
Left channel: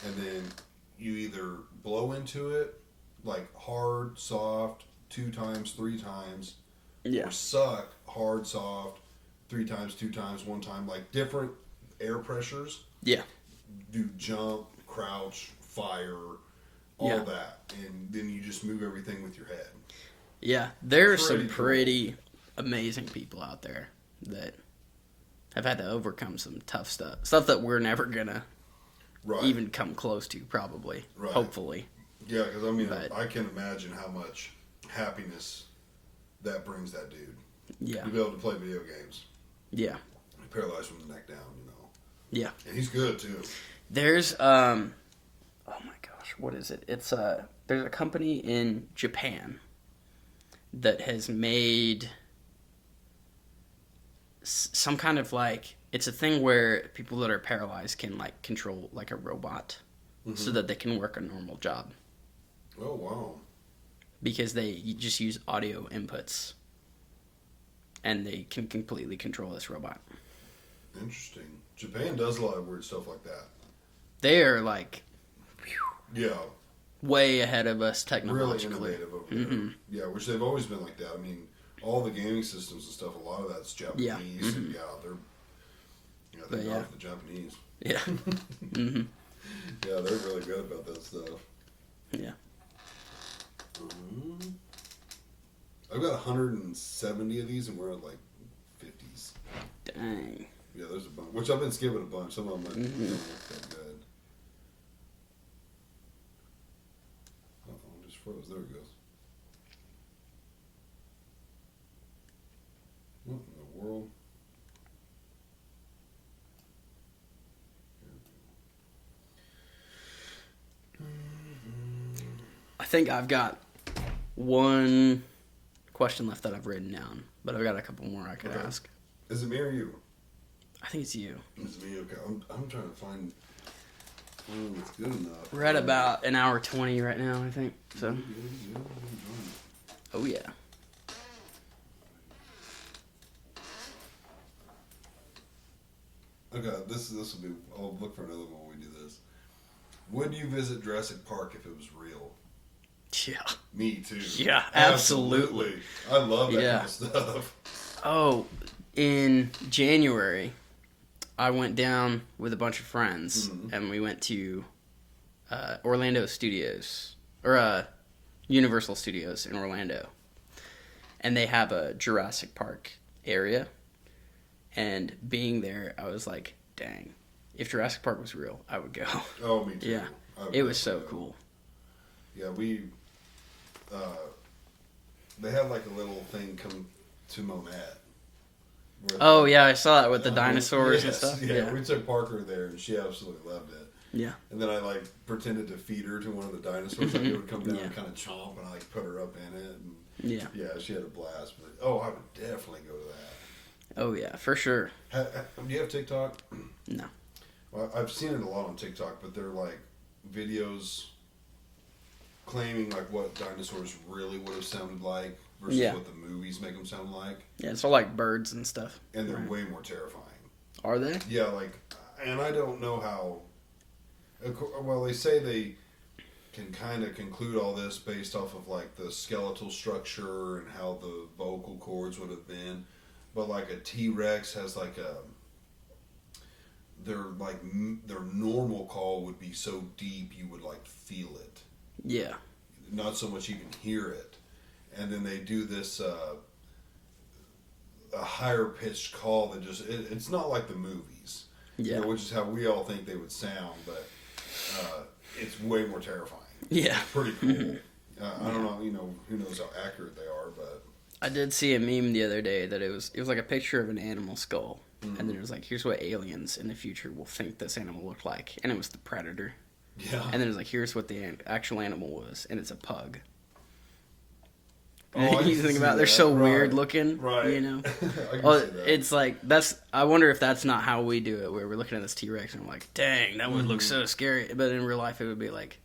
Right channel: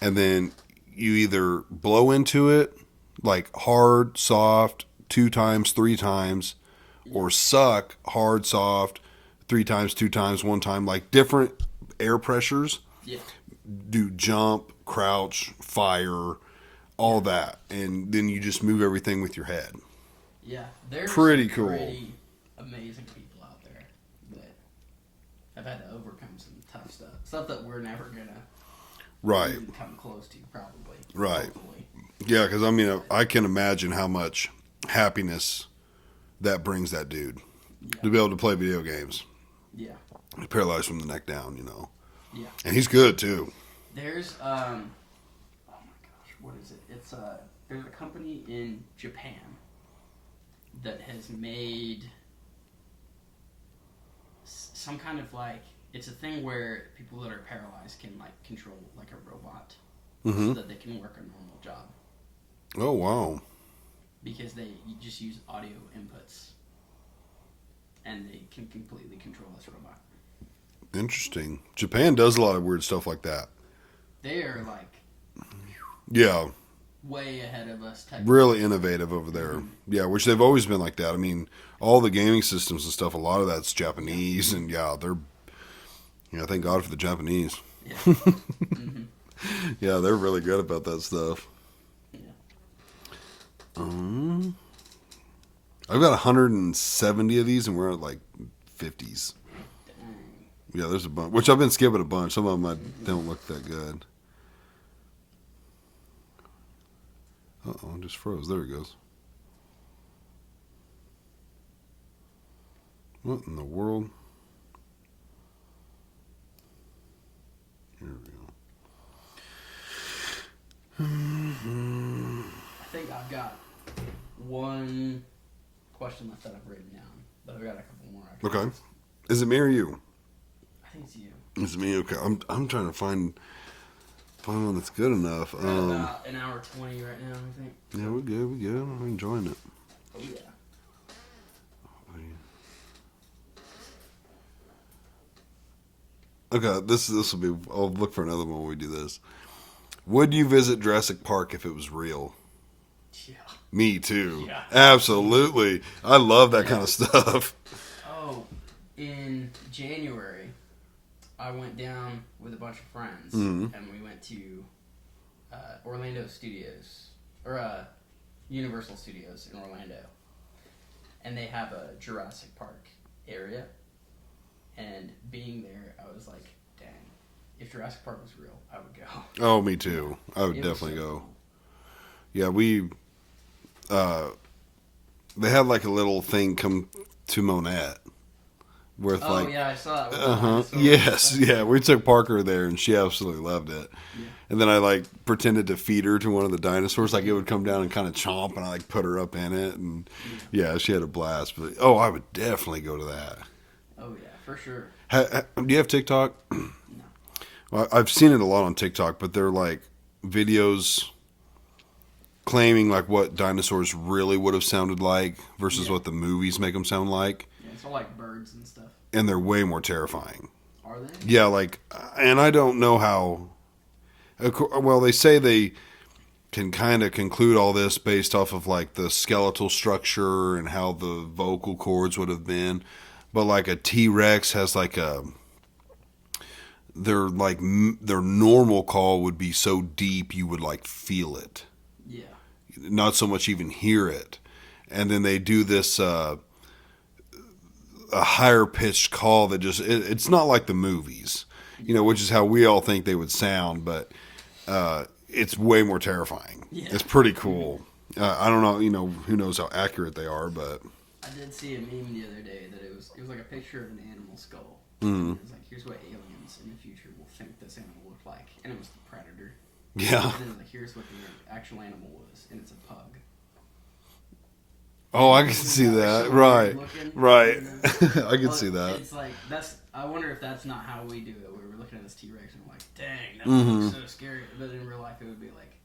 and then you either blow into it, like hard, soft, 2 times, 3 times, or suck, hard, soft, 3 times, 2 times, 1 time, like different air pressures. Yeah. Do jump, crouch, fire, all that, and then you just move everything with your head. Yeah, there's Pretty some cool. pretty amazing people out there that have had to overcome some tough stuff that we're never gonna Right. even come close to, probably. Right. Hopefully. Yeah, because I mean, I can imagine how much happiness that brings that dude Yeah. to be able to play video games. Yeah. Paralyzed from the neck down, Yeah. and he's good too. There's oh my gosh, what is it? It's there's a company in Japan that has made some kind of like, it's a thing where people that are paralyzed can like control like a robot so that they can work a normal job Oh wow, because they just use audio inputs and they can completely control this robot. interesting. Japan does a lot of weird stuff like that. They are like Yeah, way ahead of us technically. really innovative over there. Yeah, which they've always been like that. I mean, all the gaming systems and stuff, a lot of that's Japanese, and they're, thank God for the Japanese. Yeah. Yeah, they're really good about that stuff. Yeah. I've got 170 of these, and we're at like 50s. Dang. Yeah, there's a bunch, which I've been skipping a bunch. Some of them don't look that good. Uh-oh, it just froze. There it goes. What in the world? Here we go. I think I've got one question left that I've written down, but I've got a couple more I can Okay. ask. Is it me or you? I think it's you. It's me. Okay, I'm trying to find one that's good enough. We're at about an hour 20 right now, I think. So. Yeah, we're good. I'm enjoying it. Oh yeah. Okay, this will be. I'll look for another one when we do this. Would you visit Jurassic Park if it was real? Yeah. Me too. Yeah, absolutely. I love that Yeah. kind of stuff. Oh, in January, I went down with a bunch of friends, and we went to Orlando Studios, or Universal Studios in Orlando. And they have a Jurassic Park area. And being there, I was like, dang, if Jurassic Park was real, I would go. Oh, me too. Yeah. I would It was definitely so go. cool. Yeah, they had like a little thing come to Monette. With Oh, like, yeah, I saw that with the dinosaurs. and Yes, stuff. yeah. We took Parker there, and she absolutely loved it. Yeah. And then I like pretended to feed her to one of the dinosaurs, like it would come down and kind of chomp, and I like put her up in it, and yeah, she had a blast. But I would definitely go to that. Oh, yeah, for sure. Do you have TikTok? No. Well, I've seen it a lot on TikTok, but they're like videos claiming like what dinosaurs really would have sounded like versus what the movies make them sound like. Yeah, it's all like birds and stuff. And they're way more terrifying. Are they? Yeah, like, and I don't know how. Well, they say they can kind of conclude all this based off of like the skeletal structure and how the vocal cords would have been, but like a T-Rex has like their normal call would be so deep you would like feel it. Yeah. Not so much even hear it. And then they do this a higher pitched call that just it's not like the movies, which is how we all think they would sound, but it's way more terrifying. Yeah. It's pretty cool. I don't know, who knows how accurate they are, but I did see a meme the other day that it was like a picture of an animal skull, and then it was like, here's what aliens in the future will think this animal looked like, and it was the predator. yeah. And then it was like, here's what the actual animal was, and it's a pug. Oh, I You can think see about that. it, they're so right. weird looking, Right. you know? I can Well, see that. It's like I wonder if that's not how we do it, where we're looking at this T-Rex and we're like, dang, that one looks so scary. But in real life, it would be like,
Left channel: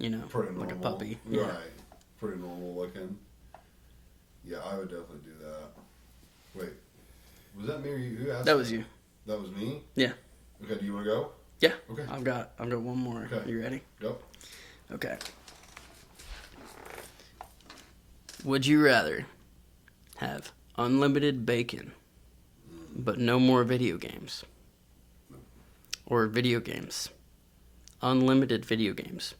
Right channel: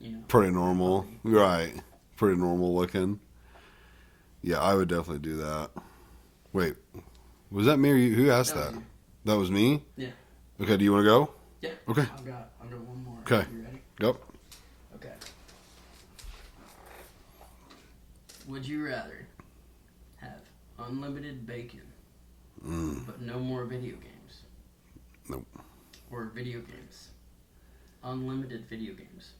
Pretty like a normal. puppy. Right. Pretty normal looking. Yeah, I would definitely do that. Wait, was that me or you? Who asked that? That was you. That was me? Yeah. Okay, do you want to go? Yeah. Okay. I've got one more. Okay. You ready? Go. Okay. Would you rather have unlimited bacon, but no more video games? Nope. Or video games, unlimited video games,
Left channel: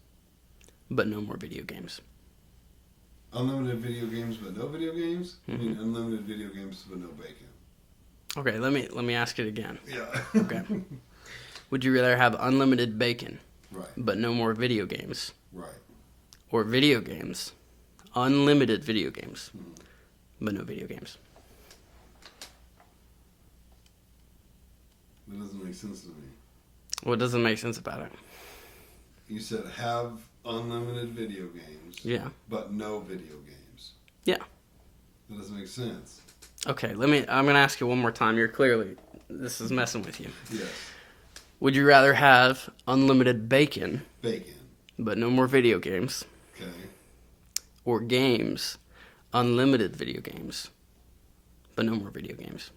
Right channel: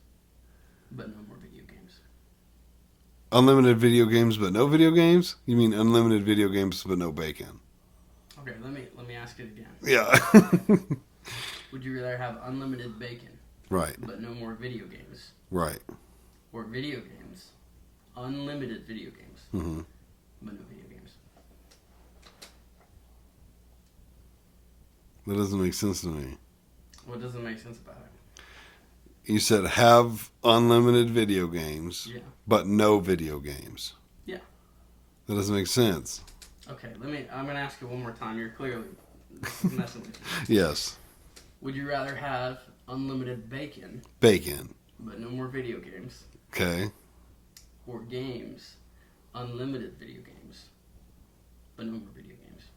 but no more video games? Unlimited video games, but no video games? You mean unlimited video games, but no bacon? Okay, let me ask it again. Yeah. Okay. Would you rather have unlimited bacon, Right. but no more video games, Right. or video games, unlimited video games, Mm-hmm. but no video games? That doesn't make sense to me. What doesn't make sense about it? You said have unlimited video games, Yeah. but no video games. Yeah. That doesn't make sense. Okay, I'm gonna ask you one more time. This is messing with you. Yes. Would you rather have unlimited bacon, Bacon. but no more video games, Okay. or games, unlimited video games, but no more video games?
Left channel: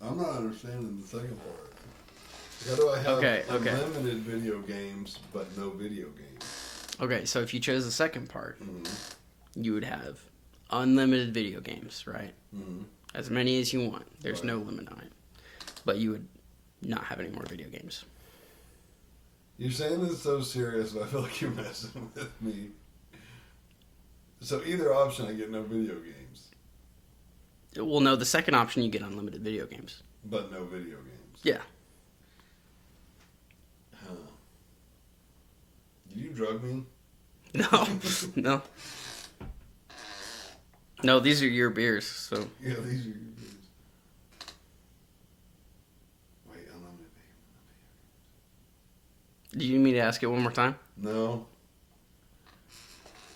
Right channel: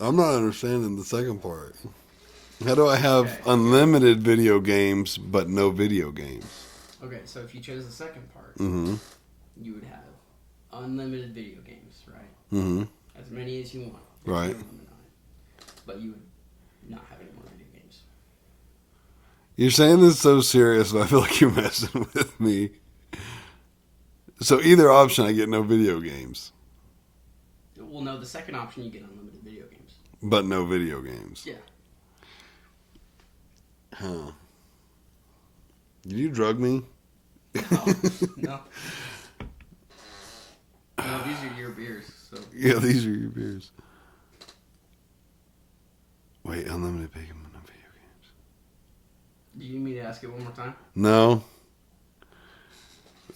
I'm not understanding the second part. How do I have Okay. unlimited video games but no video games? Okay, so if you chose the second part, Mm-hmm. you would have unlimited video games, right? Mm-hmm. As many as you want. There's Right. no limit on it. But you would not have any more video games. You're saying this so serious, but I feel like you're messing with me. So either option, I get no video games, Well, no, the second option, you get unlimited video games. but no video games. Yeah. Huh. Did you drug me? No. No. No, these are your beers, so. Yeah, these are your beers. Wait, unlimited bacon, but no video games. Do you need me to ask it one more time? No.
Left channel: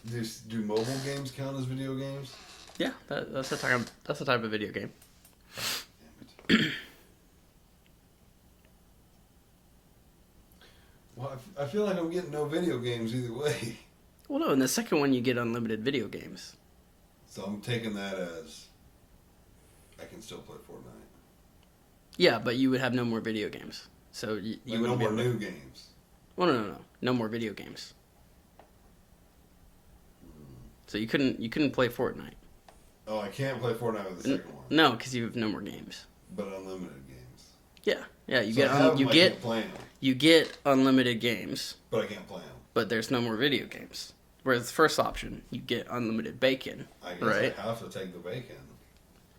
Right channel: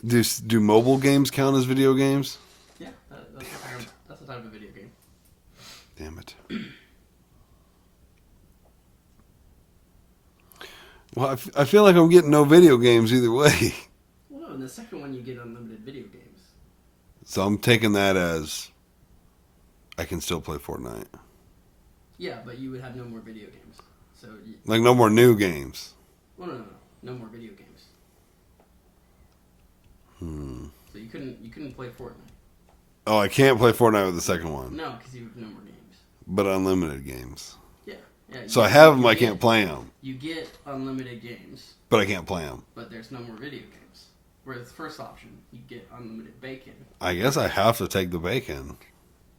Do mobile games count as video games? Yeah, that's the type of video game. Damn it. Well, I feel like I'm getting no video games either way. Well, no, in the second one you get unlimited video games. So I'm taking that as I can still play Fortnite. Yeah, but you would have no more video games. So Like no more new games. well, no more video games. So you couldn't play Fortnite. Oh, I can't play Fortnite with the second one. No, because you have no more games. But unlimited games. Yeah, yeah. So I have them, I can't play them. You get unlimited games, But I can't play them. but there's no more video games. Whereas the first option, you get unlimited bacon. I guess I Right. have to take the bacon.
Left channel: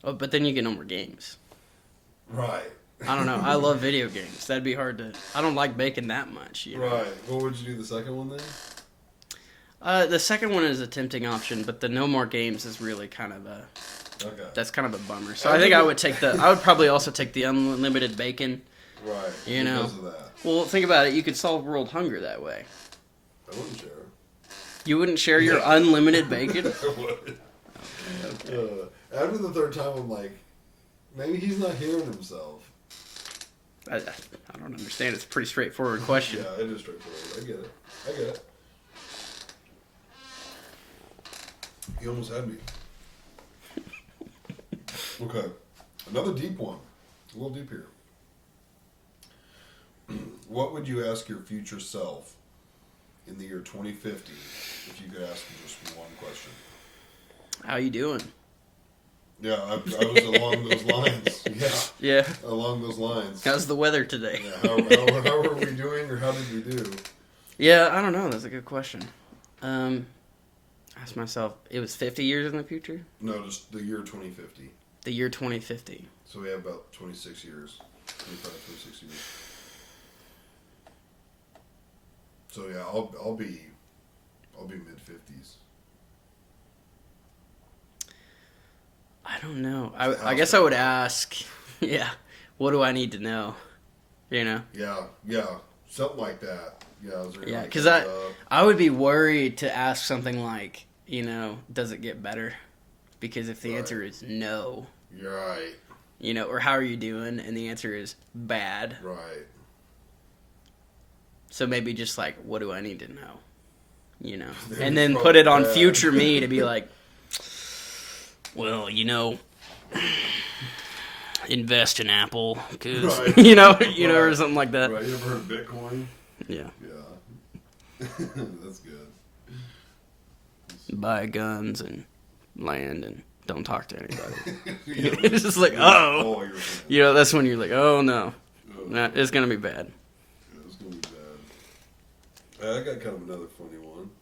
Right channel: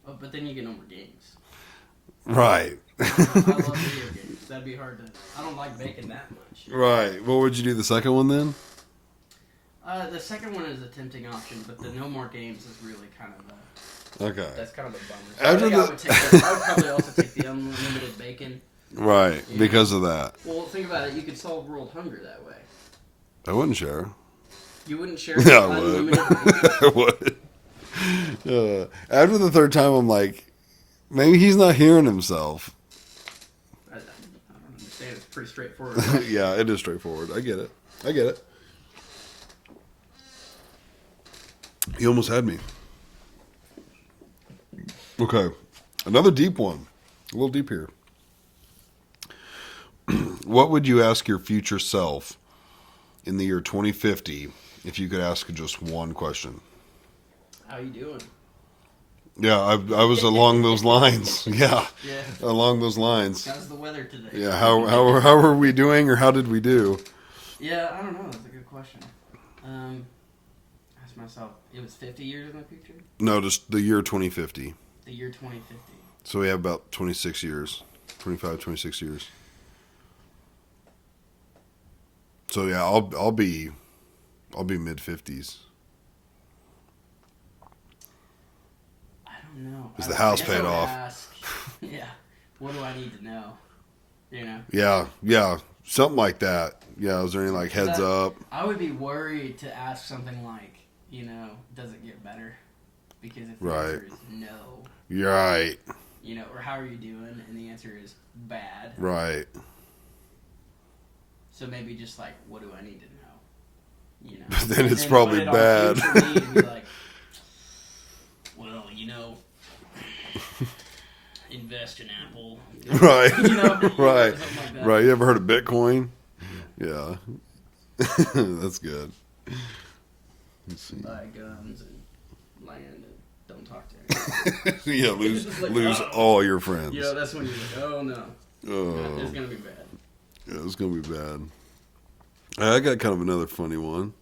Oh, but then you get no more games. Right. I don't know. I love video games. That'd be hard to. I don't like bacon that much. You know? Right. What would you do the second one then? The second one is a tempting option, but the no more games is really kind of a. Okay. That's kind of a bummer. So I think I would take the. I would probably also take the unlimited bacon. Right. You Because know? of that. Well, think about it. You could solve world hunger that way. I wouldn't share. You wouldn't share your Yeah, I would. unlimited bacon. I would. After the third time, I'm like, maybe he's not hearing himself. I don't understand. It's a pretty straightforward question. Yeah, it is straightforward. I get it. He almost had me. Okay. Another deep one. A little deep here. What would you ask your future self in the year 2050 if you could ask just one question? How you doing? Yeah, I was along those lines. Yeah, Yeah. along those lines. How's the weather today? Yeah, how are we doing, or how did we do? Yeah, I don't know. That's a good question. Ask myself. It was 50 years in the future. No, just the year 2050. The year 2050. So we have about 26 years, 25, 26 years. So yeah, I'll be mid 50s. I don't know. Is the I house guess I paid would off? ask. Yeah. What do I need to know? You know. Yeah, something like that. Yeah, is there any like 'Cause heads up? I would be worried to ask something like, does it get better? Because if the Right. answer is no, You're right, or how are you doing, and the answer is bad. right. So maybe just like, what do I need to know? Then And it's then probably put it on bad. future me to be like, well, invest in Apple, 'cause- Right. or Right. something like that. Right, you ever heard of Bitcoin? Yeah. Yeah. That's good. Buy guns and land and don't talk to anybody. Yeah, It's just like, lose oh. all your friends. That's when you're like, oh no, Oh. it's gonna be bad. Yeah, it's gonna be bad. I got kind of another funny one.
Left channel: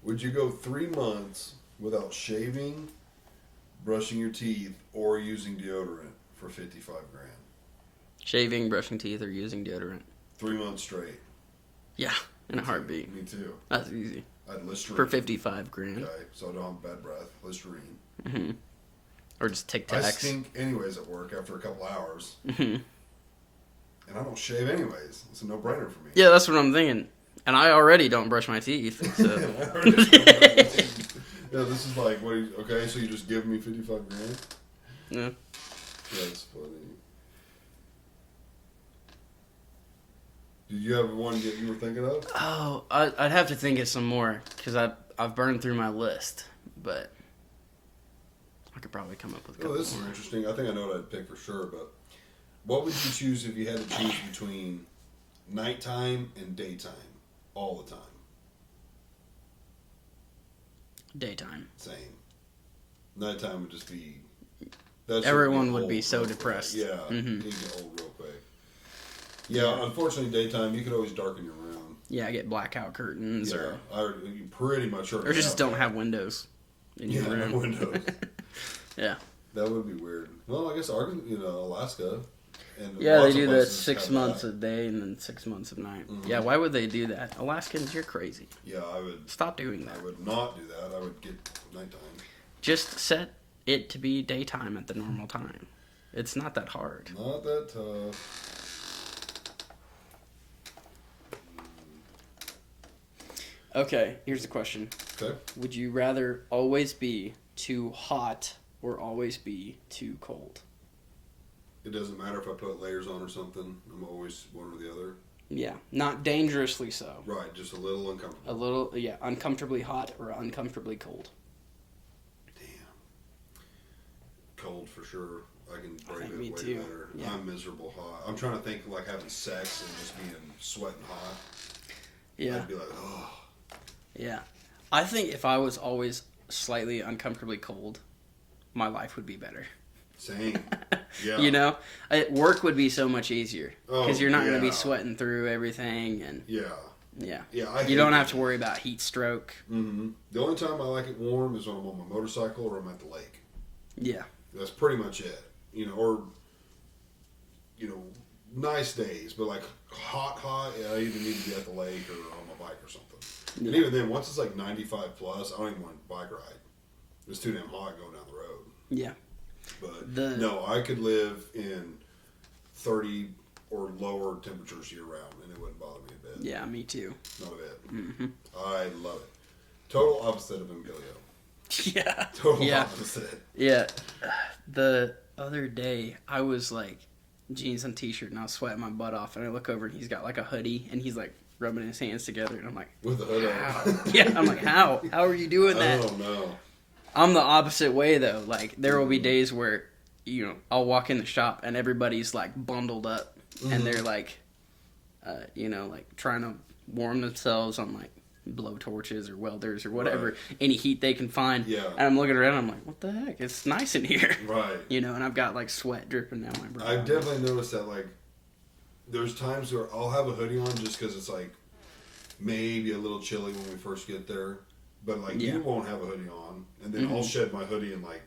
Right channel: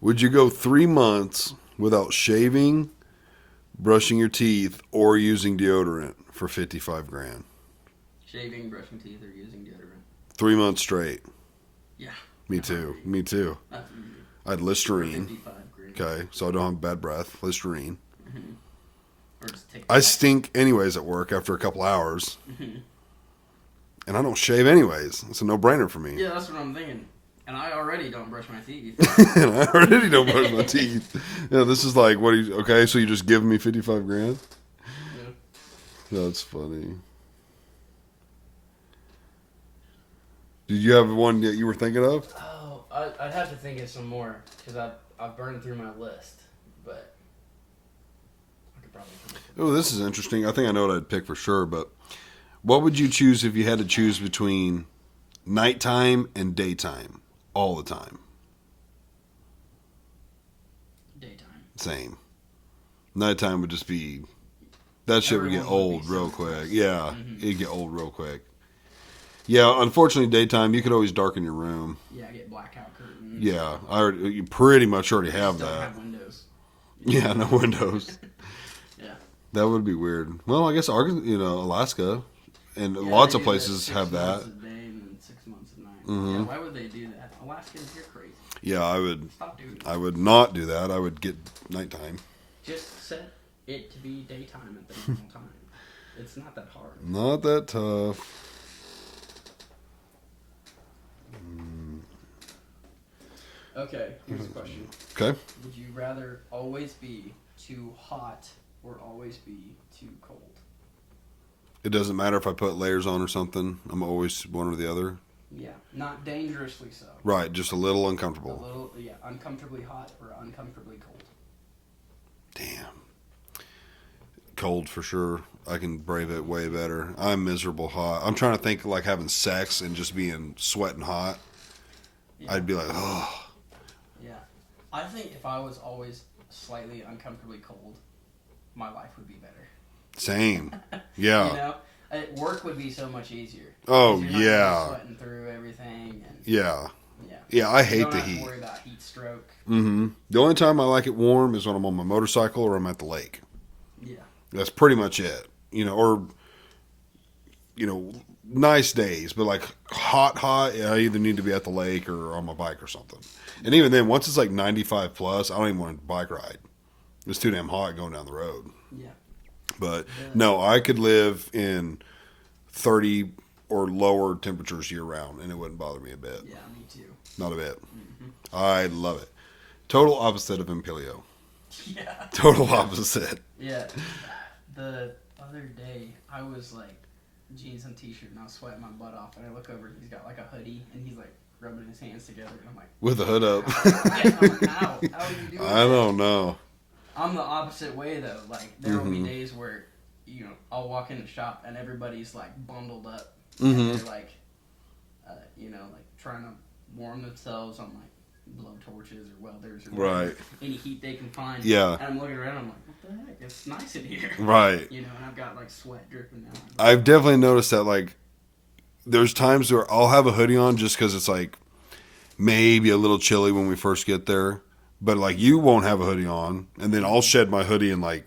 Would you go 3 months without shaving, brushing your teeth, or using deodorant for 55 grand? Shaving, brushing teeth, or using deodorant. 3 months straight. Yeah. Me in a too. heartbeat. Me too. That's easy. I'd For Listerine. 55 grand. Okay, so I don't have bad breath. Listerine. Or just take the I next- stink anyways at work after a couple hours. Mm-hmm. And I don't shave anyways. It's a no-brainer for me. Yeah, that's what I'm thinking. And I already don't brush my teeth. And I already don't brush my teeth. Yeah, this is like, okay, so you just give me 55 grand? Yeah. That's funny. Did you have one that you were thinking of? Oh, I'd have to think of some more because I've burned through my list, but I could probably come up with. Oh, this is interesting. I think I know what I'd pick for sure, but what would you choose if you had to choose between nighttime and daytime all the time? Daytime. Same. Nighttime would just be, that shit would get Everyone would old be so real quick. depressed. Yeah, Mhm. it'd get old real quick. Yeah, unfortunately, daytime you could always darken your room. Yeah, I get blackout curtains. Yeah, you pretty much already Or have just don't that. have windows. in your Yeah, no room. windows. Yeah. That would be weird. Well, I guess Alaska, and Yeah, lots they of do that places 6 have months that. a day and then 6 months of night. Mhm. Yeah, why would they do that? Alaskans, you're crazy. Yeah, I would. Stop doing that. I would not do that. I would get nighttime. Just set it to be daytime at the normal time. It's not that hard. Not that tough. Okay, here's the question. Okay. Would you rather always be too hot or always be too cold? It doesn't matter if I put layers on or something. I'm always one or the other. Yeah, not dangerously so. Right, just a little uncomfortable. A little, yeah, uncomfortably hot or uncomfortably cold. Damn. Cold for sure. I can brave it Me way too. better. I'm miserable hot. I'm trying to think like having sex and just being sweating hot. Yeah, I'd be like, oh. yeah. I think if I was always slightly uncomfortably cold, my life would be better. Same. Yeah. You know, work would be so much easier. Oh, Because you're not going to yeah. be sweating through everything, and Yeah. yeah, Yeah, I hate you don't the have to heat. worry about heat stroke. Mm-hmm. The only time I like it warm is when I'm on my motorcycle or I'm at the lake. Yeah, That's pretty much it. You know, or, you know, nice days, but like hot, yeah, I either need to be at the lake or on my bike or something. And even then, once it's like 95 plus, I don't even want to bike ride. It's too damn hot going down the road. yeah, But The- no, I could live in 30 or lower temperatures year round and it wouldn't bother me a bit. yeah. Me too. Not a bit. Mm-hmm. I love it. Total opposite of Impilio. Yeah, Total Yeah. opposite. yeah. The other day, I was like jeans and t-shirt, and I was sweating my butt off, and I look over, and he's got like a hoodie, and he's like rubbing his hands together, and I'm like, With the hood up. how? Yeah, I'm like, how? How are you doing that? I don't know. I'm the opposite way though. Like there will be Mm-hmm. days where, you know, I'll walk in the shop and everybody's like bundled up Mm-hmm. and they're like, you know, like trying to warm themselves on like blow torches or welders or whatever, Right. any heat they can find. Yeah. And I'm looking around, I'm like, what the heck? It's nice in here. Right. You know, and I've got like sweat dripping down my brow. I've definitely noticed that, like, there's times where I'll have a hoodie on just because it's, like, maybe a little chilly when we first get there. But, like, you won't have a hoodie on. And then I'll shed my hoodie in, like,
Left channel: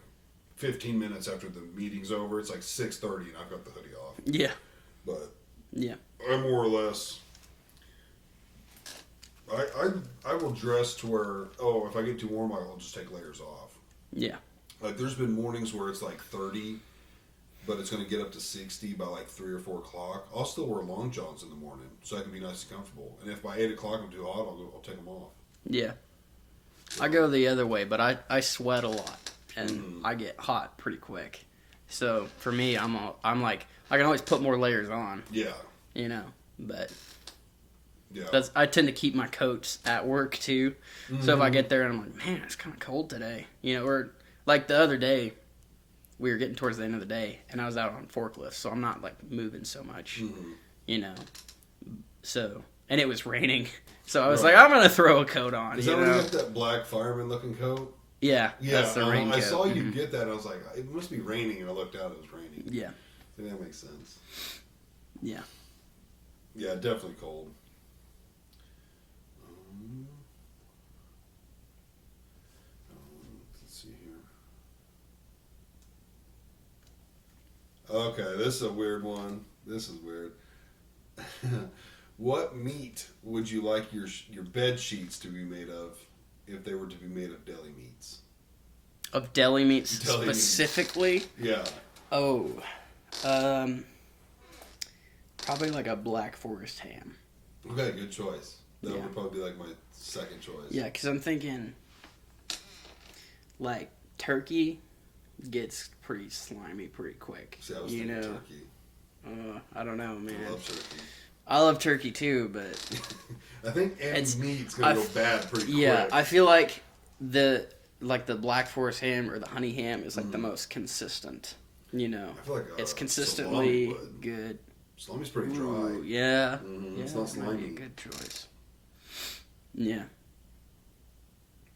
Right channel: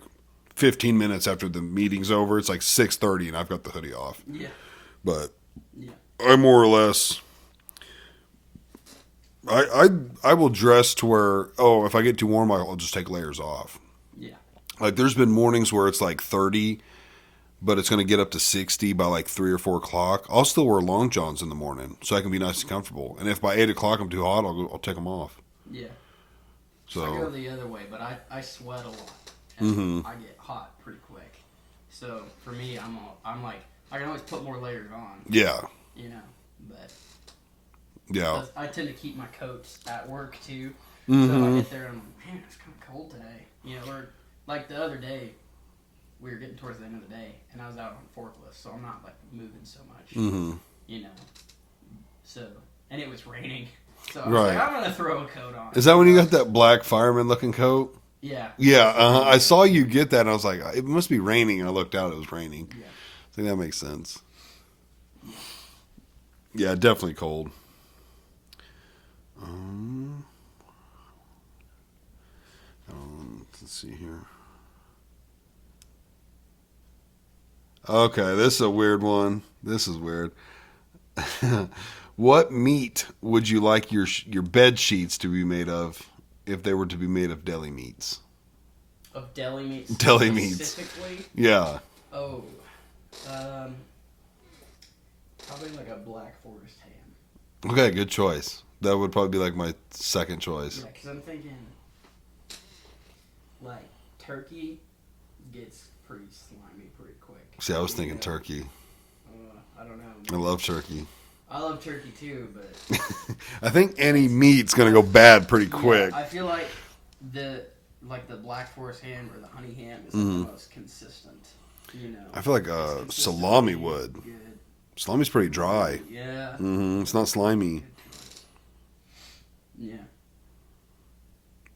15 minutes after the meeting's over. It's, like, 6:30 and I've got the hoodie off. Yeah. But Yeah. I more or less... I will dress to where, if I get too warm, I'll just take layers off. Yeah. Like, there's been mornings where it's like 30, but it's going to get up to 60 by like 3 or 4 o'clock. I'll still wear long johns in the morning so I can be nice and comfortable. And if by 8 o'clock I'm too hot, I'll take them off. Yeah. So, I go the other way, but I sweat a lot and Mm-hmm. I get hot pretty quick. So for me, I'm like I can always put more layers on, yeah. you know. But Yeah. I tend to keep my coats at work too. So Mm-hmm. if I get there and I'm like, man, it's kind of cold today, you know. Or like the other day, we were getting towards the end of the day, and I was out on forklift, so I'm not like moving so much, Mm-hmm. you know. So and it was raining, so I was Right. like, I'm gonna throw a coat on. Is that when you know? got that black fireman looking coat? Yeah. Yeah. that's the rain I coat. saw you get that and I was like, it must be raining. And I looked out, it was raining. Yeah. I think that makes sense. Yeah. Yeah, definitely cold. Let's see here. Okay, this is a weird one. This is weird. What meat would you like your bed sheets to be made of if they were to be made of deli meats? Of deli meats Deli meats. specifically? Yeah. Oh. Probably like a Black Forest ham. Okay, good choice. That would probably be like my second choice. Yeah, because I'm thinking like turkey gets pretty slimy pretty quick. See, I was you thinking know? turkey. I don't know. I Man. love turkey. I love turkey too, but I think any It's- meat's gonna I- go bad pretty yeah, quick. I feel like the Black Forest ham or the honey ham is like Mm-hmm. the most consistent. You know, I feel like it's salami consistently would. good. Salami's pretty dry. Ooh, yeah. It's not slimy. Good choice. Yeah.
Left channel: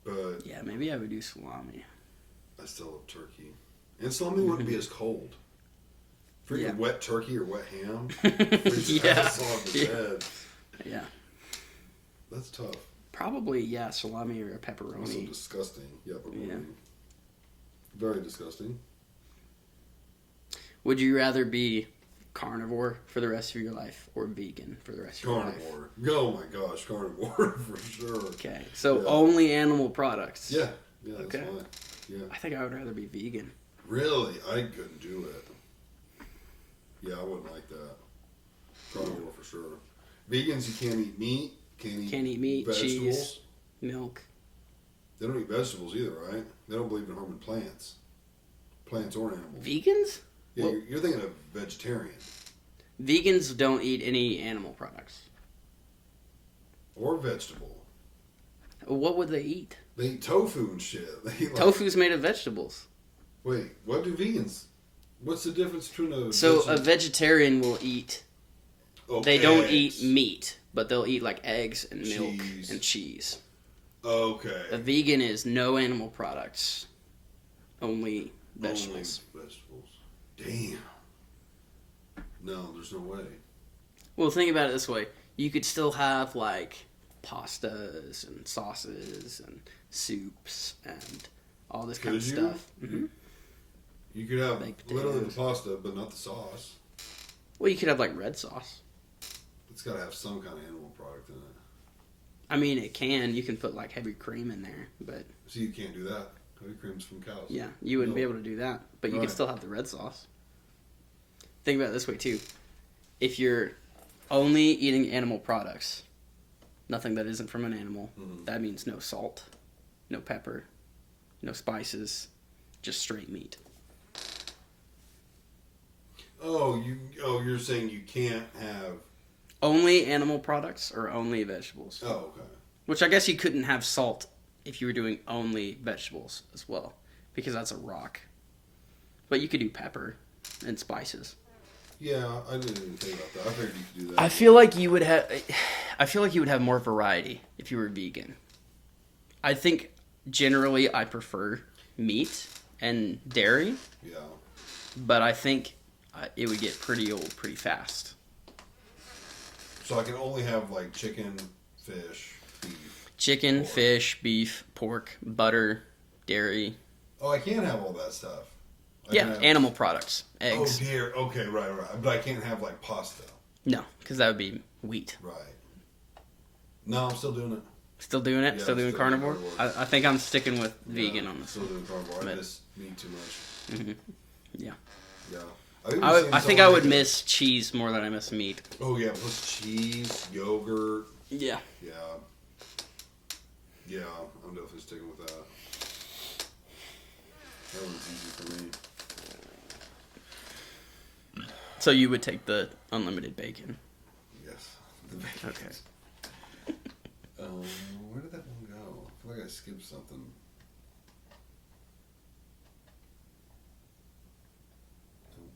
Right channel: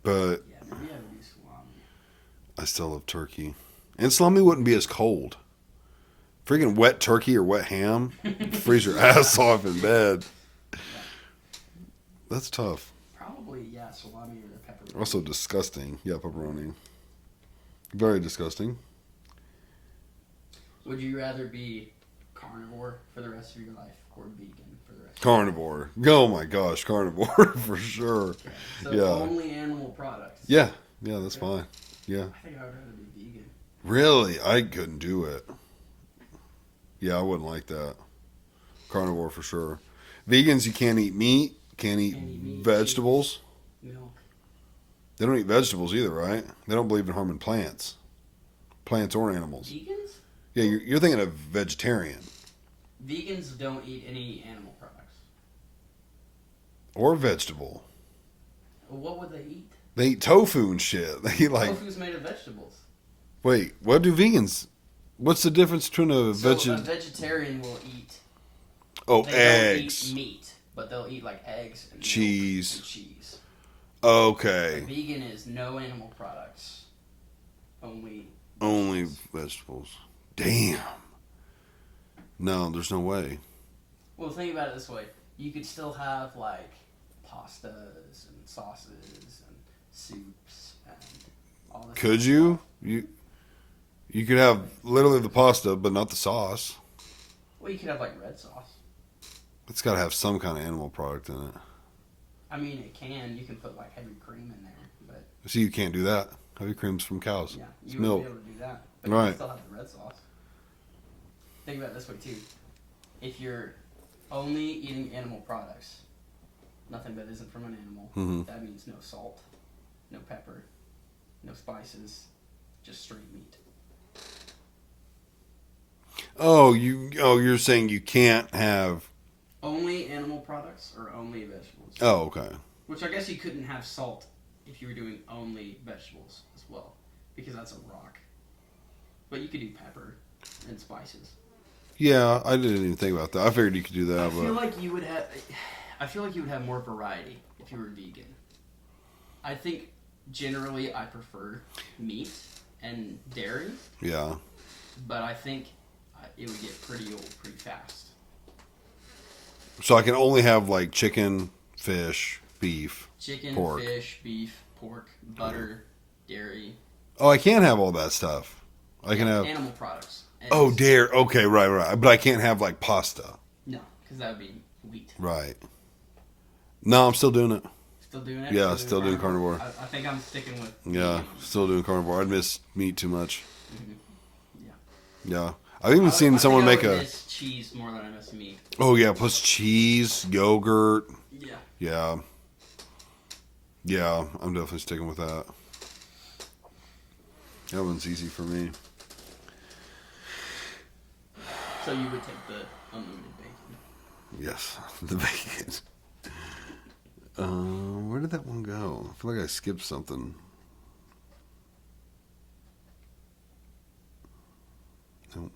But Yeah, maybe I would do salami. I still love turkey. And salami wouldn't be as cold. Freaking wet turkey or wet ham, freeze your Yeah. ass off in bed. Yeah. That's tough. Probably, yeah, salami or a pepperoni. Also disgusting. Yeah, pepperoni. Very disgusting. Would you rather be carnivore for the rest of your life or vegan for the rest of Carnivore. Oh my gosh, carnivore for sure. your life? Okay. So Yeah. only animal products. Yeah, that's Okay. fine. Yeah. I think I would rather be vegan. Really? I couldn't do it. Yeah, I wouldn't like that. Carnivore for sure. Vegans, you can't eat meat, can't eat Can't eat meat, vegetables. Milk. They don't eat vegetables either, right? They don't believe in harming plants or animals. Vegans? Yeah, you're thinking of vegetarian Vegans don't eat any animal products. or vegetable. What would they eat? They eat tofu and shit. They eat like. Tofu's made of vegetables. Wait, what do vegans? What's the difference between a So a vegetarian will eat. They don't eat meat, but they'll eat like eggs and Cheese. milk and cheese. Okay. A vegan is no animal products, only vegetables. Only vegetables. Damn. No, there's no way. Well, think about it this way: you could still have like pastas and sauces and soups and all this. Could kind of you? stuff. You could have Baked literally the potatoes. pasta, but not the sauce. Well, you could have like red sauce. It's got to have some kind of animal product in it. I mean, it can. You can put like heavy cream in there, but See, you can't do that. Heavy cream's from cows. yeah, you wouldn't be Milk. able to do that. But you Right. can still have the red sauce. Think about it this way too: if you're only eating animal products, nothing that isn't from an animal, Mhm. that means no salt, no pepper, no spices, just straight meat. You're saying you can't have. Only animal products or only vegetables. Oh, okay. Which I guess you couldn't have salt if you were doing only vegetables as well, because that's a rock. But you could do pepper and spices. Yeah, I didn't even think about that. I figured you could do that. I but- feel like you would have. I feel like you would have more variety if you were vegan. I think generally I prefer meat and dairy, Yeah. but I think it would get pretty old pretty fast. So I can only have like chicken, fish, beef. Chicken, Pork. fish, beef, pork, butter, dairy. Oh, I can't have all that stuff. I Yeah, can have. animal products. Eggs. Oh, dare. Okay, right. But I can't have like pasta. No, because that would be wheat. Right. No, I'm still doing it. Still doing it? Yeah, still doing still doing carnivore? carnivore. I think I'm sticking with Yeah, vegan on this. still doing carnivore. I miss meat too much. Yeah. Yeah. I've even I seen think someone I make would a. miss cheese more than I miss meat. Oh, yeah, plus cheese, yogurt. Yeah. Yeah. Yeah, I'm definitely sticking with that. That one's easy for me. So you would take the unlimited bacon. Yes, the bacon. Where did that one go? I feel like I skipped something. Nope.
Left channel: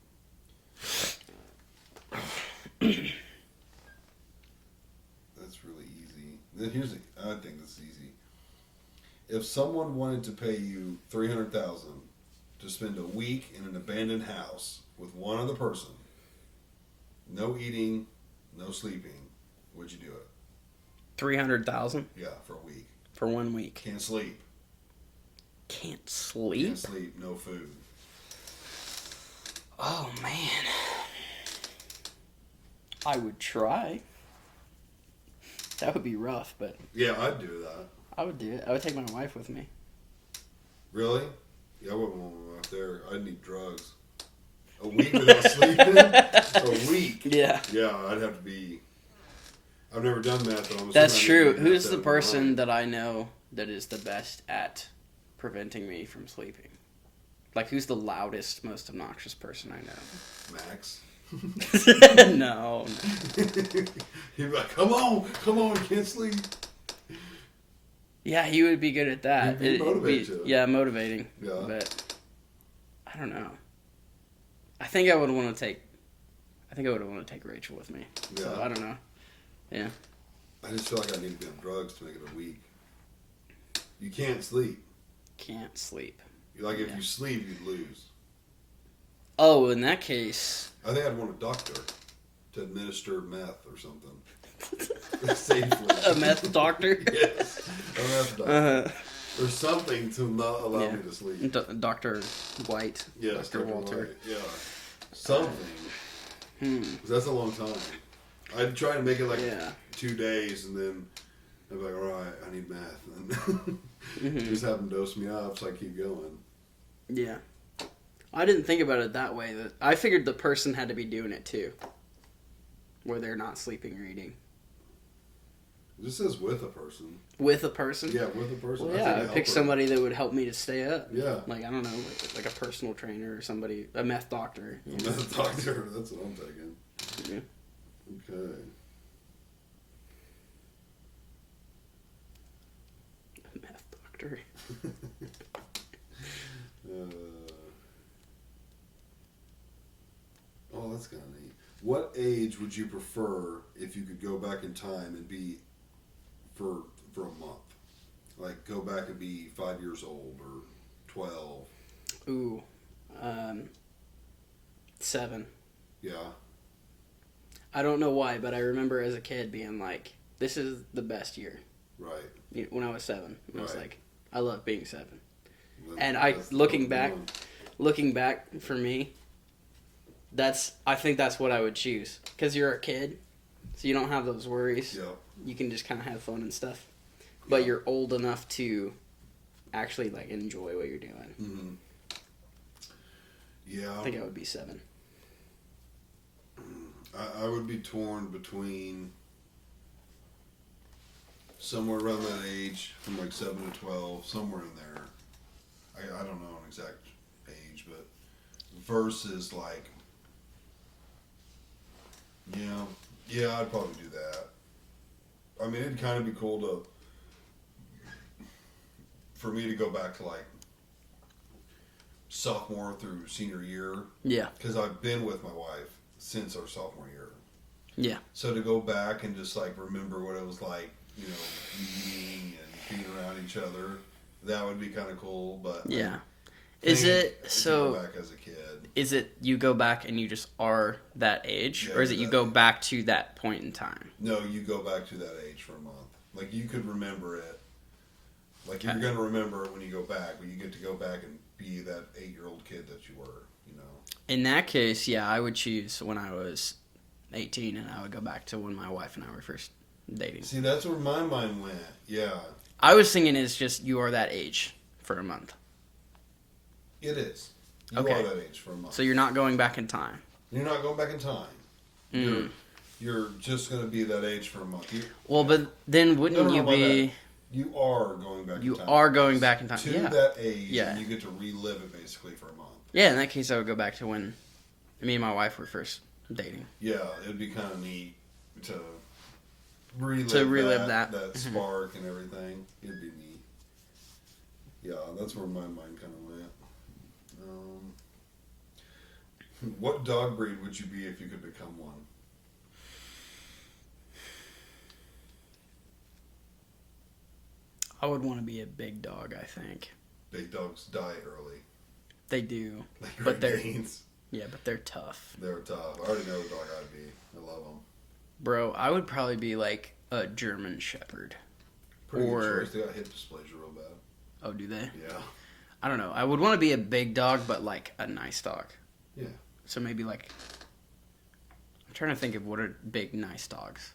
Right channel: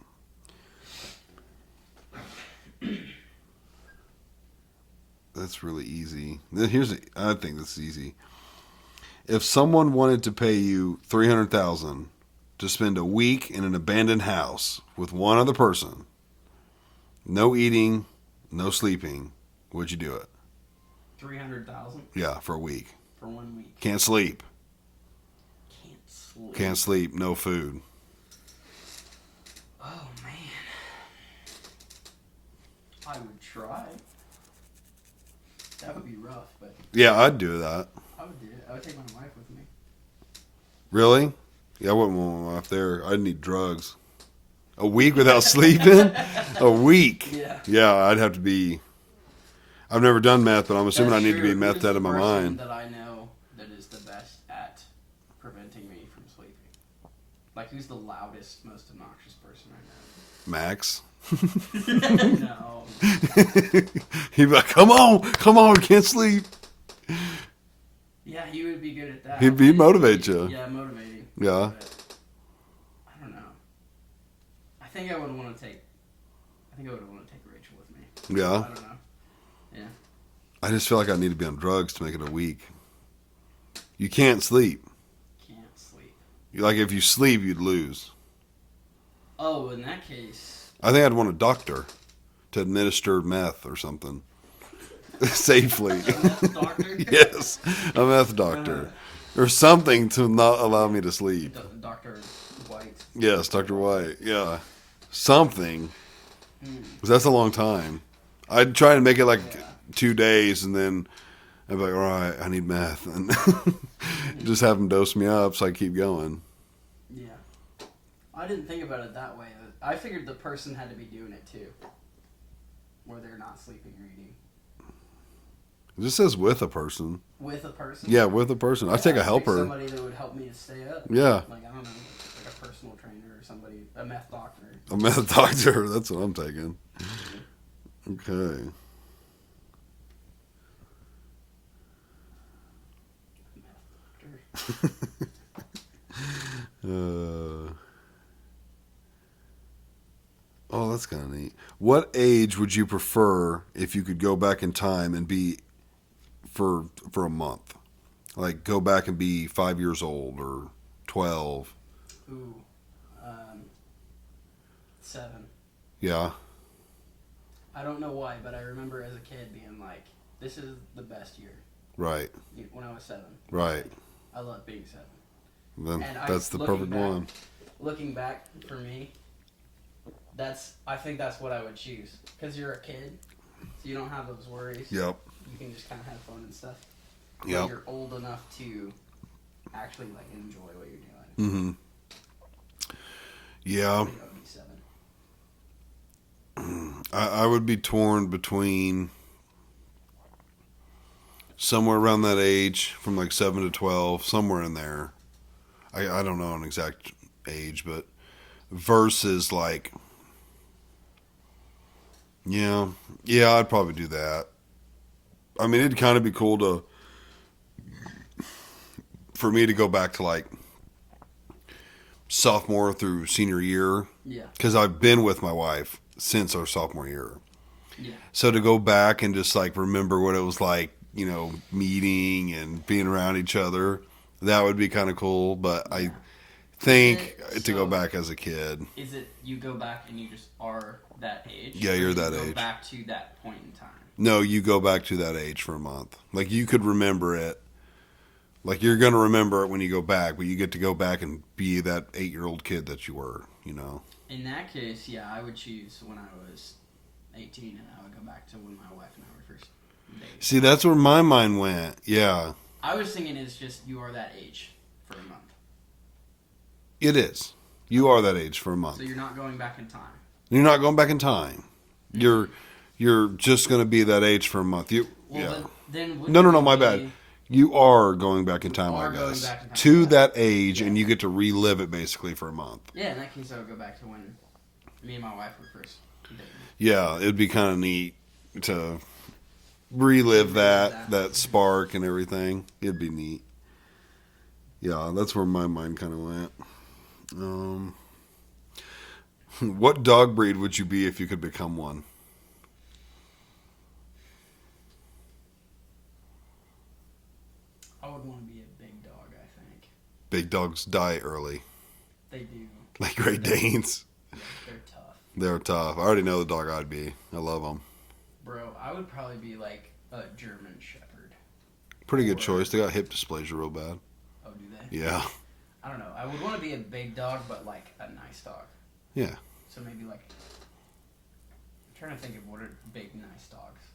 That's really easy. I think this is easy. If someone wanted to pay you $300,000 to spend a week in an abandoned house with one other person, no eating, no sleeping, would you do it? 300,000 Yeah, for a week. for 1 week. Can't sleep. Can't sleep. Can't sleep. No food. Oh man. I would try. That would be rough, but Yeah, I'd do that. I would do it. I would take my wife with me. Really? Yeah, I wouldn't want my wife there. I'd need drugs. A week without sleeping? A week. Yeah. Yeah, I'd have to be. I've never done meth, but I'm assuming That's I need true. to be Who's methed out the of my person mind. that I know that is the best at preventing me from sleeping? Like, who's the loudest, most obnoxious person I Max. know? No. He'd be like, come on, can't sleep. Yeah, he would be good at that. He'd motivate you. Yeah, motivating. Yeah. But I don't know. I think I would want to take Rachel with me. Yeah. I don't know. Yeah. I just feel like I need to be on drugs to make it a week. You can't sleep. Can't sleep. Like, if you sleep, you'd lose. Oh, in that case. I think I'd want a doctor to administer meth or something. Safely. A meth doctor? Yes, a meth doctor. Or something to not allow me to sleep. Dr. White. Yes, Dr. White. Yeah. Something. Because that's a long time. I'd try and make it like 2 days, and then I'd be like, all right, I need meth. And just have them dose me up so I keep going. Yeah. I didn't think about it that way. I figured the person had to be doing it too. Where they're not sleeping or eating. It just says with a person. With a person? Yeah, with a person. I take a I'd pick helper. somebody that would help me to stay up. Yeah. Like, I don't know, like a personal trainer or somebody, a meth doctor. A meth doctor. That's what I'm taking. Okay. A meth doctor. Oh, that's kind of neat. What age would you prefer if you could go back in time and be for a month? Like go back and be 5 years old or 12. Ooh. 7. Yeah. I don't know why, but I remember as a kid being like, this is the best year. Right. When I was 7. I was Right. like, I love being 7. Then And that's the looking perfect back, one. looking back for me, I think that's what I would choose, because you're a kid, so you don't have those worries. Yep. You can just kind of have fun and stuff, but Yep. you're old enough to actually like enjoy what you're doing. Mm-hmm. I Yeah. think I would be 7. I would be torn between somewhere around that age, from like 7 to 12, somewhere in there. I don't know an exact age, but versus like, yeah, I'd probably do that. I mean, it'd kind of be cool for me to go back to like sophomore through senior year, Yeah, because I've been with my wife since our sophomore year. yeah, So to go back and just like remember what it was like, you know, meeting and being around each other, that would be kind of cool. But yeah. I think it- to go so- back as a kid. Is it you go back and you just are that age, Yeah, or you're is it you that go age. back to that point in time? No, you go back to that age for a month. Like you could remember it. Like you're going to remember it when you go back, but you get to go back and be that 8-year-old kid that you were, you know. In that case, yeah, I would choose when I was 18, and I would go back to when my wife and I were first dating. See, that's where my mind went. Yeah, I was thinking it's just you are that age for a month. it is. You Okay. are that age for a month. So you're not going back in time. You're not going back in time. You're just going to be that age for a month. Well, Yeah. but then wouldn't No, you my be... bad. You are going back in time. are on going this. back in time, to yeah. that age, Yeah. and you get to relive it basically for a month. Yeah, in that case, I would go back to when me and my wife were first dating. Yeah, it'd be kind of neat to relive, that. that spark and everything. It'd be neat. Yeah, that's where my mind kind of went. What dog breed would you be if you could become one? I would want to be a big dog, I think. Big dogs die early, They do. like Great They're- Danes. Yeah, but they're tough. They're tough. I already know the dog I'd be. I love them. Bro, I would probably be like a German Shepherd. Pretty Or- good choice. They got hip dysplasia real bad. Oh, do they? Yeah. I don't know. I would want to be a big dog, but like a nice dog. Yeah. So maybe like... I'm trying to think of what are big, nice dogs.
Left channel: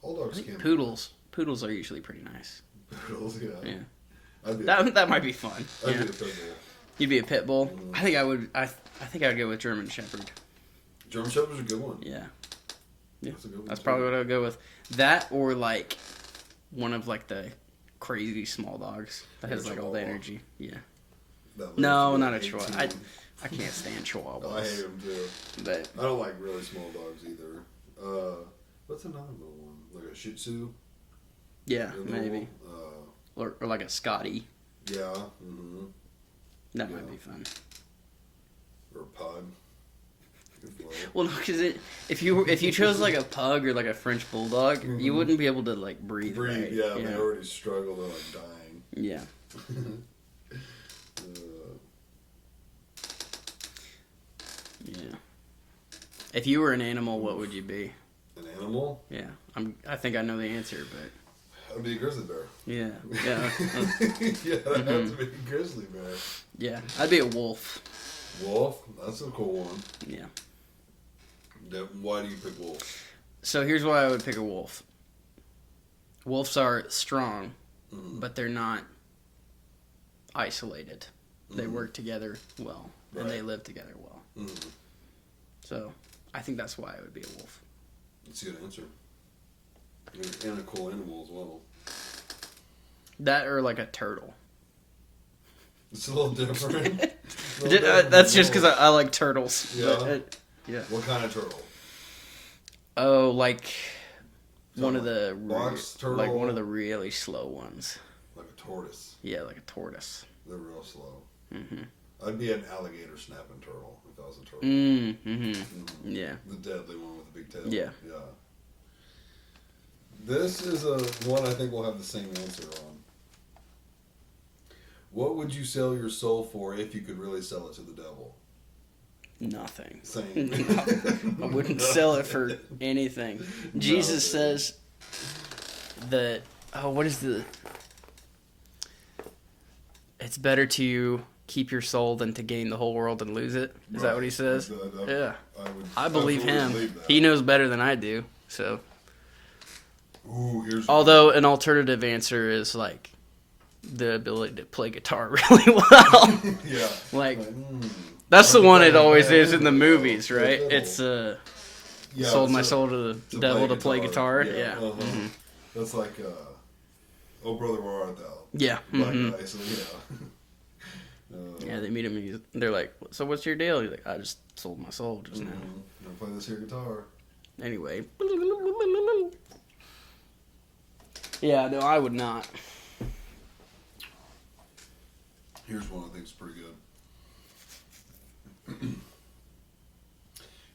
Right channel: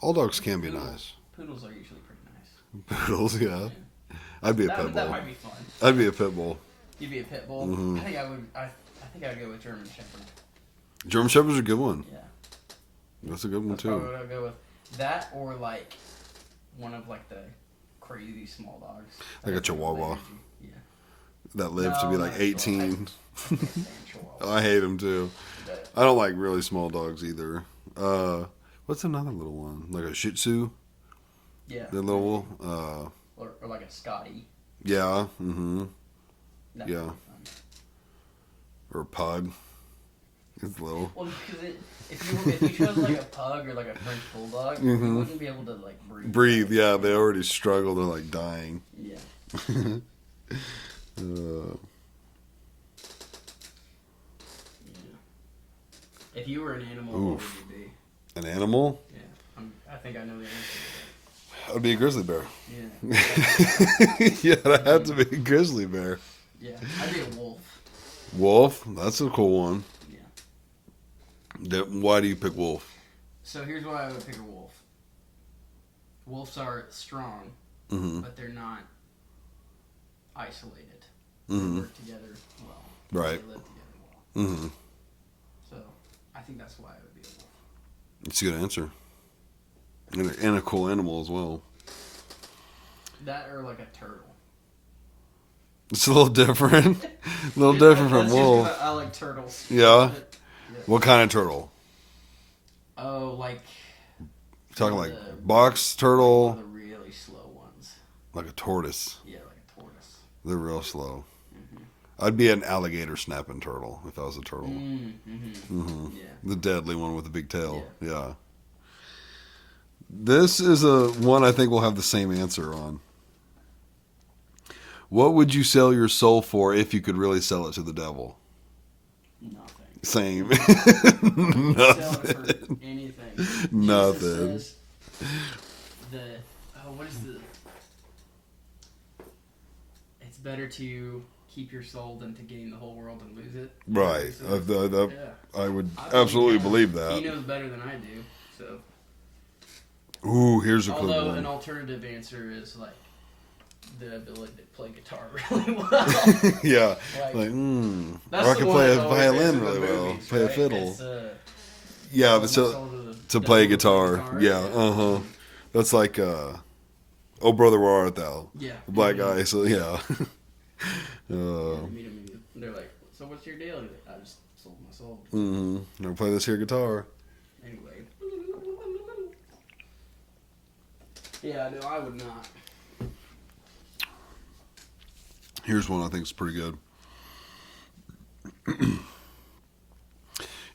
All dogs can be Poodles. Poodles are usually pretty nice. nice. Poodles, yeah. Yeah. I'd be a pit bull. That might be fun. I'd Yeah. be a pit bull. You'd be a pit bull. Mhm. I think I would. I think I would go with German Shepherd. German Shepherd's a good one. Yeah, That's a good one that's too. probably what I would go with. That or like one of like the crazy small dogs. That Like a has, all the Chihuahua. energy. Yeah. That lives No, to be not like a Chihuahua. 18. I can't stand Chihuahua. I hate them too. But I don't like really small dogs either. What's another little one? Like a Shih Tzu? yeah, The maybe. little, or like a Scotty. yeah, mm-hmm. That Yeah. would be fun. Or a pug. It's little. Well, because if you chose like a pug or like a French bulldog, you wouldn't be able to like breathe. Mm-hmm. Breathe, right? yeah, they already struggle. They're like dying. Yeah. Yeah. If you were an animal, what would you be? An animal? Yeah, I think I know the answer, I'd be a grizzly bear. but yeah, Yeah, I'd have to be a grizzly bear. yeah, I'd be a wolf. Wolf? That's a cool one. Yeah. Why do you pick wolf? So here's why I would pick a wolf. Wolves are strong, Mm-hmm. but they're not isolated. They work together well. and Right. They live together well. Mm-hmm. So I think that's why I would be a wolf. That's a good answer. And a cool animal as well. That or like a turtle. It's a little different. A little different. That's from just because wolf. I like turtles. Yeah? Yeah. What kind of turtle? Oh, like Talking one of like the box like turtle, one of the really slow ones. like a tortoise. Yeah, like a tortoise. They're real slow. I'd be an alligator snapping turtle if I was a turtle. Yeah. The deadly one with the big tail. Yeah. Yeah. This is a one I think we'll have the same answer on. What would you sell your soul for if you could really sell it to the devil? Nothing. Same. Wouldn't sell it for anything. Jesus Nothing. says that. Oh, what is the? It's better to keep your soul than to gain the whole world and lose it. Is that what he says? Yeah. I would I believe absolutely him. believe that. He knows better than I do. So, Ooh, here's a although good an one. alternative answer is like the ability to play guitar really well. Yeah. Like, I that's the can one play it a always is violin in the really well, movies, play a right? fiddle. It's Yeah, sold but my so- soul to the to devil play to guitar. guitar. Yeah. Yeah. That's like Oh Brother Where Art Thou? Yeah. The black guy, so yeah. Yeah, they meet him and they're like, "So what's your deal?" He's like, "I just sold my soul." Just, Never play this here guitar. Anyway. Yeah, no, I would not. Here's one I think is pretty good.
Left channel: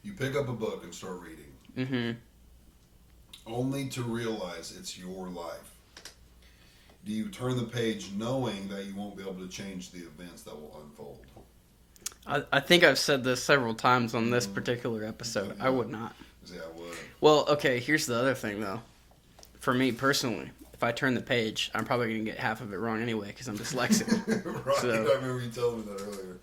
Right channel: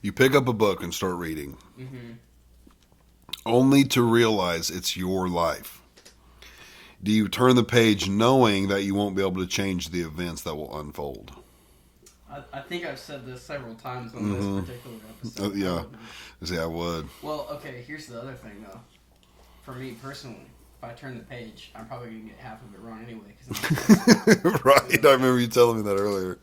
You pick up a book and start reading, only to realize it's your life. Do you turn the page knowing that you won't be able to change the events that will unfold? I think I've said this several times on this particular episode. Yeah. I would not. See, I would. Well, okay, here's the other thing, though. For me personally, if I turn the page, I'm probably going to get half of it wrong anyway because I'm dyslexic. Right, So- I remember you telling me that earlier.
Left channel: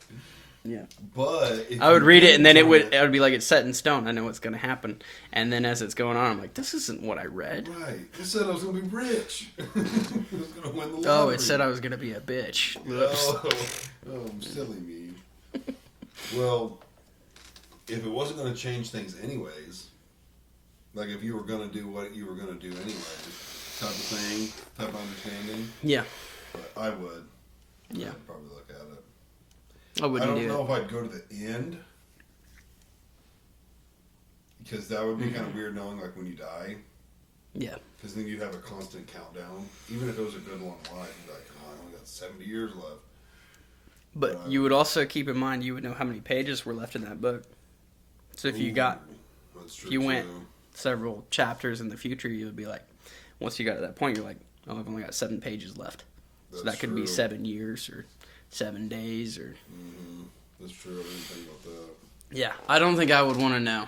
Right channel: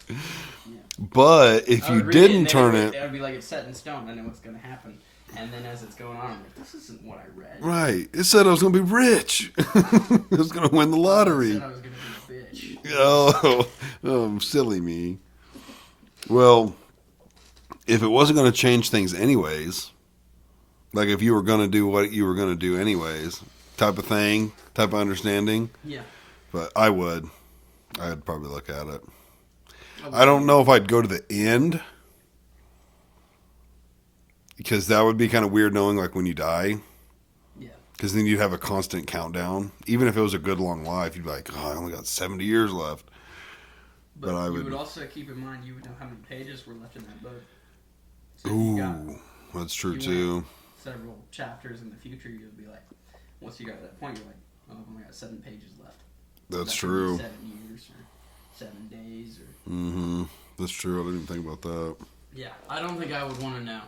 Yeah. But if I would you read it, didn't and then turn it would be like it's set in stone. I know what's going to happen. And then as it's going on, I'm like, this isn't what I read. Right. It said I was going to be rich. I was going to win the Oh, lottery. it said I was going to be a bitch. Silly me. Well, if it wasn't going to change things anyways, like if you were going to do what you were going to do anyways, type of thing, type of understanding, Yeah. but I would. I'd probably look at it. would I don't either. know if I'd go to the end, because that would be kind of weird knowing like when you die. Yeah. Because then you'd have a constant countdown. Even if it was a good long life, you'd be like, oh, I only got 70 years left. But I you would- would also keep in mind you would know how many pages were left in that book. So if you got Ooh, that's true you too. went several chapters in the future, you would be like, once you got to that point, you're like, oh, I've only got 7 pages left. So That's that could true. be 7 years or 7 days or That's true. I didn't think about that. yeah. I don't think I would want to know.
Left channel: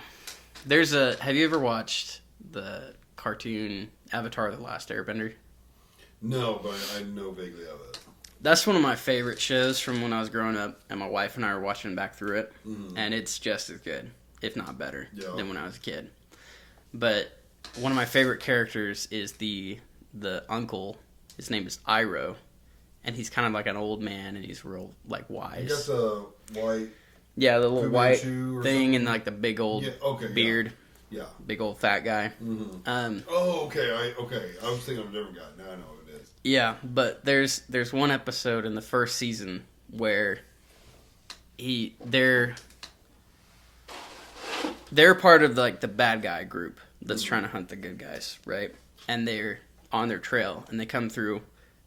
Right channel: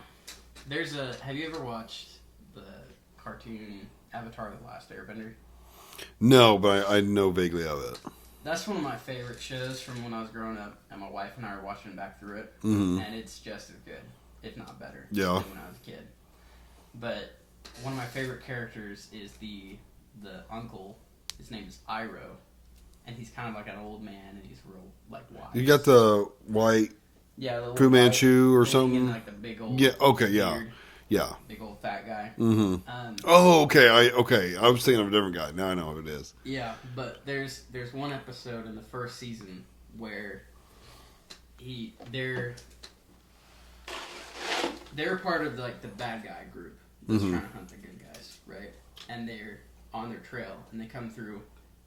There's a. Have you ever watched the cartoon Avatar: The Last Airbender? No, but I know vaguely of it. That's one of my favorite shows from when I was growing up, and my wife and I were watching back through it, and it's just as good, if not better, Yeah. than when I was a kid. But one of my favorite characters is the uncle. His name is Iroh, and he's kind of like an old man, and he's real like wise. You got the white. yeah, the little Fu white Manchu or thing something? and like the big old Yeah, okay, yeah. beard, Yeah. big old fat guy. Oh, okay. I was thinking of a different guy. Now I know who it is. Yeah, but there's one episode in the first season where they're part of like the bad guy group that's trying to hunt the good guys, right? And they're on their trail and they come through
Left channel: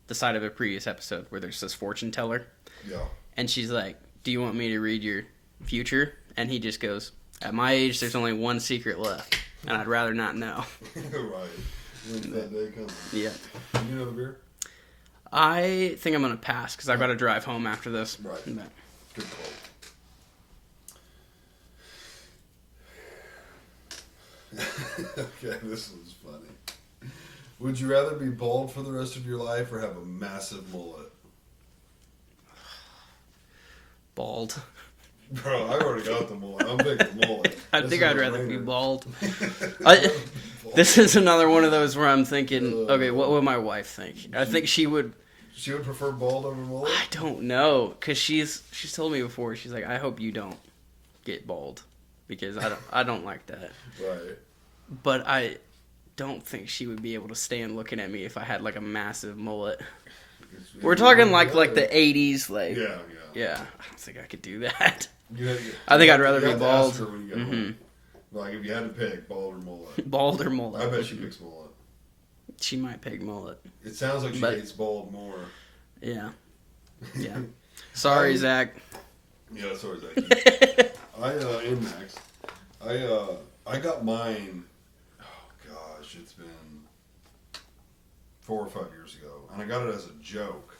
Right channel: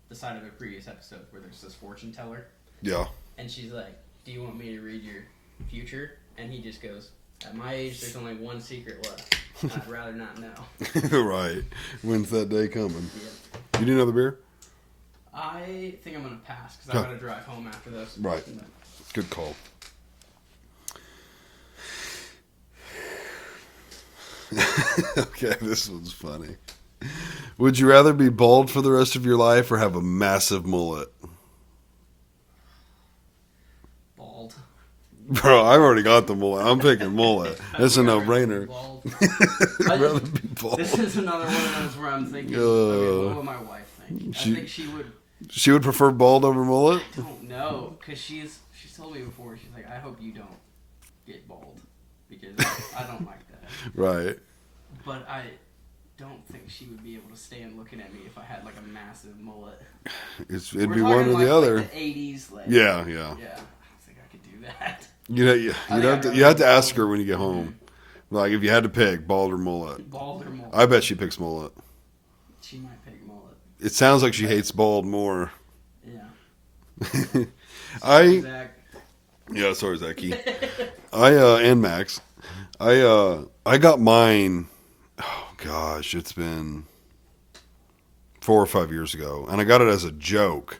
the side of a previous episode where there's this fortune teller Yeah. and she's like, "Do you want me to read your future?" And he just goes, "At my age, there's only one secret left, and I'd rather not know." Right. When's that day coming? Yeah. You need another beer? I think I'm going to pass because I got to drive home after this. Right. But- Good call. Okay, this one's funny. Would you rather be bald for the rest of your life or have a massive mullet? Bald. Bro, I've already got the mullet. I'm picking mullet. I That's a think I'd rather be no-brainer. bald. I'd rather be bald. This is another one of those where I'm thinking, okay, what would my wife think? I think she would. She would prefer bald over mullet? I don't know, because she's told me before. She's like, I hope you don't get bald, because I don't like that. Right. But don't think she would be able to stand looking at me if I had like a massive mullet. It'd We're be talking one or like other. the 80s, like Yeah. I don't think I could do that. I think I'd rather you have be to ask bald. her when you get home. Like if you had to pick bald or mullet. Bald or mullet? I bet she picks mullet. She might pick mullet. It sounds like she But- hates bald more. Yeah. Sorry, I- Zach. Yeah, sorry, Zachy. And Max. I got mine. Oh gosh, it's been 4 or 5 years ago, and I got it as a joke.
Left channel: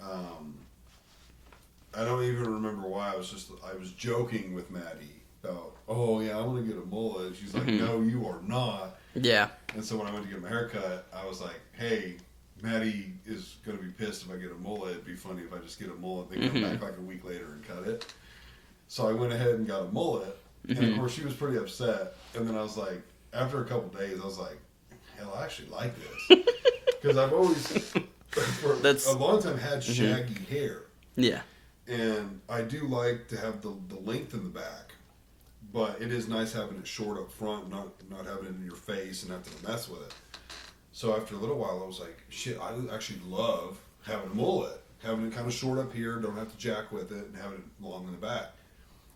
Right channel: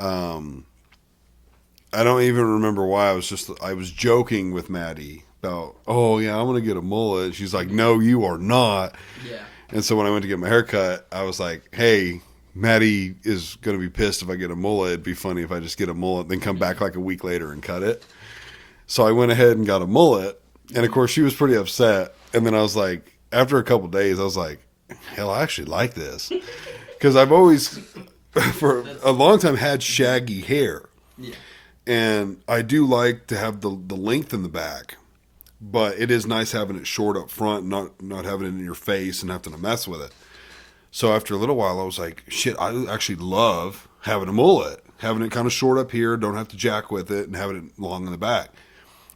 I don't even remember why. I was joking with Maddie about, oh yeah, I'm gonna get a mullet. She's like, no, you are not. Yeah. And so when I went to get my hair cut, I was like, hey, Maddie is going to be pissed if I get a mullet. It'd be funny if I just get a mullet, then come back like a week later and cut it. So I went ahead and got a mullet. And of course, she was pretty upset. And then I was like, after a couple days, I was like, hell, I actually like this. Because I've always, for a long time, had shaggy hair. Yeah. And I do like to have the length in the back. But it is nice having it short up front, not having it in your face and having to mess with it. So after a little while, I was like, shit, I actually love having a mullet. Having it kind of short up here, don't have to jack with it, and having it long in the back.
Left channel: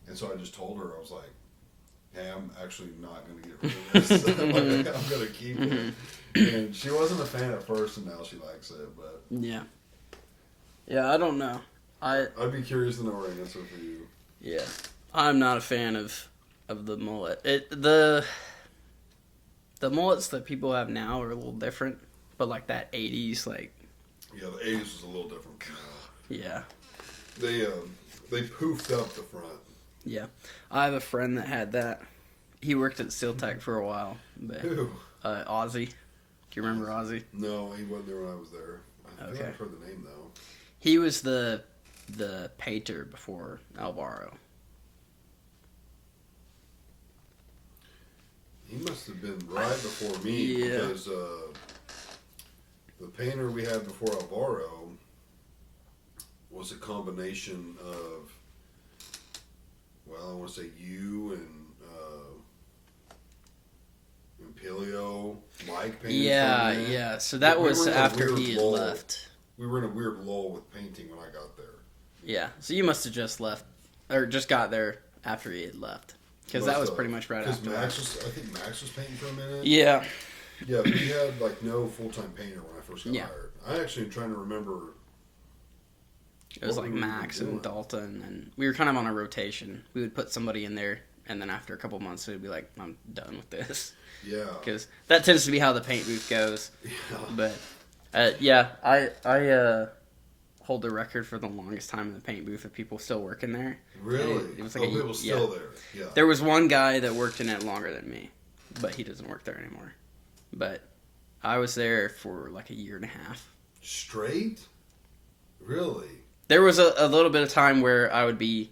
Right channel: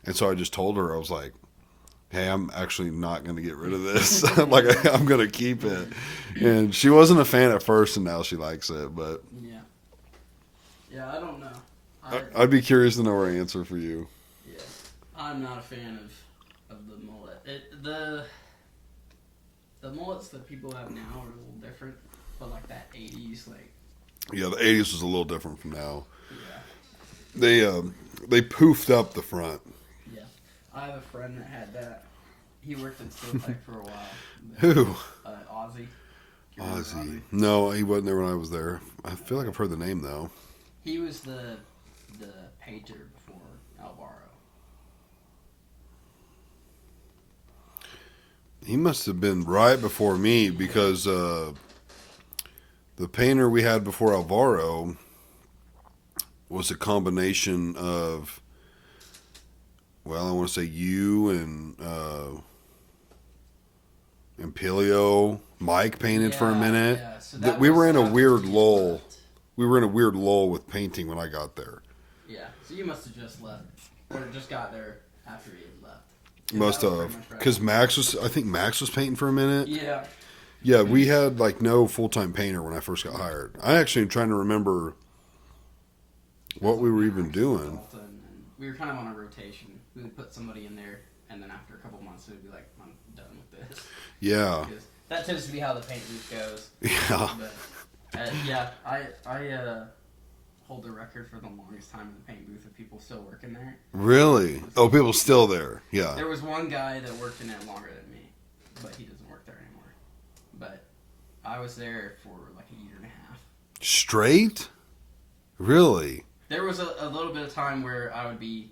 And so I just told her, I was like, hey, I'm actually not going to get rid of this. Like, I'm going to keep it. And she wasn't a fan at first, and now she likes it. But Yeah. Yeah, I don't know. I'd be curious to know her answer for you. Yeah. I'm not a fan of the mullet. The mullets that people have now are a little different, but like that 80s, like, Yeah, the 80s was a little different from now. yeah. They poofed up the front. Yeah. I have a friend that had that. He worked at Steel Tech for a while. But, Who? Ozzy. Do you remember Ozzy? No, he wasn't there when I was there. I feel like I've heard the name, though. He was the painter before Alvaro. He must have been right before me Yeah. because the painter we had before Alvaro was a combination of, well, I want to say you and Pilio. Mike painted for a minute. Yeah, so that we was were in a after weird he had lull. left. We were in a weird lull with painting when I got there. Yeah, so you must have just left, or just got there after he had left. Because Must that was have, pretty much right because after. I think Max was painting for a minute. Yeah. Yeah, we had like no full time painter when I first got Yeah. hired. I actually am trying to remember It was what we like were even Max doing. and Dalton, and we were kind of on a rotation. We would put somebody in there, and then after a couple months, we'd be like, I'm done with this. Yeah, Because that tends to be how the paint booth goes. yeah. But, yeah, I hold the record for the longest time in the paint booth of people still working there. Really? It was Oh, like- people still yeah. there. Yeah. There was one guy that worked in it longer than me, but he doesn't work there anymore. But I was there for like a year and a half. Straight? Really? There was a little bit of time where I would be,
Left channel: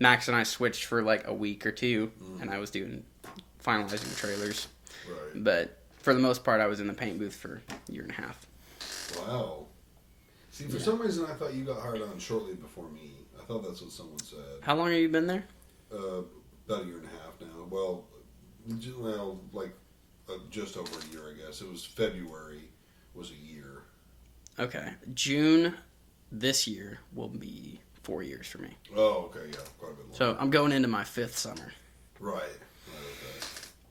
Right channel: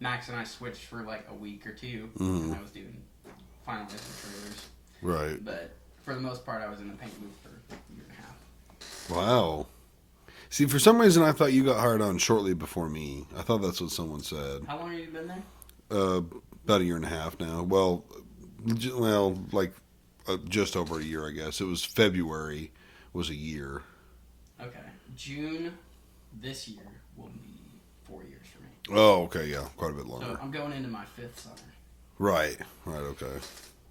Max and I switched for like a week or two, Mm-hmm. and I was finalizing the trailers. Right. But for the most part, I was in the paint booth for a year and a half. Wow. See, for some reason, I thought you got hired on shortly before me. I thought that's what someone said. How long have you been there? About a year and a half now. Well, like just over a year, I guess. It was February was a year. Okay. June this year will be 4 years for me. Oh, okay, yeah, quite a bit longer. So I'm going into my 5th summer. Right, okay.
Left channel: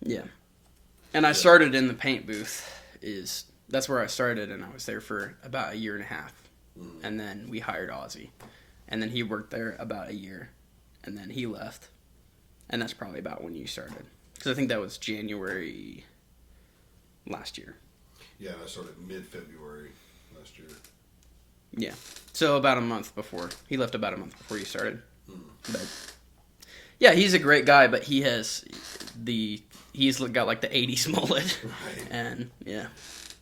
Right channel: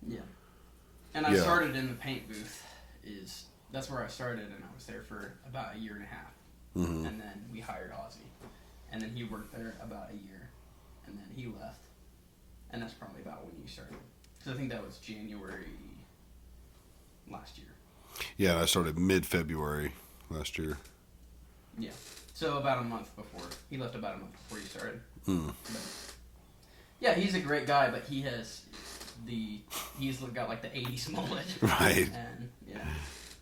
Yeah. And I Yeah. started in the paint booth. That's where I started, and I was there for about a year and a half. Mm-hmm. And then we hired Ozzy. And then he worked there about a year. And then he left. And that's probably about when you started. Because I think that was January last year. Yeah, I started mid-February last year. Yeah. So about a month before. He left about a month before you started. But yeah, he's a great guy, but he's got like the 80s mullet. Right. And yeah.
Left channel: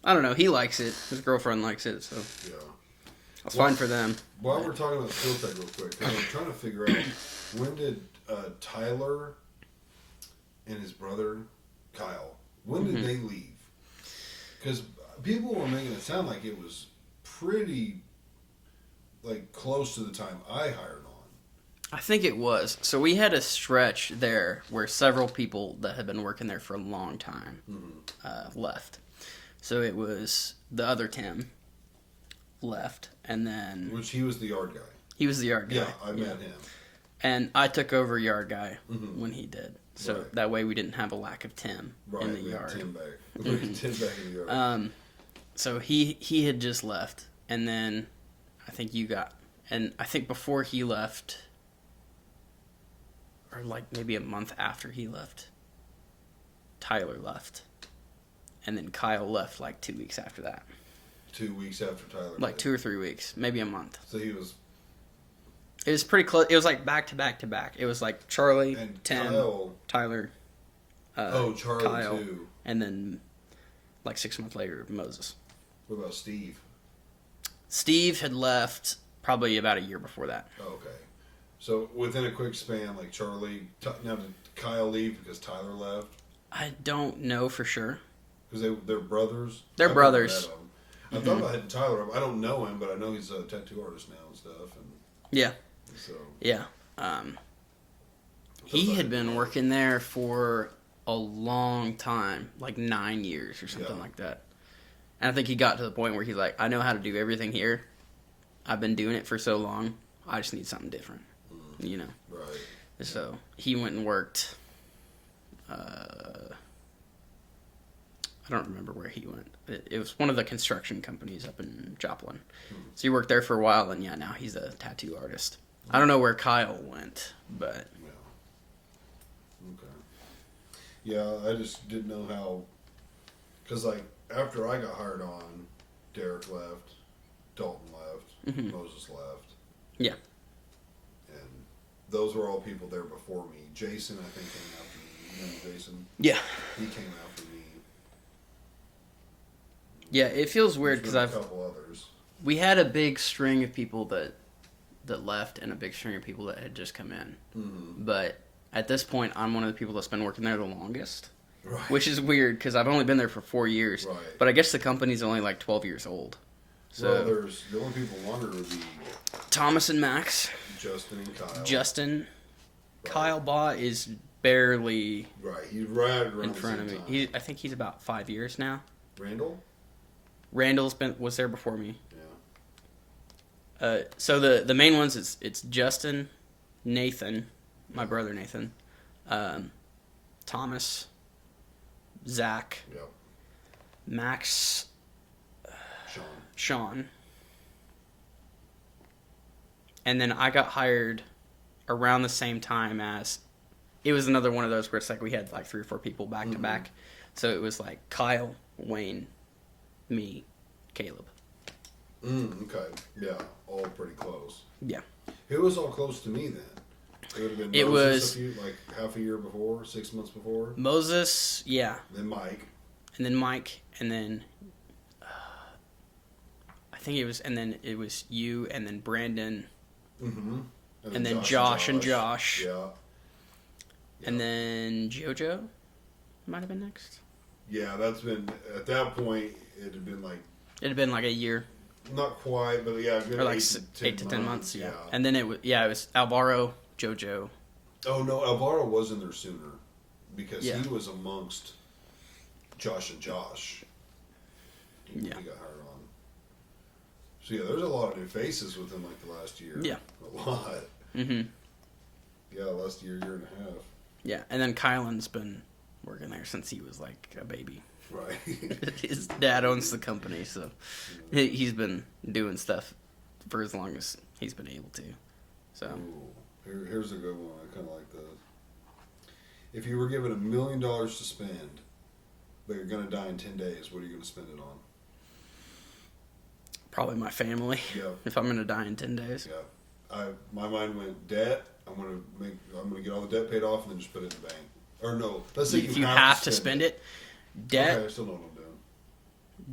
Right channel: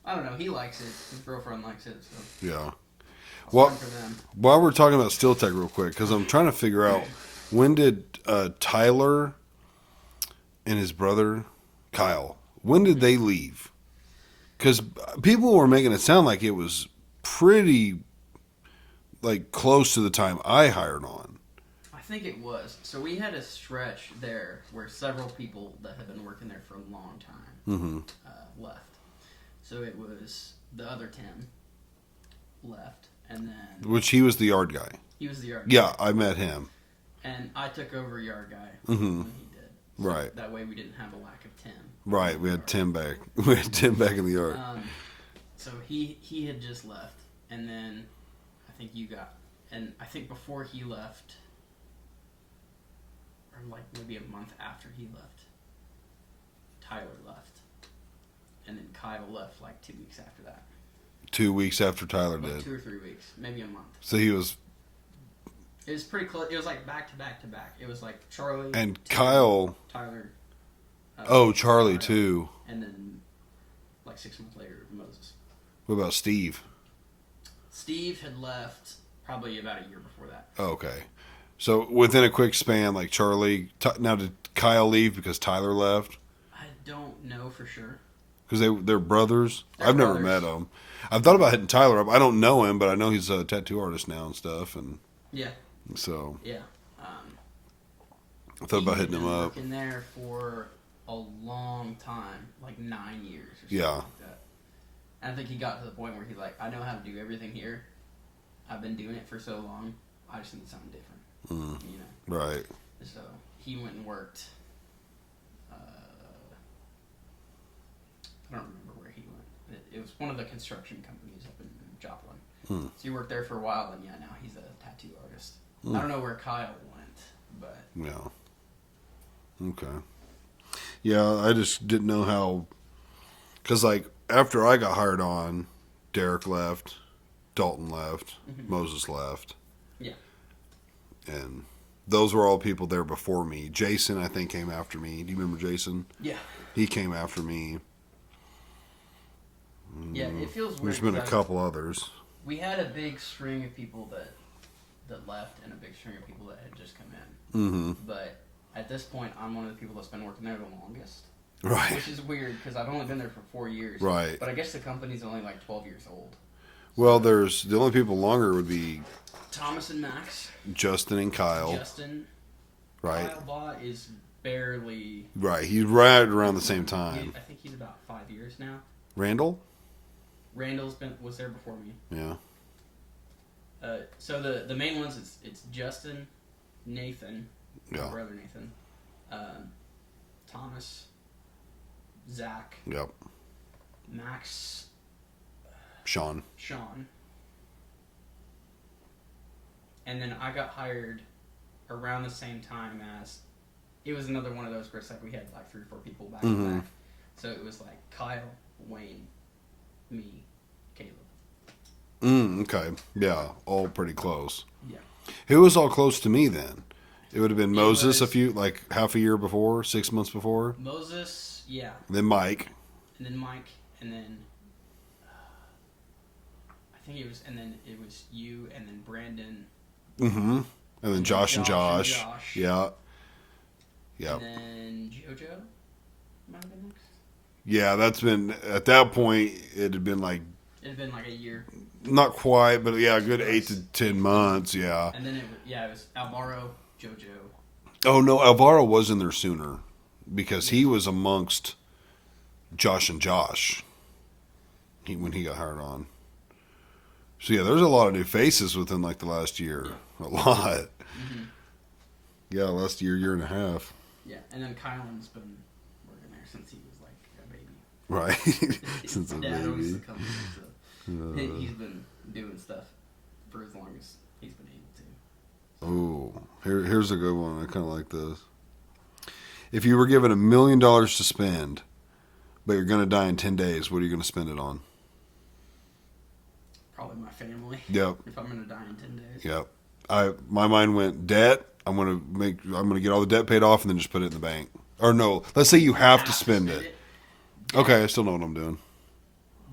I don't know. He likes it. His girlfriend likes it, so Yeah. it's Well- fine for them. While we're talking about Steel Tech real quick, because I'm trying to figure out, when did Tyler and his brother, Kyle, when did they leave? Because people were making it sound like it was pretty, like, close to the time I hired on. I think it was. So we had a stretch there where several people that had been working there for a long time left. So it was the other Tim left, and then Which he was the yard guy. he was the yard guy. Yeah, I met him. And I took over yard guy when he did. So Right. that way we didn't have a lack of Tim. Right, in the we had yard. Tim back. We had Tim back in the yard. So he had just left, and then I think you got, and I think before he left, or like maybe a month after he left, Tyler left, and then Kyle left like 2 weeks after that, 2 weeks after Tyler like did. 2 or 3 weeks, maybe a month. So he was, It was pretty close. It was like back to back to back. It was like Charlie and Tim, Kyle. Tyler. Charlie Kyle, too. and then like 6 months later, Moses. What about Steve? Steve had left probably about a year before that. Oh, okay. So within a quick span, like Charlie. Now did Kyle leave because Tyler left? I don't know for sure. Because they're brothers. They're I've brothers. never met them. I've thought about hitting Tyler up. I don't know him, but I know he's a tattoo artist now and stuff. And Yeah, so yeah. I thought He about had hitting him been up. working there for a long time, like 9 years or something Yeah. like that. And I think he got to the point where he's like, I know how to do everything here. I've been doing it for so long. I just need something different, you know. Right. So he went and worked. I don't remember where he went. It was one of the construction companies up in Joplin. So he worked there for a while, and yeah, now he's a tattoo artist. I don't know where Kyle went, but Yeah. Okay. Yeah, I just didn't know how. Because, like, after I got hired on, Derek left, Dalton left, Moses left. yeah, And those were all people there before me. Jason, I think, came after me. Do you remember Jason? yeah, He came after me. yeah. It feels weird There's been because a couple others. we had a big string of people that left and a big string of people that had just come in. Mm-hmm. But at this point, I'm one of the people that's been working there the longest, Right. which is weird because I've only been there for 4 years. Right. But I guess the company's only like 12 years old. Well, So, there's the only people longer would be Thomas and Max, Justin and Kyle. Justin, right. Kyle Baugh is barely Right. He's right around the in same front of me. time. I think he's about 5 years now. Randall? Randall's was there before me. Yeah. So the main ones it's Justin, Nathan, my Yeah. brother Nathan, Thomas, Zach, Yep. Max, Sean. Sean, and then I got hired around the same time as. It was another one of those where it's like we had like 3 or 4 people back to back, so it was like Kyle, Wayne, me, Caleb. Okay. Yeah. All pretty close. Yeah. Who was all close to me then? It would have been It Moses was- like half a year before, 6 months before. Moses, yeah, Then Mike. and then Mike, and then I think it was you, and then Brandon, Mm-hmm. And then then Josh and Josh. Yeah. Yeah. and then JoJo might have been next. Yeah, that's been at that point. It had been like It had been like a year, not quite, but yeah, a good Or like 8 to 8 10 to 10 months. Yeah. and then it was Alvaro, JoJo. Oh no, Alvaro was in there sooner because he Yeah. was amongst Josh and Josh when he got hired on. So yeah, there's a lot of new faces within like the last year. Yeah. A lot. Mm-hmm. Yeah, last year and a half. Yeah, and then Kylan's been working there since he was like a baby. Right. His Since a dad owns the baby. company, so he's been doing stuff for as long as he's been able to. So Ooh, here's a good one. I kind of like this. If you were given $1 million to spend, but you're going to die in 10 days, what are you going to spend it on? probably my family. Yep. If I'm gonna die in 10 days. Yep. My mind went debt. I'm gonna get all the debt paid off and then just put it in the bank. Or no, let's say you have to spend it. Debt, Okay, I still know what I'm doing.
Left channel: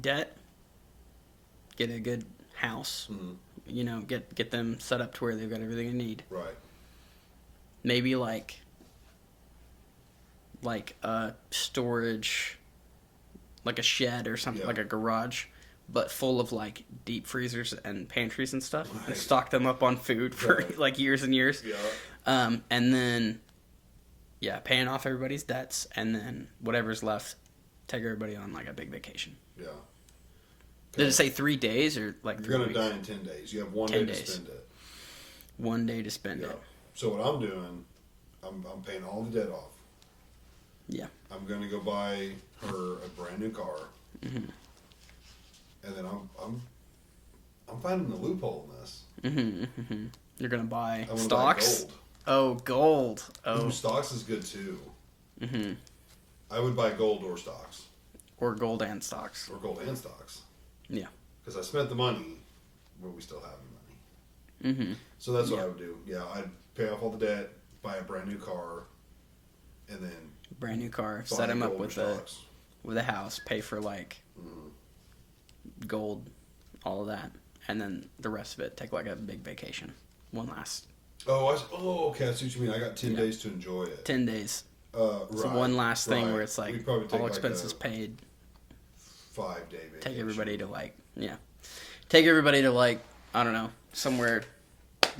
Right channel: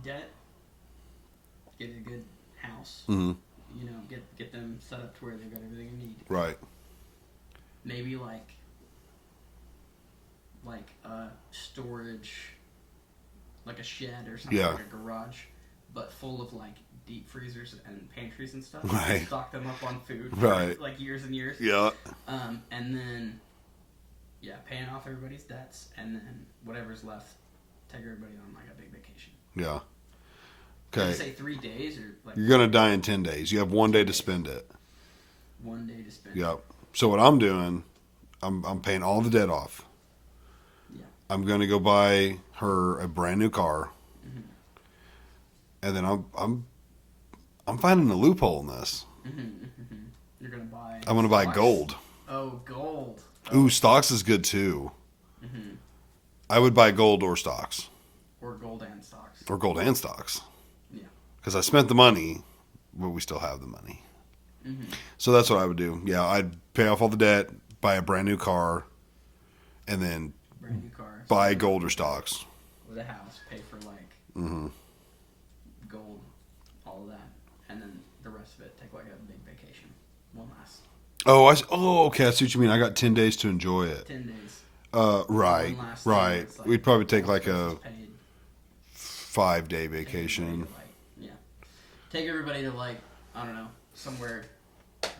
Debt. Get a good house. Mm-hmm. You know, get them set up to where they've got everything they need. Right. Maybe like a storage, like a shed or something, Yeah. like a garage, but full of like deep freezers and pantries and stuff. Right. Stock them up on food for Right. like years and years. Yeah. And then, yeah, paying off everybody's debts, and then whatever's left, take everybody on like a big vacation. Yeah. Did Okay. it say 3 days or like? You're gonna 3 die in 10 days. You have 1 10 day to days. spend it. 1 day to spend. Yep. So what I'm doing, I'm paying all the debt off. Yeah. I'm gonna go buy her a brand new car, Mm-hmm. and then I'm finding a loophole in this. You're gonna buy. I'm gonna buy stocks? gold. Oh, gold. Oh. Ooh, stocks is good too. Mm-hmm. I would buy gold or stocks, Or gold and stocks. or gold and stocks, Yeah. because I spent the money, but we still have the money. Mm-hmm. So that's what I would do. Yeah, I'd pay off all the debt, buy a brand new car, and then Brand new car. buy set 'em up gold or with stocks. with a house, pay for like gold, all of that, and then the rest of it take like a big vacation. One last Oh, okay. I see what you mean. I got 10 days to enjoy it. 10 days. Right. One last thing right. where it's like We'd probably take all like a expenses paid. 5-day Take vacation. everybody to like take everybody to like I don't know somewhere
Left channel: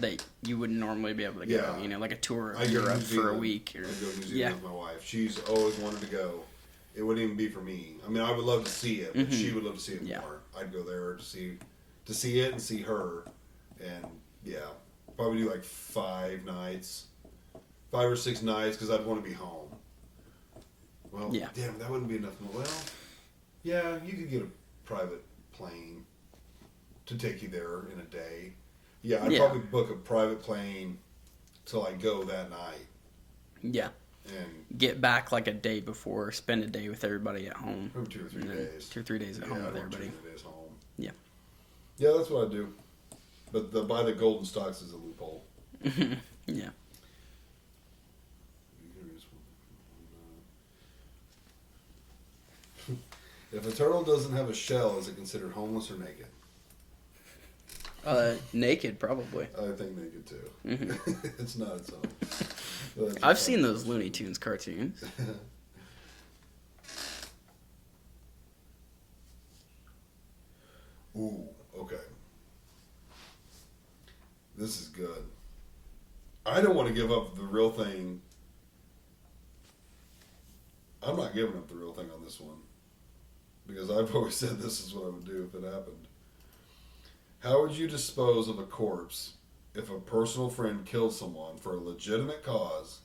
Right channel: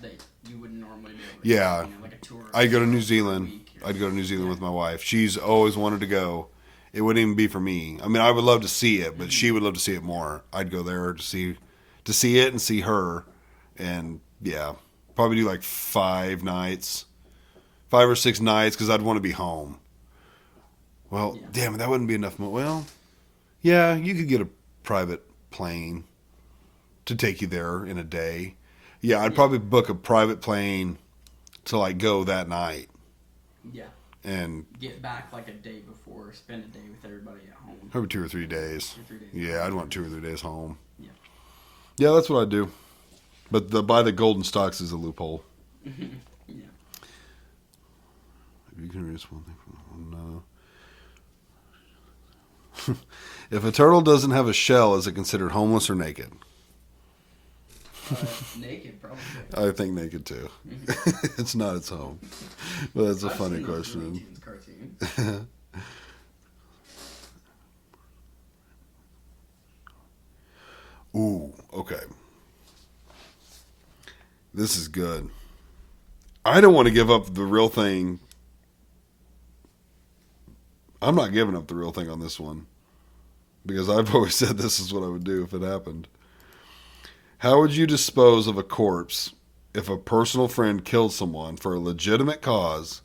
that you wouldn't normally be able to Yeah. go, you know, like a tour. I'd go to Europe New for a Zealand. week or- I'd go to New Zealand Yeah. with my wife. She's always wanted to go. It wouldn't even be for me. I mean, I would love to see it, but she would love to see it more. I'd go there to see it and see her, and yeah, probably do like 5 or 6 nights because I'd want to be home. Well, Yeah. damn, that wouldn't be enough. Well, yeah, you could get a private plane to take you there in a day. Yeah, I'd Yeah. probably book a private plane to like go that night Yeah. and Get back like a day before, spend a day with everybody at home. maybe 2 or 3 days. 2 or 3 days. at Yeah, home I'd with want 2 or everybody. 3 days home. Yeah. Yeah, that's what I'd do. But buy the golden stocks is a loophole. Yeah. You can erase one thing from no. If a turtle doesn't have a shell, is it considered homeless or naked? Naked, probably. I think naked too. It's not its home. But that's a I've funny seen those question. Looney Tunes cartoons. Ooh, okay. This is good. I don't want to give up the real thing. I'm not giving up the real thing on this one. Because I've always said this is what I would do if it happened. How would you dispose of a corpse if a personal friend killed someone for a legitimate cause,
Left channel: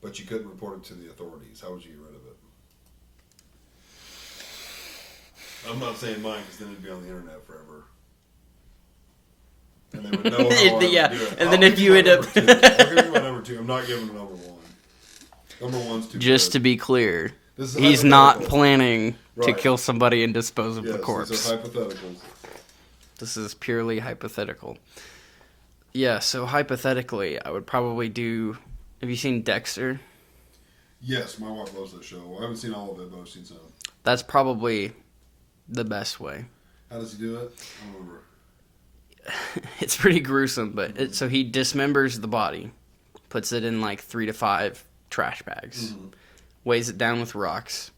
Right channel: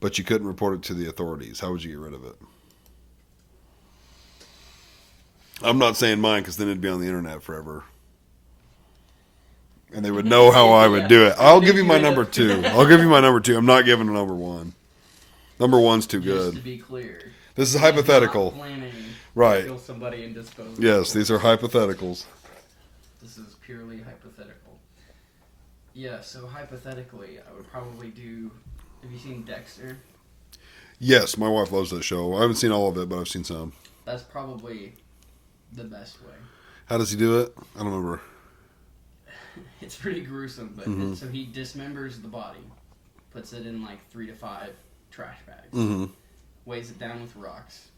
but you couldn't report it to the authorities? How would you get rid of it? I'm not saying mine because then it'd be on the internet forever. And they would know how I would Yeah. do it. And I'll then give if you you my end number up- 2. I'll give you my number 2. I'm not giving a number 1. Number 1's too Just good. to be clear, This is he's not hypothetical. planning Right. to kill somebody and dispose of a Yes, corpse. these are hypotheticals. This is purely hypothetical. Yeah, so hypothetically, I would probably do. Have you seen Dexter? Yes, my wife loves that show. I haven't seen all of it, but I've seen some. That's probably the best way. How does he do it? I don't remember. It's pretty gruesome, but so he dismembers the body, puts it in like 3 to 5 trash bags, weighs it down with rocks,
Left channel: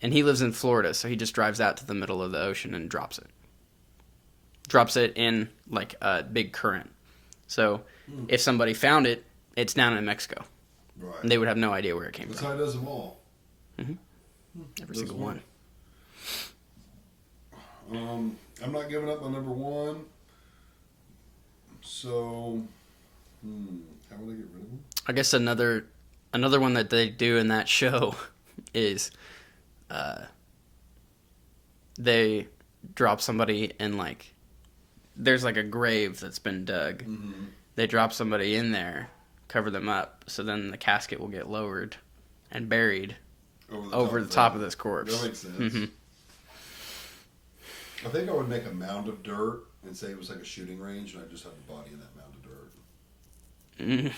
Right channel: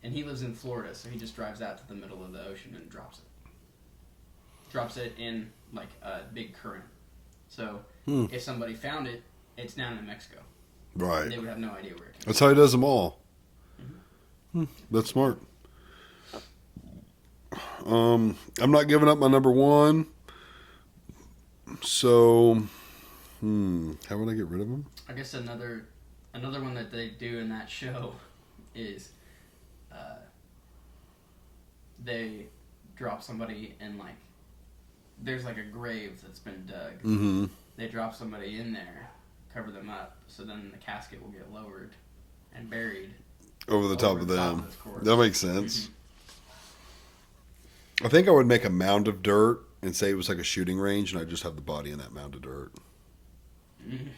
and he lives in Florida, so he just drives out to the middle of the ocean and drops it. Drops it in like a big current. So if somebody found it, it's down in Mexico. Right. And they would have no idea where it came That's from. how he does them all. Every That's single smart. one. I'm not giving up my number 1. So, how would I get rid of him? I guess another one that they do in that show is they drop somebody in like there's like a grave that's been dug. Mm-hmm. They drop somebody in there, cover them up, so then the casket will get lowered and buried Over the over top the of top them. of this corpse. That makes sense. Mhm. I think I would make a mound of dirt and say it was like a shooting range, and I just have the body in that mound of dirt. Yeah,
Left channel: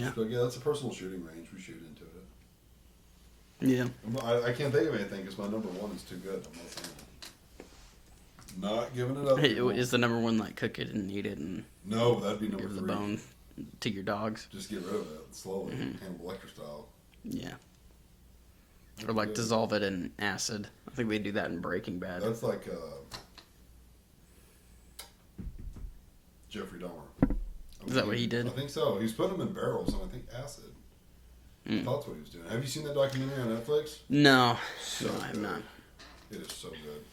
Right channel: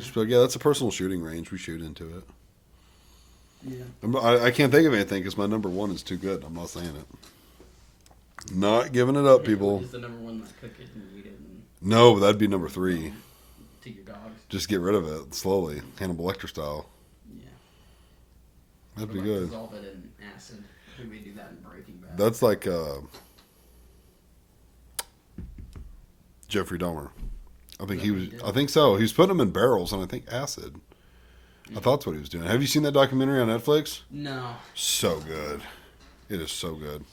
Just be like, yeah, that's a personal shooting range. We shoot into it. yeah. I can't think of anything because my number 1 is too good. I'm not saying it. Not giving it up, people. Is the number one like cook it and eat it and No, but that'd be number give the 3. bone to your dogs? Just get rid of it slowly, Hannibal Lecter style. Yeah, That'd or be like good. dissolve it in acid or think they do that in Breaking Bad. That's like Jeffrey Dahmer. I think that what he did? I think so. He was putting them in barrels and I think acid. I thought that's what he was doing. Have you seen that documentary on Netflix? No. So good. It is so good.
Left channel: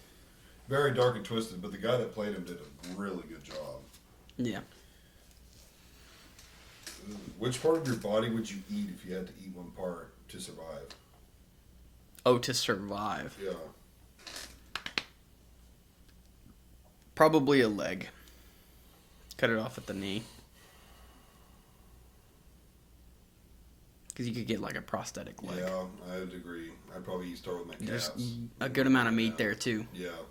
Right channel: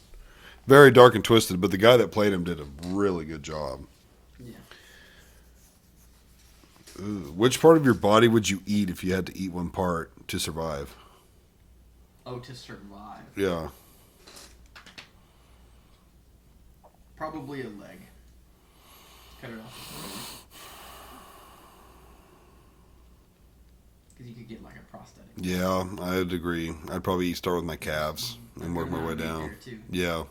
Very dark and twisted, but the guy that played him did a really good job. Yeah. Ooh, which part of your body would you eat if you had to eat one part to survive? Oh, to survive. Yeah. Probably a leg. Cut it off at the knee. Because you could get like a prosthetic leg. Yeah, I'd agree. I'd probably start with my calves. A and good work my amount of way meat down. there too. Yeah.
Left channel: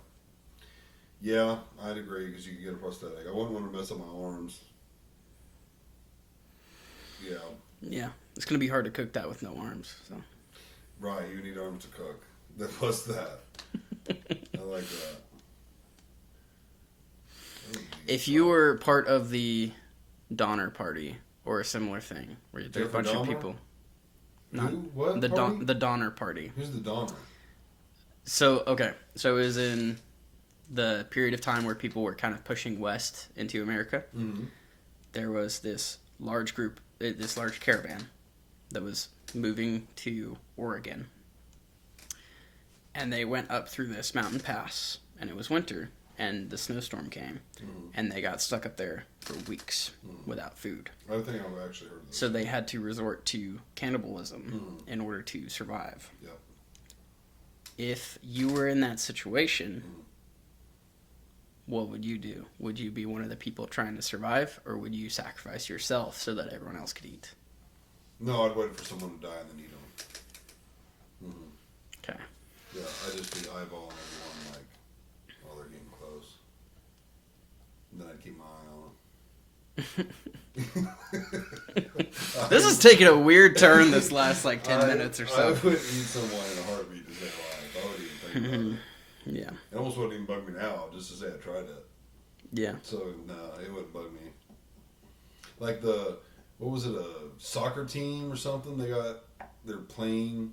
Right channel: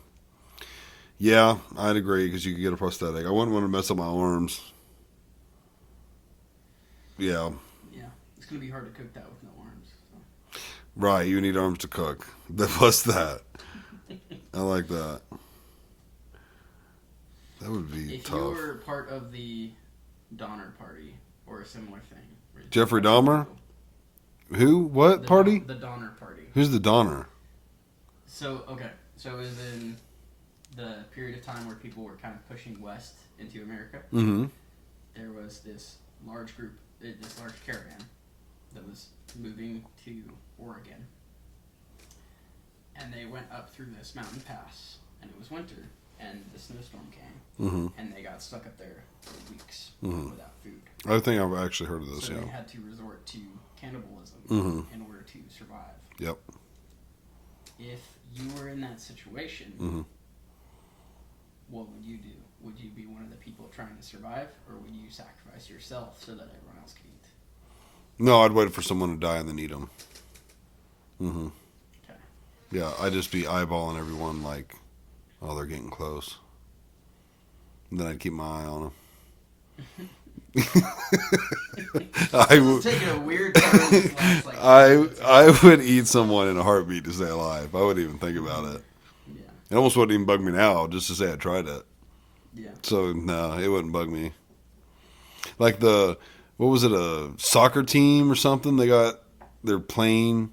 Yeah, I'd agree because you could get a prosthetic. I wouldn't want to mess up my arms. Yeah. Yeah. It's going to be hard to cook that with no arms. So. Right, you need arms to cook. Plus that. I like that. That would be If tough. you were part of the Donner Party or a similar thing, where you Jeffrey bunch of Dahmer? people- Who? What the party? the Donner Party. Who's the Donner? So it was in the period of time where people were kind of pushing west into America. Mm-hmm. There was this large group, this large caravan that was moving to Oregon. And they went up through this mountain pass, and it was winter, and the snowstorm came, Mm-hmm. and they got stuck up there for weeks without food. I think I've actually heard of this. So yeah. they had to resort to cannibalism Mhm. in order to survive. Yep. If you were in that situation, Mhm. what would you do? Would you be one of the people trying to survive, or would you sacrifice yourself so that everyone else could eat? No, I'd wait for someone to die and then eat them. Mm-hmm. Okay. Yeah, I'd just be eyeballing everyone like, oh, they're getting close. And then I'd keep my eye on them. This is taking a weird turn this last like 10 minutes or so. I would eat someone in a heartbeat to stay alive. I wouldn't even think about it. Yeah. It almost wouldn't even bug me now just to say I tried it. Yeah. So no, it wouldn't bug me. Like what was it, a soccer team or something? They got their plane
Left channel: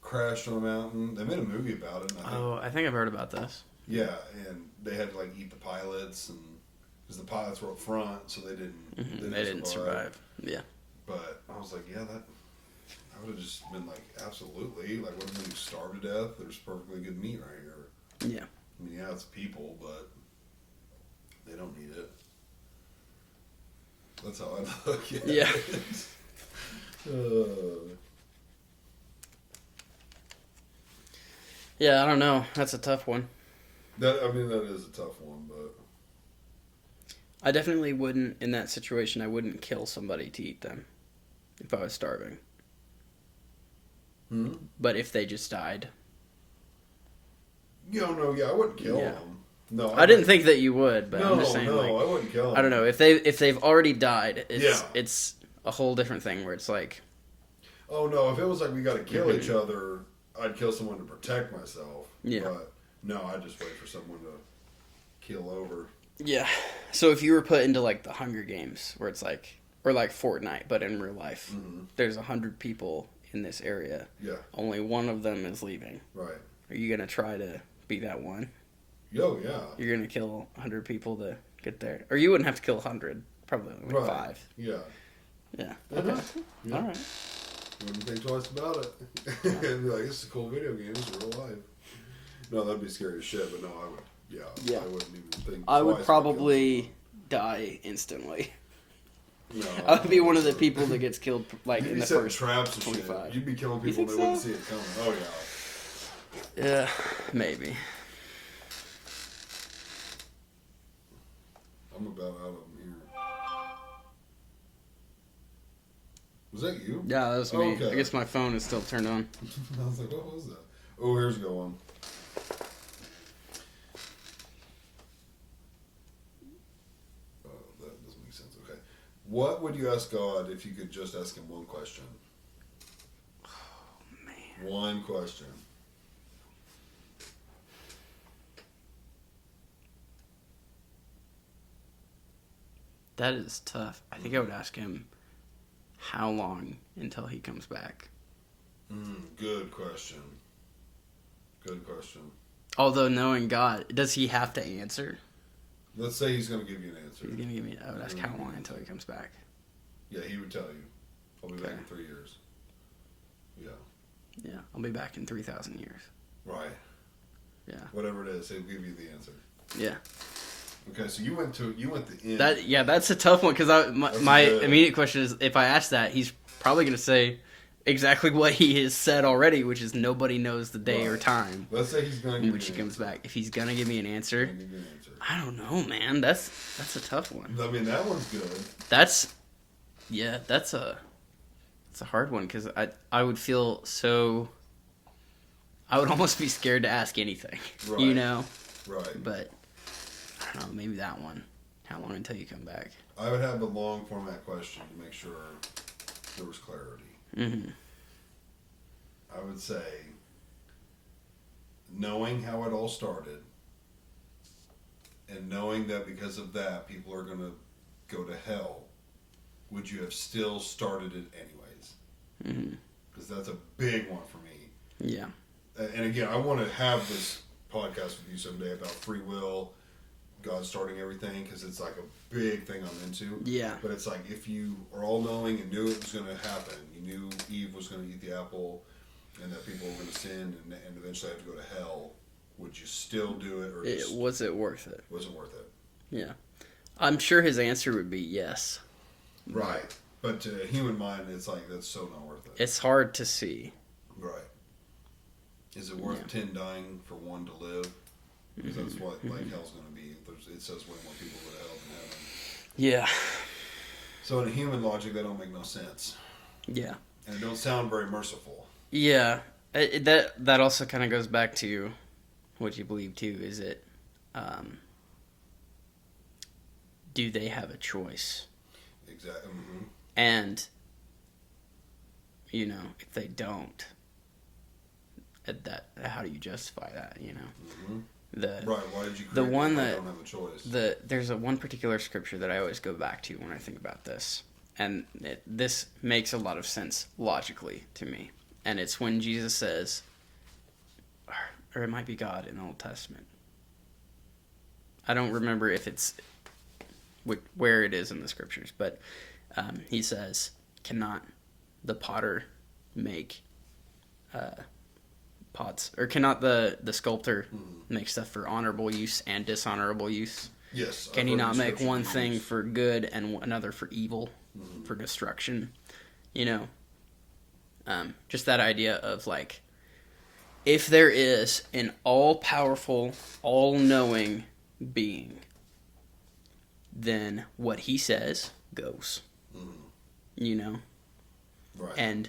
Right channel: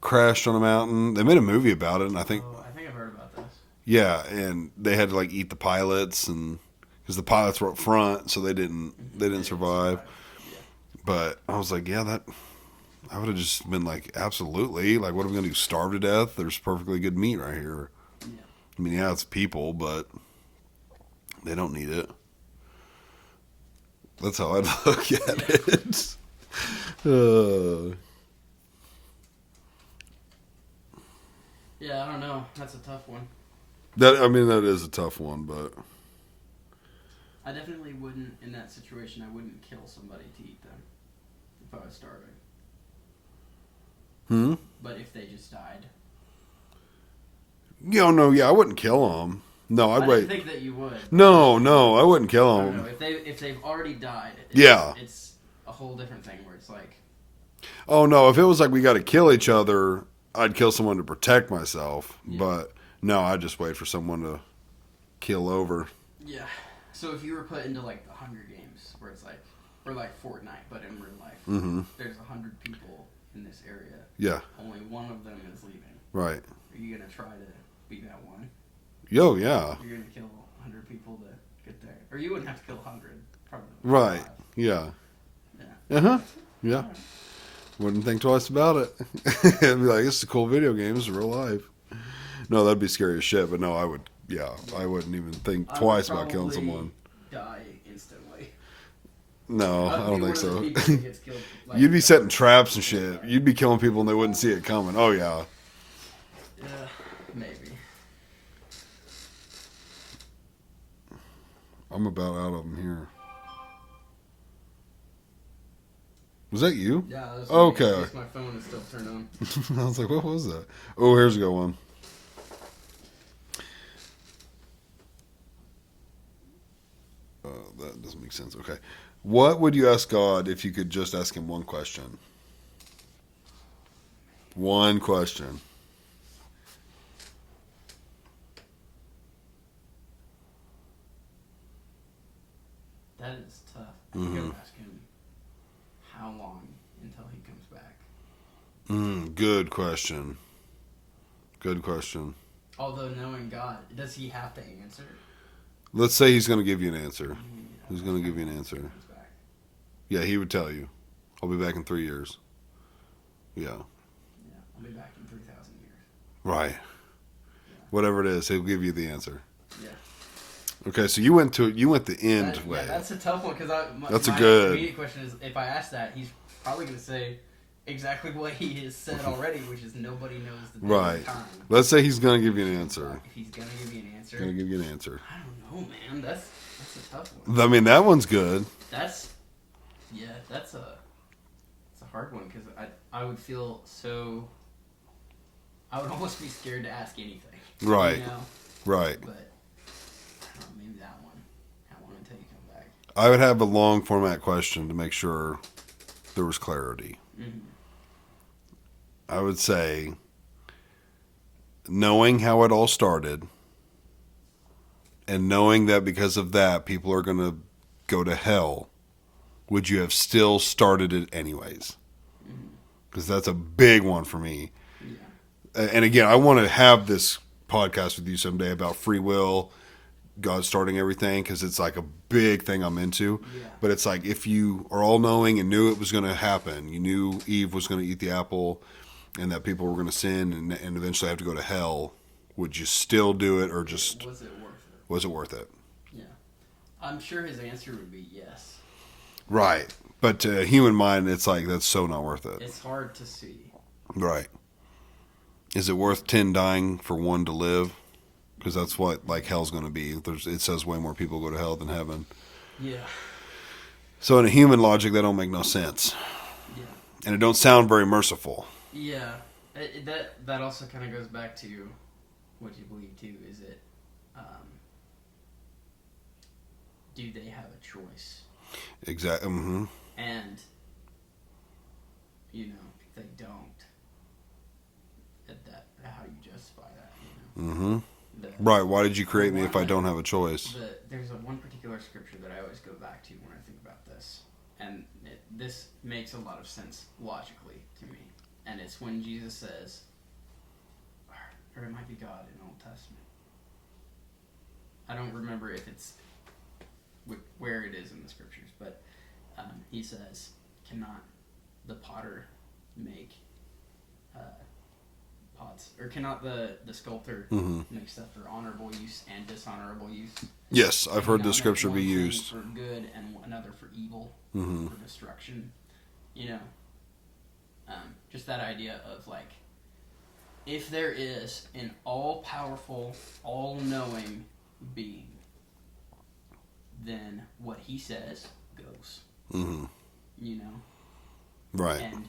crashed on a mountain. They made a movie about it, and I think I think I've heard about this. yeah, and they had to like eat the pilots, and because the pilots were up front, so they didn't survive. Yeah. But I was like, yeah, that I would have just been like, absolutely. Like, what are we gonna do? Starve to death? There's perfectly good meat right here. Yeah. I mean, yeah, it's people, but they don't need it. That's how I'd look at Yeah. it. Yeah, I don't know. That's a tough one. That is a tough one, but I definitely wouldn't, in that situation, I wouldn't kill somebody to eat them if I was starving. But if they just died. yeah, I wouldn't kill Yeah. them. No, I didn't think that you would. But No, I'm just saying, no, like, I wouldn't kill them. I don't know. If they've already died, Yeah. it's a whole different thing where it's like, Oh no, if it was like we got to kill each other, I'd kill someone to protect myself. Yeah. But no, I'd just wait for someone to kill over. yeah. So if you were put into like the Hunger Games, where it's like, or like Fortnite, but in real life, there's 100 people in this area. Yeah, Only one of them is leaving. right. Are you gonna try to be that one? Yo, yeah, You're gonna kill 100 people to get there, or you wouldn't have to kill 100, probably like right. 5. Yeah, Yeah. uh-huh. Yeah. All right. Wouldn't think twice about it. I'd be like, it's a cool video game. It's real life. No, that'd be scary as shit. But no, I would. Yeah, Yeah. I wouldn't even think I would twice about killing probably someone. die instantly. No, I I would be don't one of think the so. people that gets killed. Like You'd in be the setting first traps and shit. 25. You'd be killing people and they think wouldn't so? see it coming. Oh yeah. Yeah, maybe. I'm about out of them here. Was that you? Yeah, that's me. Okay. I guess my phone is still turned on. I was like, what was that? Oh, here's a good one. That doesn't make sense. Okay. What would you ask God if you could just ask him one question? One question. That is tough. I think I would ask him how long until he comes back. Good question. Good question. Although knowing God, does he have to answer? Let's say he's going to give you an answer. He's gonna give me, He's that's gonna kinda give you an long until answer. he comes back. Yeah, he would tell you. I'll be back in 3 years. Yeah. Yeah, I'll be back in 3,000 years. Right. Yeah. Whatever it is, he'll give you the answer. Yeah. Okay, so you went the end. Yeah, way. that's a tough one because That's my good. immediate question is if I ask that, he's probably going to say exactly what he has said already, which is nobody knows the day or Right. time. Let's say he's going to give when you she an comes answer. back. If he's going to give me an He's answer, going to give you an answer. I don't know, man. That's a tough one. I mean, that one's good. That's a hard one because I would feel so. I would almost be scared to ask anything. Right. You know. Right. But I don't know. Maybe that one. How long until you come back? I would have a long format question to make sure there was clarity. Mm-hmm. I would say, knowing how it all started, and knowing that because of that people are going to go to hell, would you have still started it anyways? Because that's a big one for me. Yeah. And again, I want to have this podcast with you someday about free will, God starting everything, because it's like a big thing I'm into. Yeah. But it's like if you are all knowing and knew it was going to happen, you knew Eve was going to eat the apple and that people were going to sin and eventually have to go to hell, would you still do it or just Was it worth it? was it worth it? Yeah. I'm sure his answer would be yes. Right. But to a human mind, it's like that's so not worth it. It's hard to see. Right. Is it worth 10 dying for one to live? Because that's what like hell's going to be. It says way more people go to hell than heaven. Yeah. So in a human logic, that don't make no sense, Yeah. and it don't sound very merciful. Yeah. That also kind of goes back to what you believe too. Is it, do they have a choice? Exactly. Mm-hmm. And, if they don't, how do you justify that? Mm-hmm. The Right. Why did you create me one if I that- don't have a choice? There's one particular scripture that I always go back to when I think about this, and this makes a lot of sense logically to me. And it's when Jesus says, or it might be God in the Old Testament. I don't remember if it's where it is in the scriptures, but he says, "Cannot the potter make pots, or cannot the sculptor make stuff for honorable use and dishonorable use? Yes, I've Can he heard not the scripture make be one thing used. for good and another for evil, for destruction?" Just that idea of like, if there is an all-powerful, all-knowing being, then what he says goes. Mm-hmm. Right. And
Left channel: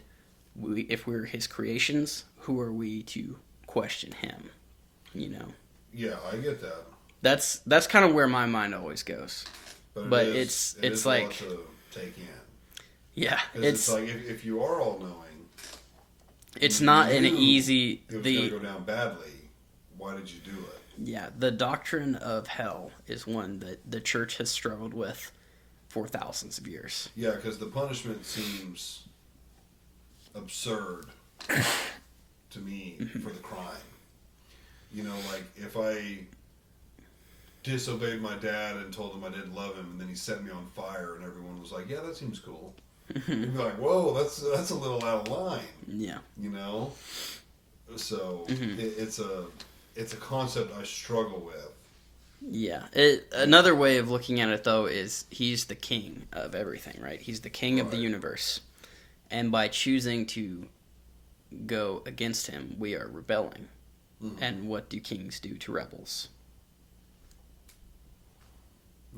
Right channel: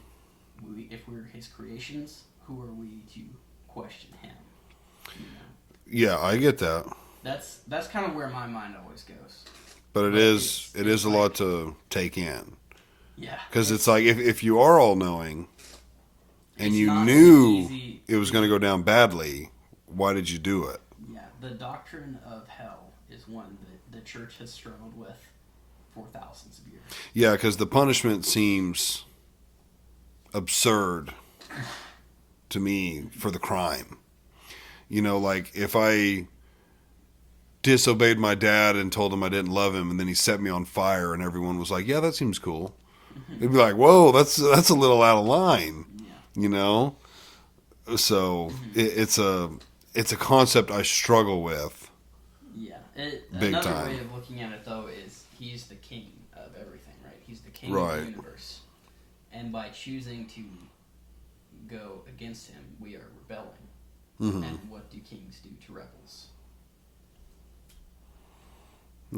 if we're his creations, who are we to question him? Yeah, I get that, That's kind of where my mind always goes. but But it it's is a like- lot to take in, Yeah, because it's like if you are all knowing, and it's you not an knew easy. it was going to go down badly, why did you do it? Yeah, the doctrine of hell is one that the church has struggled with for thousands of years. Yeah, because the punishment seems absurd to me for the crime. Like if I disobeyed my dad and told him I didn't love him, and then he set me on fire, and everyone was like, "Yeah, that seems cool." It'd be like, "Whoa, that's a little out of line," Yeah. So it's a concept I struggle with. Yeah. Another time. way of looking at it, though, is he's the king of everything, right? He's the king of the Right. universe. And by choosing to go against him, we are rebelling. And what do kings do to rebels?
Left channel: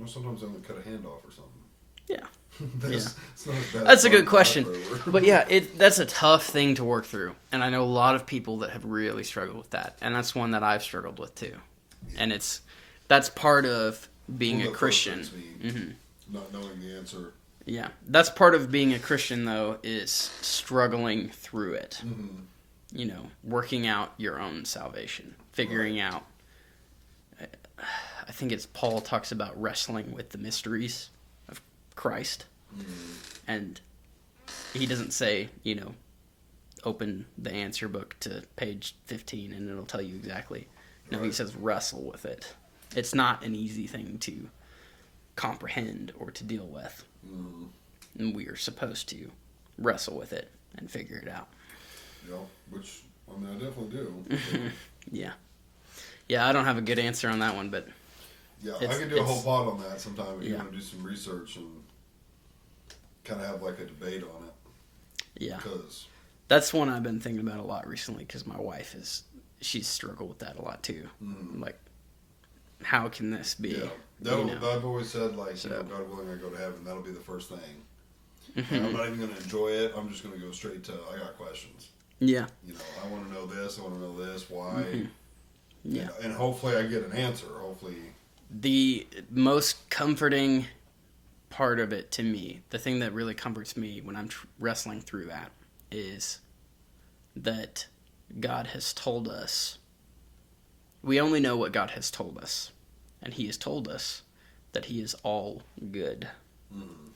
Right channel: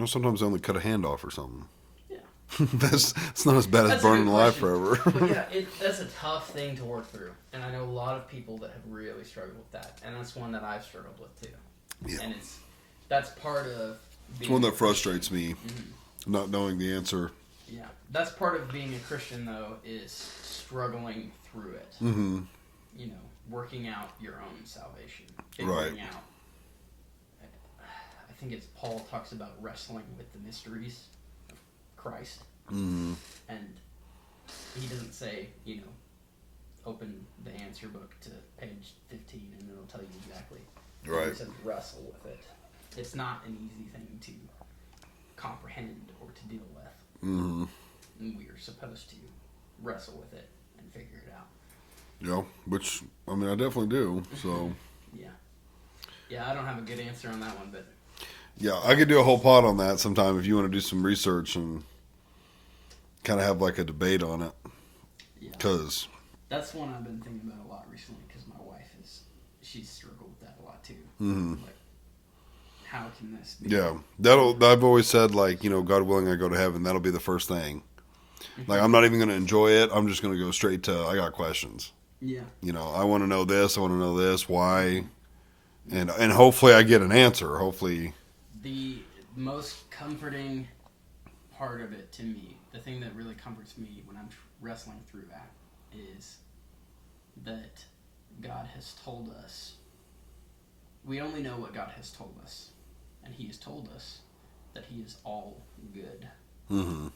Sometimes I only cut a hand off or something. Yeah. It's not as bad That's as a good burning life question. forever. But yeah, that's a tough thing to work through. And I know a lot of people that have really struggled with that. And that's one that I've struggled with too. Yeah. And that's part of It's being one a that Christian. frustrates me, not knowing the answer. Yeah, that's part of being a Christian, though, is struggling through it. Mm-hmm. Working out your own salvation, figuring out. I think it's Paul talks about wrestling with the mysteries of Christ, and he doesn't say, open the answer book to page 15 and it'll tell you exactly. Right. It says wrestle with it. It's not an easy thing to comprehend or to deal with. Mm-hmm. And we are supposed to wrestle with it and figure it out. Yeah, which, I mean, I definitely do. So, Yeah. Yeah, I don't have a good answer on that one, but yeah, I could do a whole pod on that sometime if you want to do some research and kind of have like a debate on it. yeah. Because, That's one I've been thinking about a lot recently because my wife she's struggled with that a lot too. Mm-hmm. Like, how can this be? yeah, you know? I've always said, like, you know, God willing, I go to heaven, that'll be the first thing. Like, I'm not even going to enjoy it. I'm just going to go straight to, I got questions. Yeah. You know, I want to know this. I want to know this. Why? And hopefully I get an answer. Hopefully. The most comforting part of it to me, the thing that really comforts me when I'm wrestling through that, is that God has told us. We only know what God has told us. And He has told us that He is all good. Mm-hmm.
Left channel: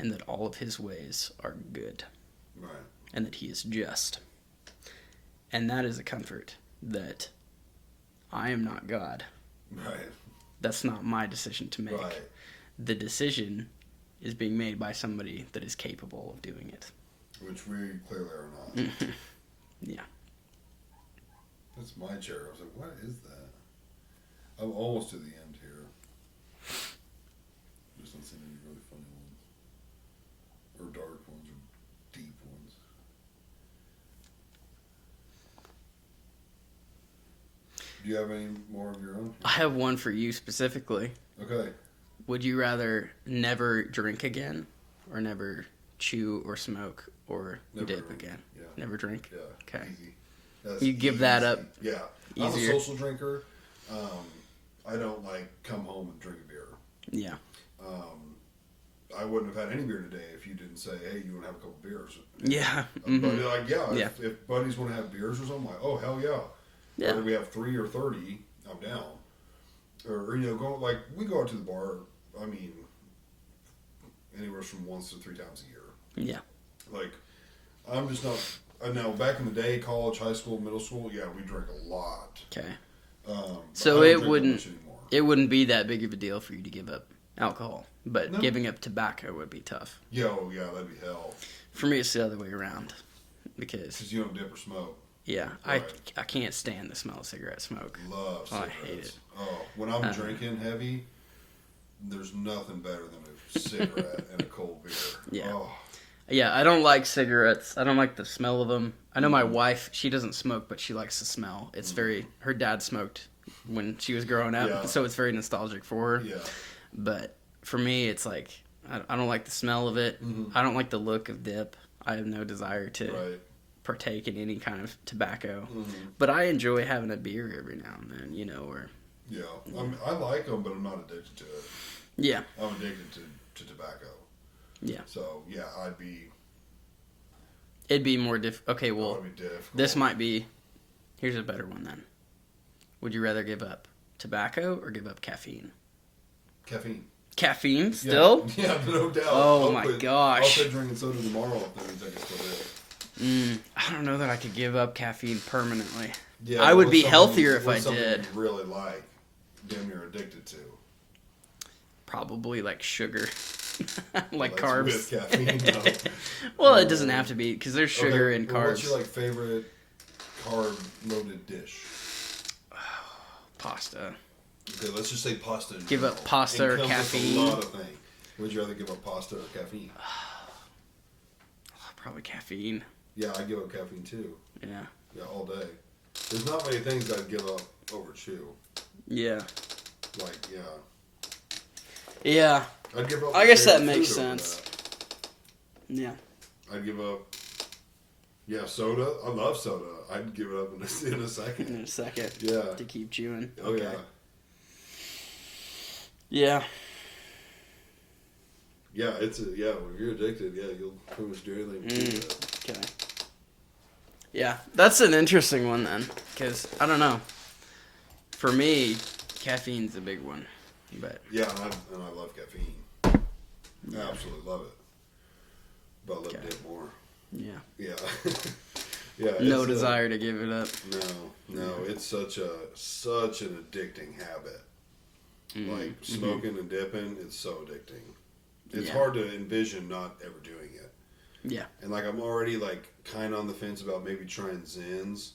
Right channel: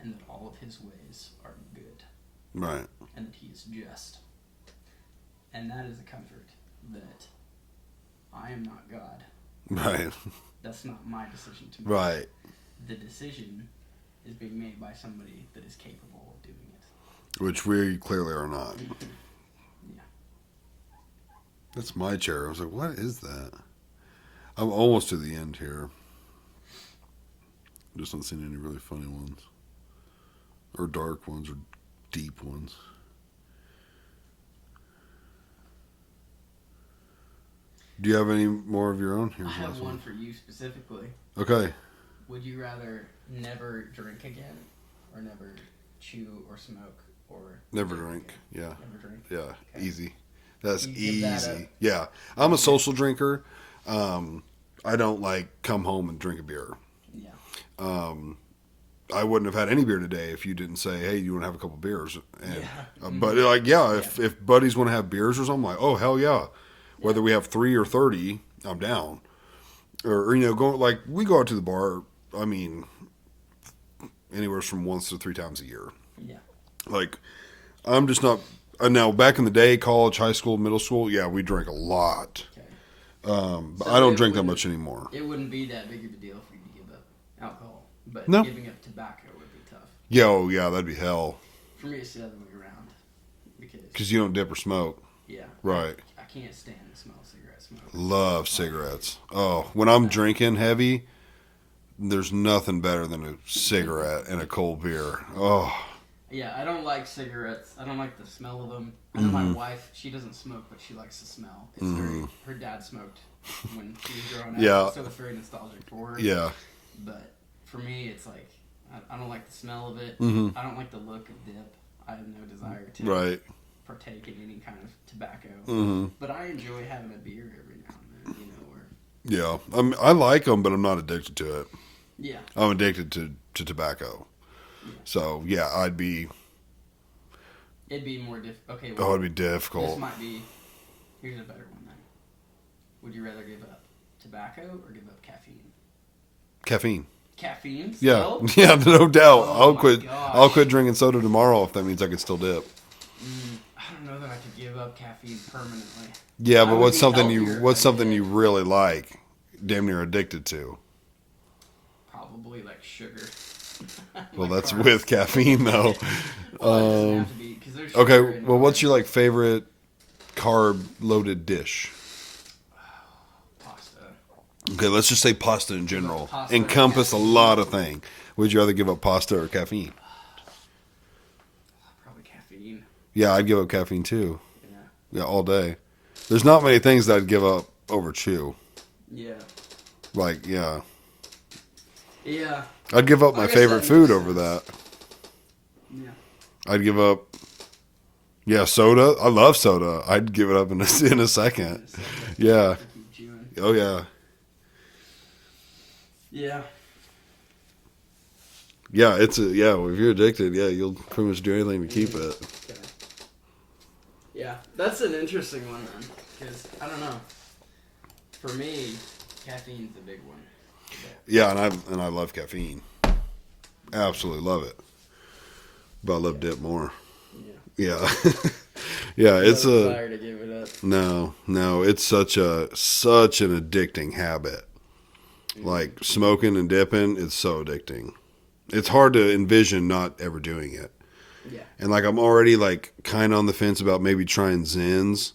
And that all of His ways are good. Right. And that He is just. And that is a comfort that I am not God. Right. That's not my decision to make. Right. The decision is being made by somebody that is capable of doing it. Which we clearly are not. Yeah. That's my chair. I was like, what is that? I'm almost to the end here. Just not seeing any really funny ones. Or dark ones or deep ones. Do you have any more of your own here? I have one for you specifically. Okay. Would you rather never drink again or never chew or smoke or Never dip drink. again? Yeah. Never drink? Yeah. Okay. Easy. That's You give that easy. up Yeah. I'm a easier. social drinker. I don't like come home and drink a beer. Yeah. I wouldn't have had any beer today if you didn't say, "Hey, you want to have a couple beers?" And, Yeah. But like, if buddies want to have beers or something, like, oh hell yeah. Yeah. Whether we have 3 or 30, I'm down. Or you know, go we go out to the bar. I mean, anywhere from once to 3 times a year. Yeah. Like, I'm just not. Now, back in the day, college, high school, middle school, yeah, we drank a lot. Okay. But So I don't it drink that wouldn't- much anymore. It wouldn't be that big of a deal for you to give up alcohol, but No. giving up tobacco would be tough. Yeah, that'd be hell. For me, it's the other way around because Because you don't dip or smoke. yeah, Right. I can't stand the smell of cigarette smoke. Love Oh, I hate cigarettes. Oh, when I'm drinking heavy, there's nothing better than a cigarette and a cold beer. Yeah. Oh, Yeah, I don't like cigarettes. I don't like the smell of them. I know my wife, she doesn't smoke, but she likes the smell. It's very, her dad smoked when she was growing up, Yeah. so it's very nostalgic for her. yeah. But for me, it's like, I don't like the smell of it. I don't like the look of dip. I have no desire to Right. partake in any kind of tobacco. But I enjoy having a beer every now and then, you know, or, Yeah. I like them, but I'm not addicted to it. yeah, I'm addicted to tobacco. yeah. So, yeah, It'd be more okay, well, it'd be difficult. this might be, here's a better one then. Would you rather give up tobacco or give up caffeine? Caffeine. Caffeine Yeah. still? Yeah, no doubt. Oh my gosh. I'll quit drinking soda tomorrow if that means I can still dip. I don't know that I could give up caffeine permanently. Yeah, I but would what's be something healthier if what's I something did. you really like, damn near addicted to? Probably like sugar. Well, like that's carbs. with caffeine though. Well, it doesn't have to be because there's sugar Okay, in well, what's carbs. your like favorite carb loaded dish? Pasta? Okay, let's just say pasta in Give up general. pasta or Encompass a caffeine? lot of things. Would you rather give up pasta or caffeine? Probably caffeine. Yeah, I'd give up caffeine too. Yeah. Yeah, all day. There's not many things that I'd give up over chew. Yeah. Like, yeah. Yeah. I'd give up I my guess favorite that food makes over sense. that. Yeah. I'd give up. Yeah, soda. I love soda. I'd give it up in a In a second. second. Yeah. To keep chewing. Oh yeah. Yeah. Yeah, it's if you're addicted, yeah, you'll pretty much do anything to keep it. Okay. Yeah, that's an interesting one then, because I don't know. For me, caffeine's a big one. But Yeah, and I love caffeine. Absolutely love it. But I love dip more. yeah. Yeah. Yeah, No it's desire to give it up. no, it's such an addicting habit. Like smoking and dipping, it's so addicting. It's hard to envision not ever doing it. Yeah. And like I'm already like kind of on the fence about maybe trying Zins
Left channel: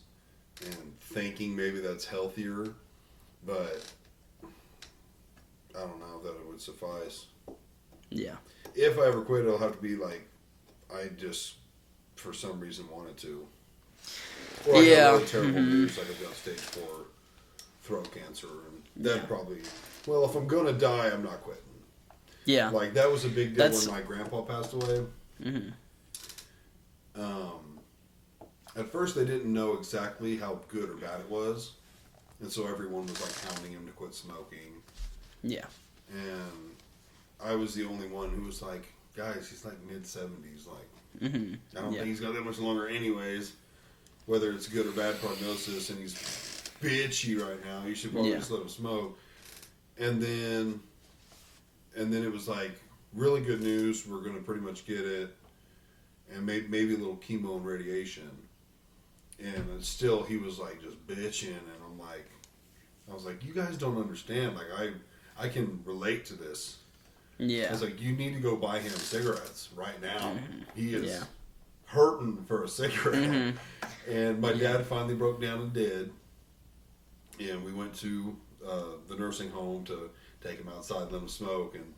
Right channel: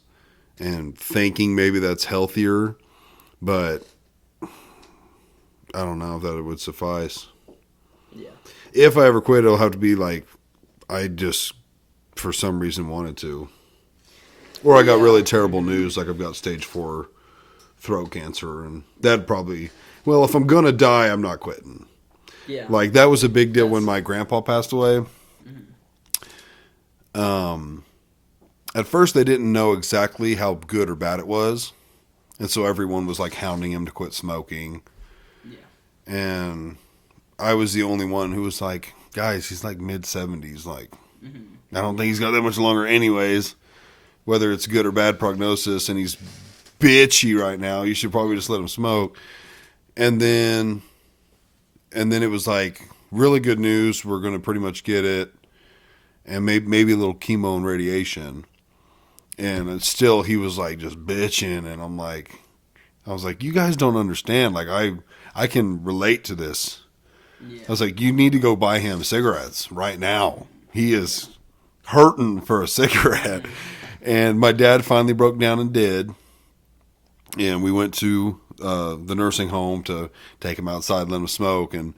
and thinking maybe that's healthier, but I don't know if that would suffice. Yeah. If I ever quit, it'll have to be like I just for some reason wanted to. Or I got Yeah. really terrible news, like I've got stage 4 throat cancer, and that'd probably, well, if I'm going to die, I'm not quitting. Yeah. Like, that was a big deal when That's- my grandpa passed away. At first, they didn't know exactly how good or bad it was, and so everyone was, like, hounding him to quit smoking, Yeah. and I was the only one who was like, guys, he's, like, mid-70s, like, I don't think he's got that much longer anyways. Whether it's good or bad prognosis, and he's bitchy right now, you should probably just let him smoke. And then it was like really good news. We're going to pretty much get it, and maybe a little chemo and radiation. And it's still, he was like just bitching, and I was like, you guys don't understand. Like I can relate to this. Yeah. I was like, you need to go buy him cigarettes right now. He is hurting for a cigarette. And my dad finally broke down and did. And we went to the nursing home to take him outside and let him smoke. And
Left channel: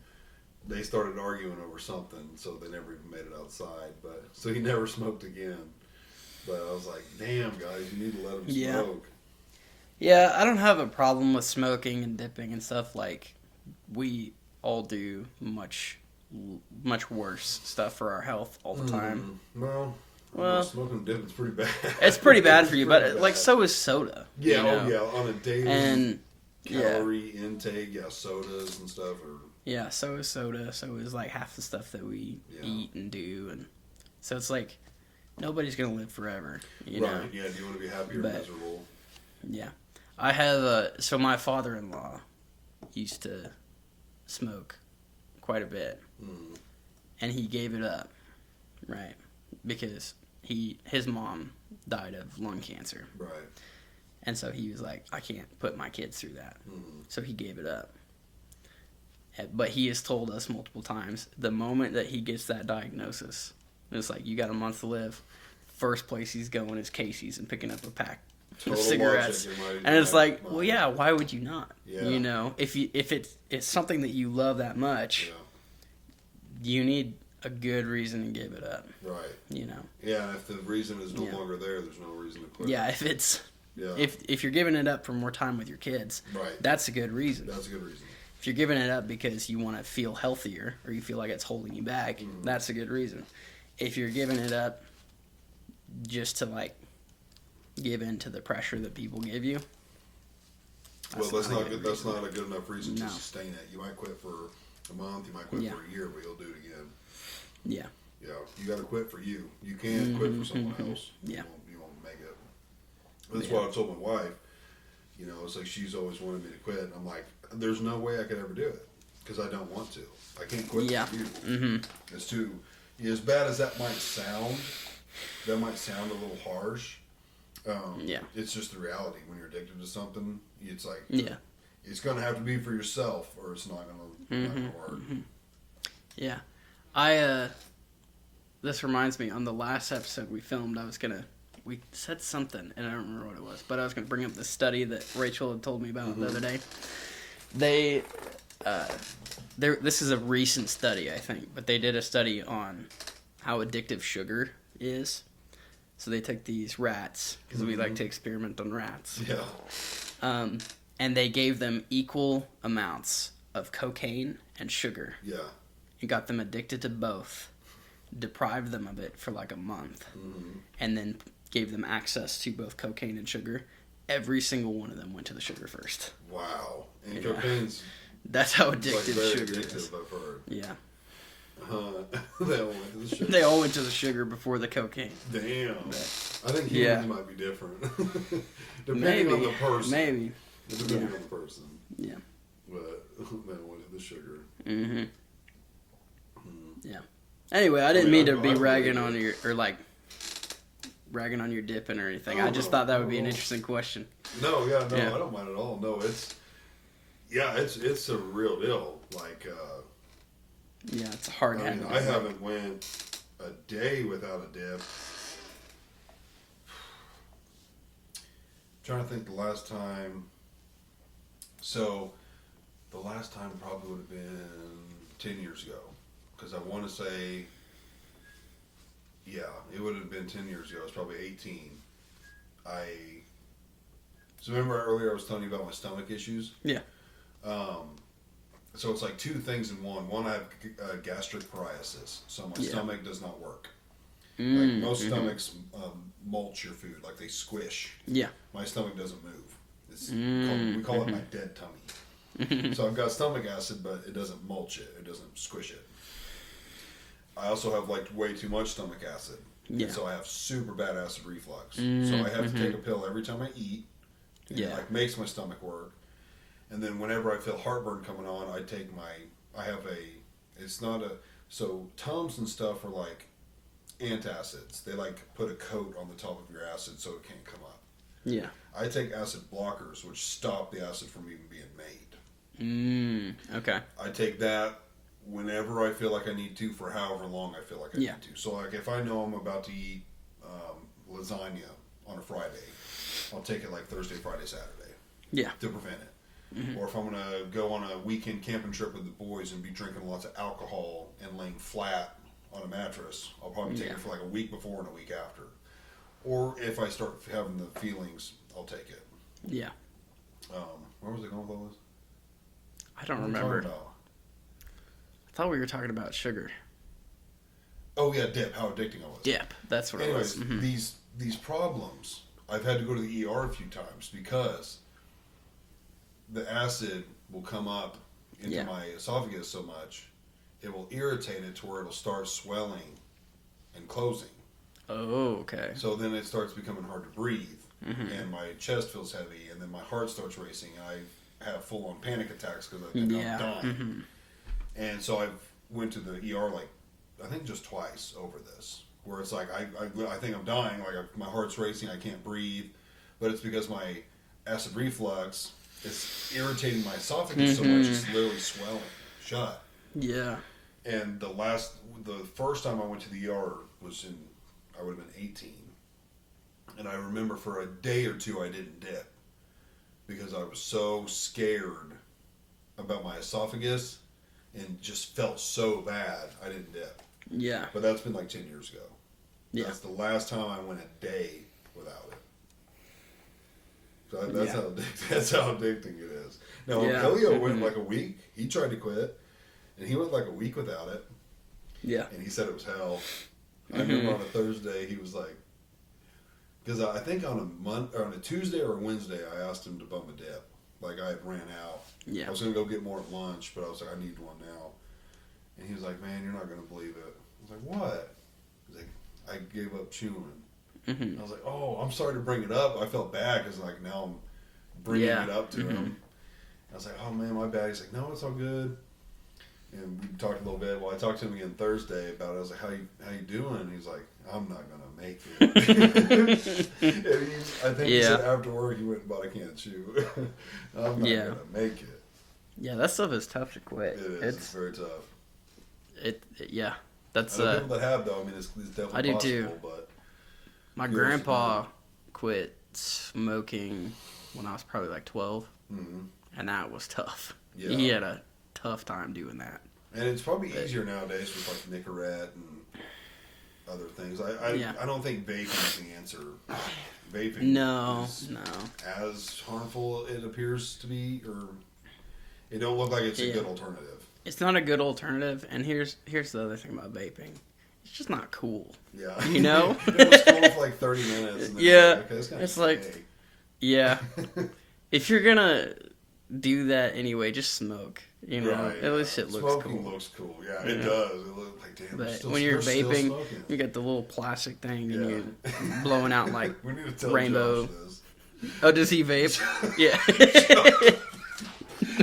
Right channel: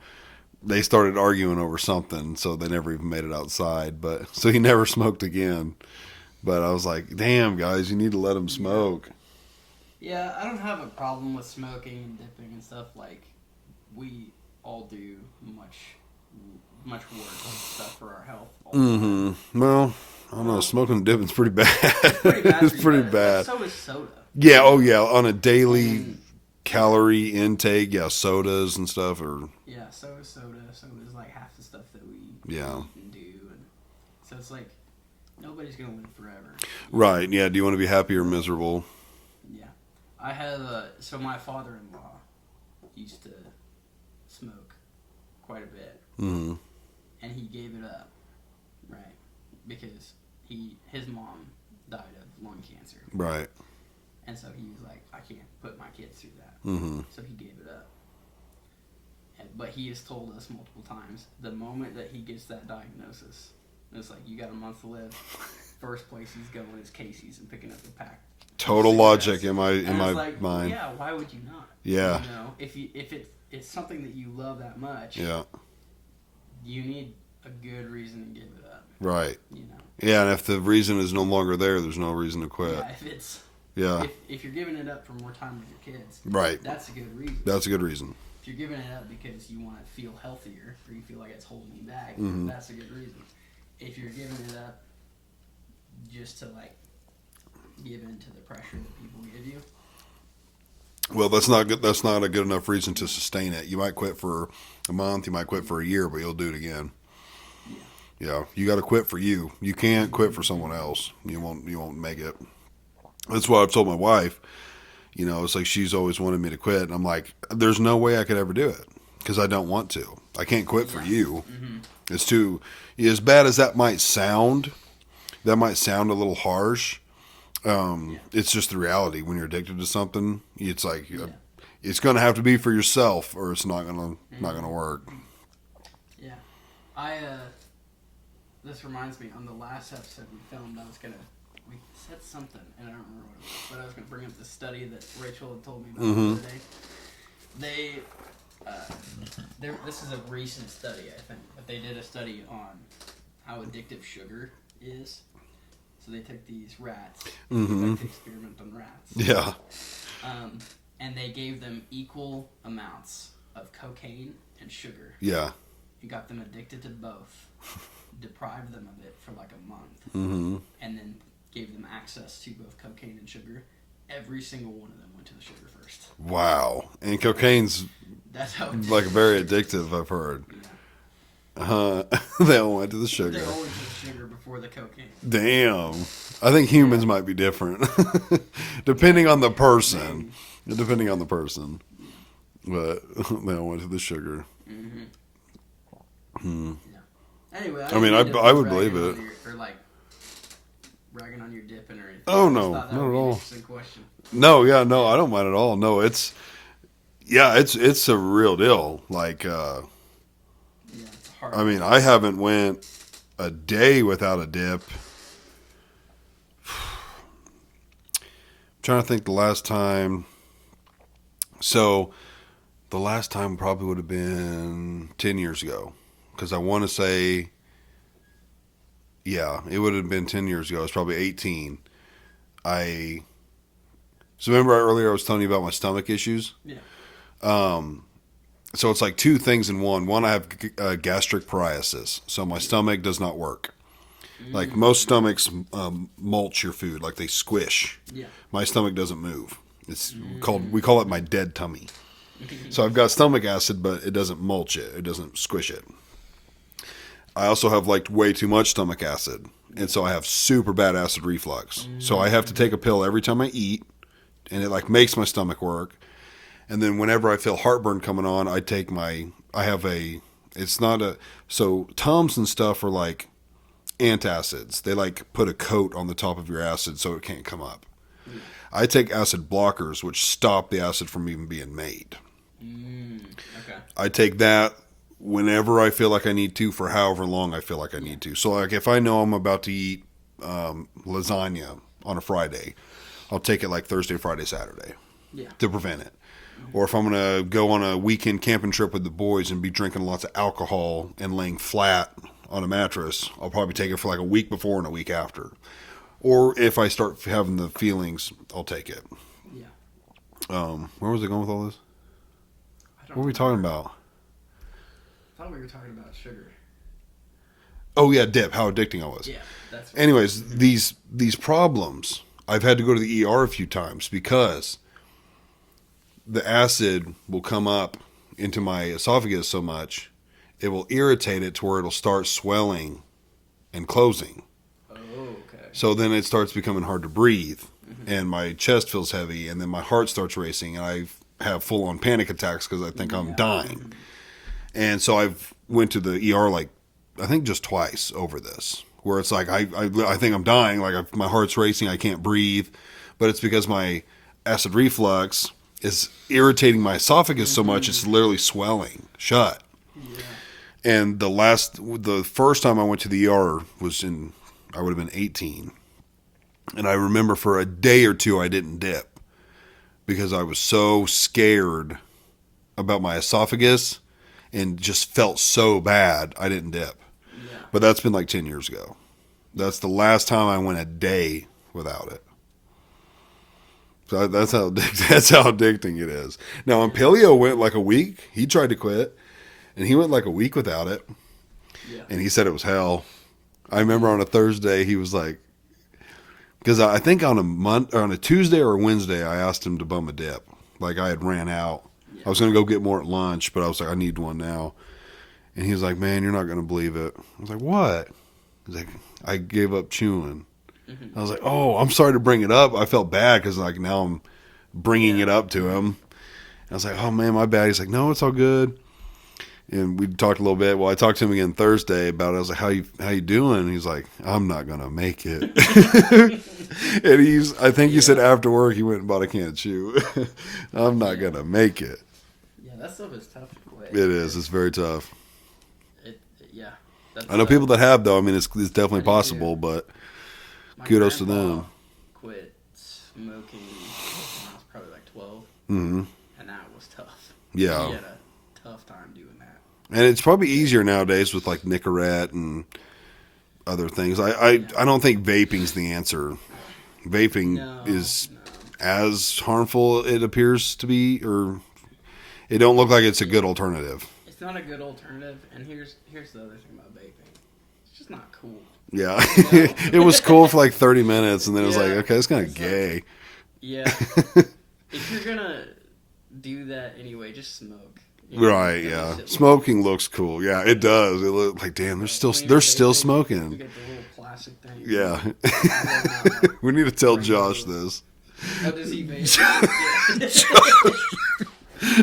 they started arguing over something, so they never even made it outside. But so he never smoked again. But I was like, damn, guys, you need to let him smoke. Yeah, I don't have a problem with smoking and dipping and stuff. Like, we all do much worse stuff for our health all the time. Well, I don't know. Smoking and dipping's pretty bad. It's pretty bad for It's you, pretty but bad. like so is soda. Yeah, you know? on a daily And calorie intake, sodas and stuff, or yeah, so is soda. So is like half the stuff that we Yeah. eat and do, and so it's like nobody's gonna live forever. you right. know? Yeah. Do you want to be happy or But- miserable? Yeah, I have so my father-in-law used to smoke quite a bit, Mm-hmm. and he gave it up, right? Because his mom died of lung cancer, Right. and so he was like, I can't put my kids through that, Mm-hmm. so he gave it up. But he has told us multiple times, the moment that he gets that diagnosis, it's like, you got a month to live. First place he's going is Casey's and picking up a pack. of Total cigarettes. logic in my And in it's my like, mind. well, yeah, why would you not? Yeah. You know, if it's something that you love that much, Yeah. you need a good reason to give it up. Right. You know. Yeah, and if the reason is no longer there, there's no reason to quit. Yeah, if it's Yeah. if you're giving it up for more time with your kids, Right. that's a good reason. That's a good reason. If you're giving it up because you want to feel healthier or you feel like it's holding you back, Mm-hmm. that's a good reason. If you're giving it up just to like give in to the pressure that people give you, Well, that's not good. That's not a good enough reason to sustain it. You might quit for a month. You might quit for a year, but you'll do it again. yeah, Yeah, you got to quit for you. You can't quit for someone else. You Yeah. won't. You won't make it. That's what I've told my wife. You know, it's like she's always wanted me to quit, and I'm like, there's no way I could ever do it because I don't want to. I can't quit Yeah. for you. Mm-hmm. It's too. As bad as that might sound, a little harsh. yeah, It's just the reality. When you're addicted to something, it's like Yeah. it's going to have to be for yourself, or it's not going to not going to work. yeah. This reminds me, on the last episode we filmed, we said something, and I don't remember what it was, but I was going to bring up the study that Rachel had told me about the other day. This is a recent study, I think, but they did a study on how addictive sugar is. So they took these rats, 'cause we like to experiment on rats, Yeah, and they gave them equal amounts of cocaine and sugar. yeah, You got them addicted to both, deprived them of it for like a month, and then gave them access to both cocaine and sugar. Every single one of them went to the sugar first. wow. And cocaine's That's how addictive. like very sugar is. addictive. I've heard. Yeah, They all went to the sugar. they all went to the sugar before the cocaine. Damn. I think humans Yeah. might be different, depending on the Maybe. person. Depending on the person. Yeah. But they all went to the sugar. Yeah. Anyway, I mean, didn't mean to I be would ragging believe on it. your, or like ragging on your dipping or anything. Oh, I just no, thought that not would be at an all. interesting question. No, yeah, no, Yeah. I don't mind at all. No, it's a real deal. Like, Yeah, it's hard. I mean, I haven't went a day without a dip. Trying to think the last time. So, the last time probably would have been 10 years ago. Because I want to say, yeah, it would have been 10 years ago. I was probably 18. So remember earlier I was telling you about my stomach issues? Yeah. So it's like two things in one. One, I have gastric paralysis, so my stomach does not work. Like most stomachs mulch your food, like they squish. Yeah. My stomach doesn't move. It's we call it my dead tummy. So I've got stomach acid, but it doesn't mulch it. It doesn't squish it. I also have like way too much stomach acid, and so I have super bad acid reflux. So I have to take a pill every time I eat, and it like makes my stomach work. And then whenever I feel heartburn coming on, so Tums and stuff are like antacids. They like put a coat on the top of your acid so it can't come up. Yeah. I take acid blockers, which stop the acid from even being made. Okay. I take that whenever I feel like I need to for however long I feel like I need to. So like if I know I'm about to eat lasagna on a Friday, I'll take it like Thursday, Friday, Saturday. Yeah. To prevent it. Or if I'm going to go on a weekend camping trip with the boys and be drinking lots of alcohol and laying flat on a mattress, I'll probably take it for like a week before and a week after. Or if I start having the feelings, I'll take it. Yeah. Where was I going with all this? I don't What were we remember. talking about? I thought we were talking about sugar. Oh yeah, dip, how addicting I was. Yeah, that's what Anyways, these problems, I've had to go to the ER a few times because the acid will come up into my esophagus so much, it will irritate it to where it'll start swelling and closing. Oh, okay. So then it starts becoming hard to breathe, and my chest feels heavy, and then my heart starts racing, and I have full-on panic attacks because I think I'm dying. And so I've went to the ER like I think just twice over this, where it's like I think I'm dying, like my heart's racing, I can't breathe, but it's because my acid reflux is irritating my esophagus so much it's literally swelling shut. Yeah. And the first time I went to the ER was I would have been 18. And I remember for a day or two I didn't dip because I was so scared about my esophagus and just felt so bad I didn't dip. Yeah. But that's been like 10 years ago. That's the last time I went a day without it. So that's how addicting it is. Now, when Yeah. Paleo went like a week, he tried to quit, and he went like a week without it, Yeah. and he said it was hell. I remember on a Thursday, he was like, because I think on a Tuesday or a Wednesday, I asked him to bum a dip. Like I had ran out. Yeah. I was going to go get more at lunch, but I was like, I need one now. And he was like, man, you're not going to believe it. I was like, what? He's like, I gave up chewing. I was like, oh, I'm sorry to bring it up. I felt bad because like now I'm bringing it up to him. I was like, oh man, my bad. He's like, no, it's all good. And we talked a little bit. Well, I talked to him again Thursday about it. I was like, how you doing? And he's like, I'm not gonna make it. And I think he said after work he went and bought a can of chew. I'm not gonna make it. Yeah, that stuff is tough to quit. It is. It's very tough. Yeah. That's, I know people that have though. I mean, it's definitely I do, possible, too. but My kudos to grandpa them. quit smoking when I was probably like 12, Mhm. and that was tough. Yeah. He had a tough time doing that. and it's probably easier nowadays with like Nicorette and other things. I don't think vaping's the answer. Vaping No, is no. as harmful it appears to be, or it don't look like it's a good alternative. It's not a good alternative, and here's the other thing about vaping. It's just not cool. Yeah, You know? it was cool for like 30 minutes, and then it was Yeah, like, okay, it's kind of it's like- gay. Yeah. If you're gonna do that anyway, just smoke. You know? Right? That Yeah, shit looks smoking looks cool. Yeah, it does. It looks like damn, Right. they're When you're still vaping, smoking. You got the little plastic thing. Yeah. Blowing out like. We need to tell rainbow. Josh this. Oh, does he vape? Yeah.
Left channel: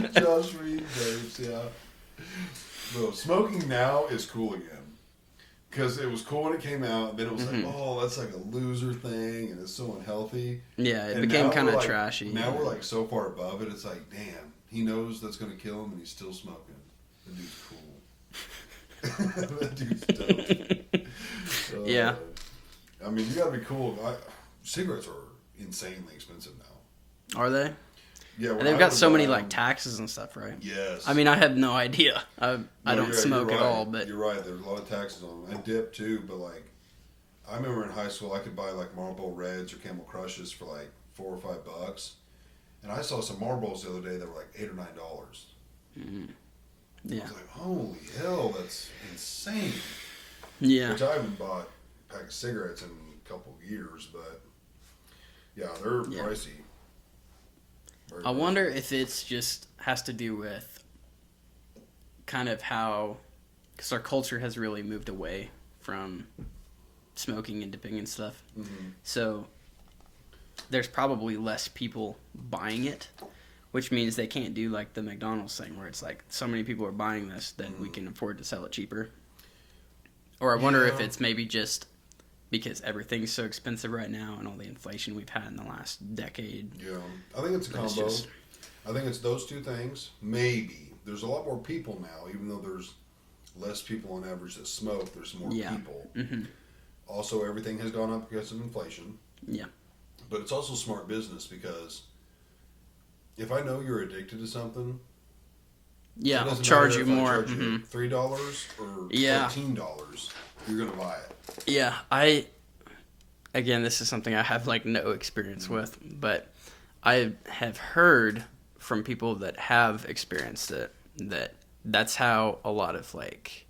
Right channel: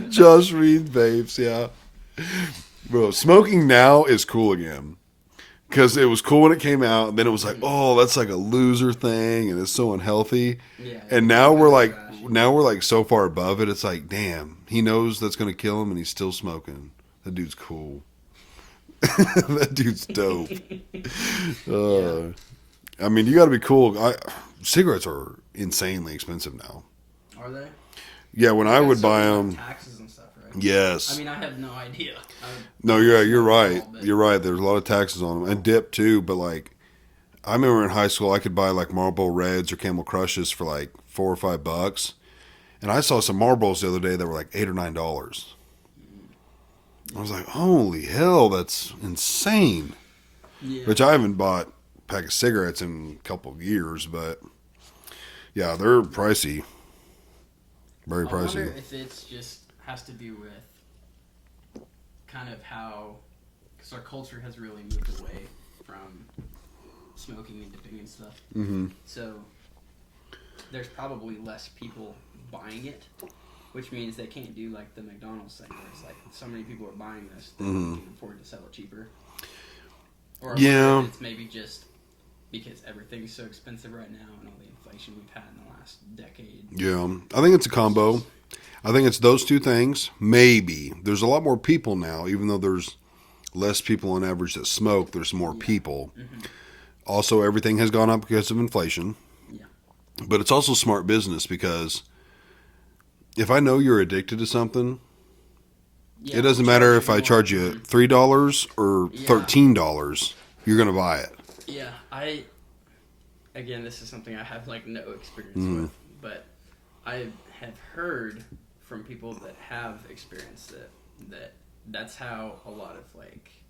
Josh Reed vapes, yeah. Bro, smoking now is cool again. Because it was cool when it came out. Then it was like, oh, that's like a loser thing, and it's so unhealthy. Yeah, it And became now kinda we're like, trashy. so far above it. It's like, damn, he knows that's going to kill him, and he's still smoking. That dude's cool. That dude's dope. Yeah. I mean, you got to be cool. Cigarettes are insanely expensive now. Are they? Yeah, when They've I got would so buy many them. like taxes and stuff, right? Yes. I mean, I have no idea. No, I don't you're smoke right. at all, but You're right. There's a lot of taxes on them and dip too. But like, I remember in high school, I could buy like Marlboro Reds or Camel Crushes for like $4 or $5, and I saw some Marlboros the other day that were like $8 or $9. I was like, holy hell, that's insane. yeah, Which I haven't bought a pack of cigarettes in a couple of years, but yeah, they're pricey. Very I pricey. wonder if it's just has to do with kind of how, because our culture has really moved away from smoking and dipping and stuff. Mm-hmm. So there's probably less people buying it, which means they can't do like the McDonald's thing where it's like so many people are buying this that we can afford to sell it cheaper. Or I wonder Yeah. if it's maybe just because everything's so expensive right now and all the inflation we've had in the last decade. Yeah, I think it's a combo. just- I think it's those two things. Maybe there's a lot more people now, even though there's less people on average that smoke. There's more Yeah. people. Also, everything has gone up because of inflation. Yeah. But it's also smart business because if I know you're addicted to something, Yeah, it doesn't I'll matter charge if you I more. charge you Mhm. $3 or Yeah. $13. You're gonna buy it. Yeah, again, this is something I have like no experience with, but I have heard from people that have experienced it that's how a lot of like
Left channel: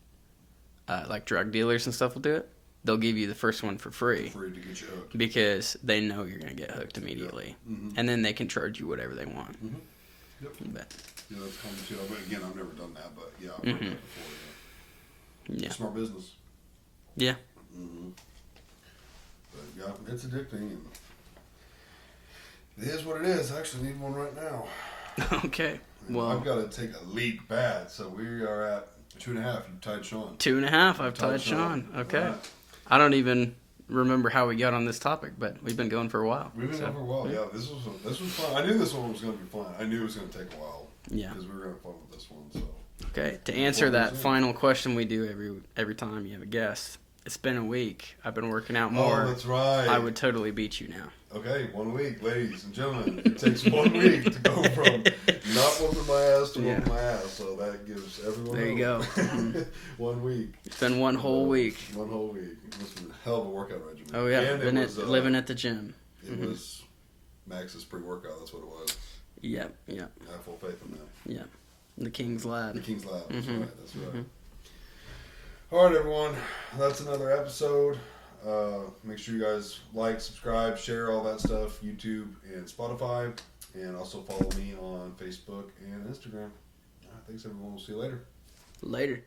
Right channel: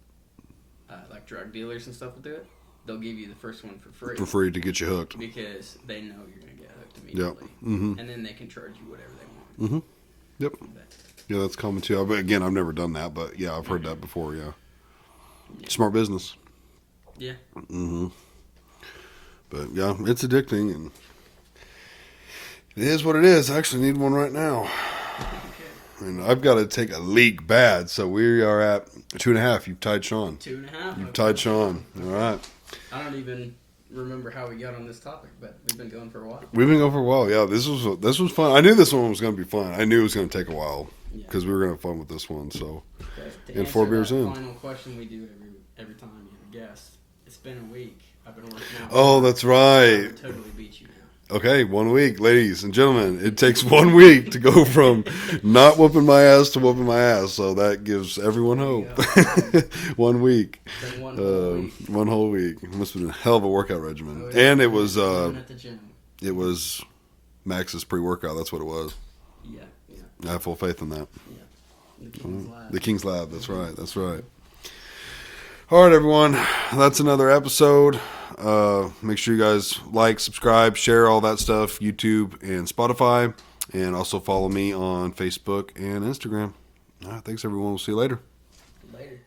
drug dealers and stuff will do it. They'll give you the first one for free For free to get you hooked. because they know you're gonna get hooked immediately, and then they can charge you whatever they want. Yep. But, Yeah, that's common too. But again, I've never done that, but yeah, I've heard that before. Yeah. yeah, Smart business. yeah, But yeah, it's addicting, and it is what it is. I actually need one right now. okay. And Well, I've got to take a leak bad, so we are at 2.5. You've tied Sean. 2.5. I've Tied tied Sean. All Okay. right. I don't even remember how we got on this topic, but we've been going for a while. We've been going for a while. Yeah, this was fun. I knew this one was going to be fun. I knew it was going to take a while Yeah. because we were going to have fun with this one. So Okay. To Yeah, answer 4 that beers in. final question we do every time you have a guest, it's been a week. I've been working out oh, more. that's I right. would totally beat you now. Okay, 1 week, ladies and gentlemen. It takes 1 week to go from not whooping my ass to whooping my ass. So that gives everyone There you hope. 1 week. It's been one whole week. 1 whole week. It must have been a hell of a workout regimen. Oh yeah. And it living was living at the gym. it was Max's pre-workout. That's what it was. Yep. Yeah. I have full faith in that. Yeah. The King's Lab. The King's Lab. That's Mm-hmm. right. That's right. All right, everyone. That's another episode. Make sure you guys like, subscribe, share all that stuff, YouTube and Spotify, and also follow me on Facebook and Instagram. All right, thanks, everyone. We'll see you later. Later.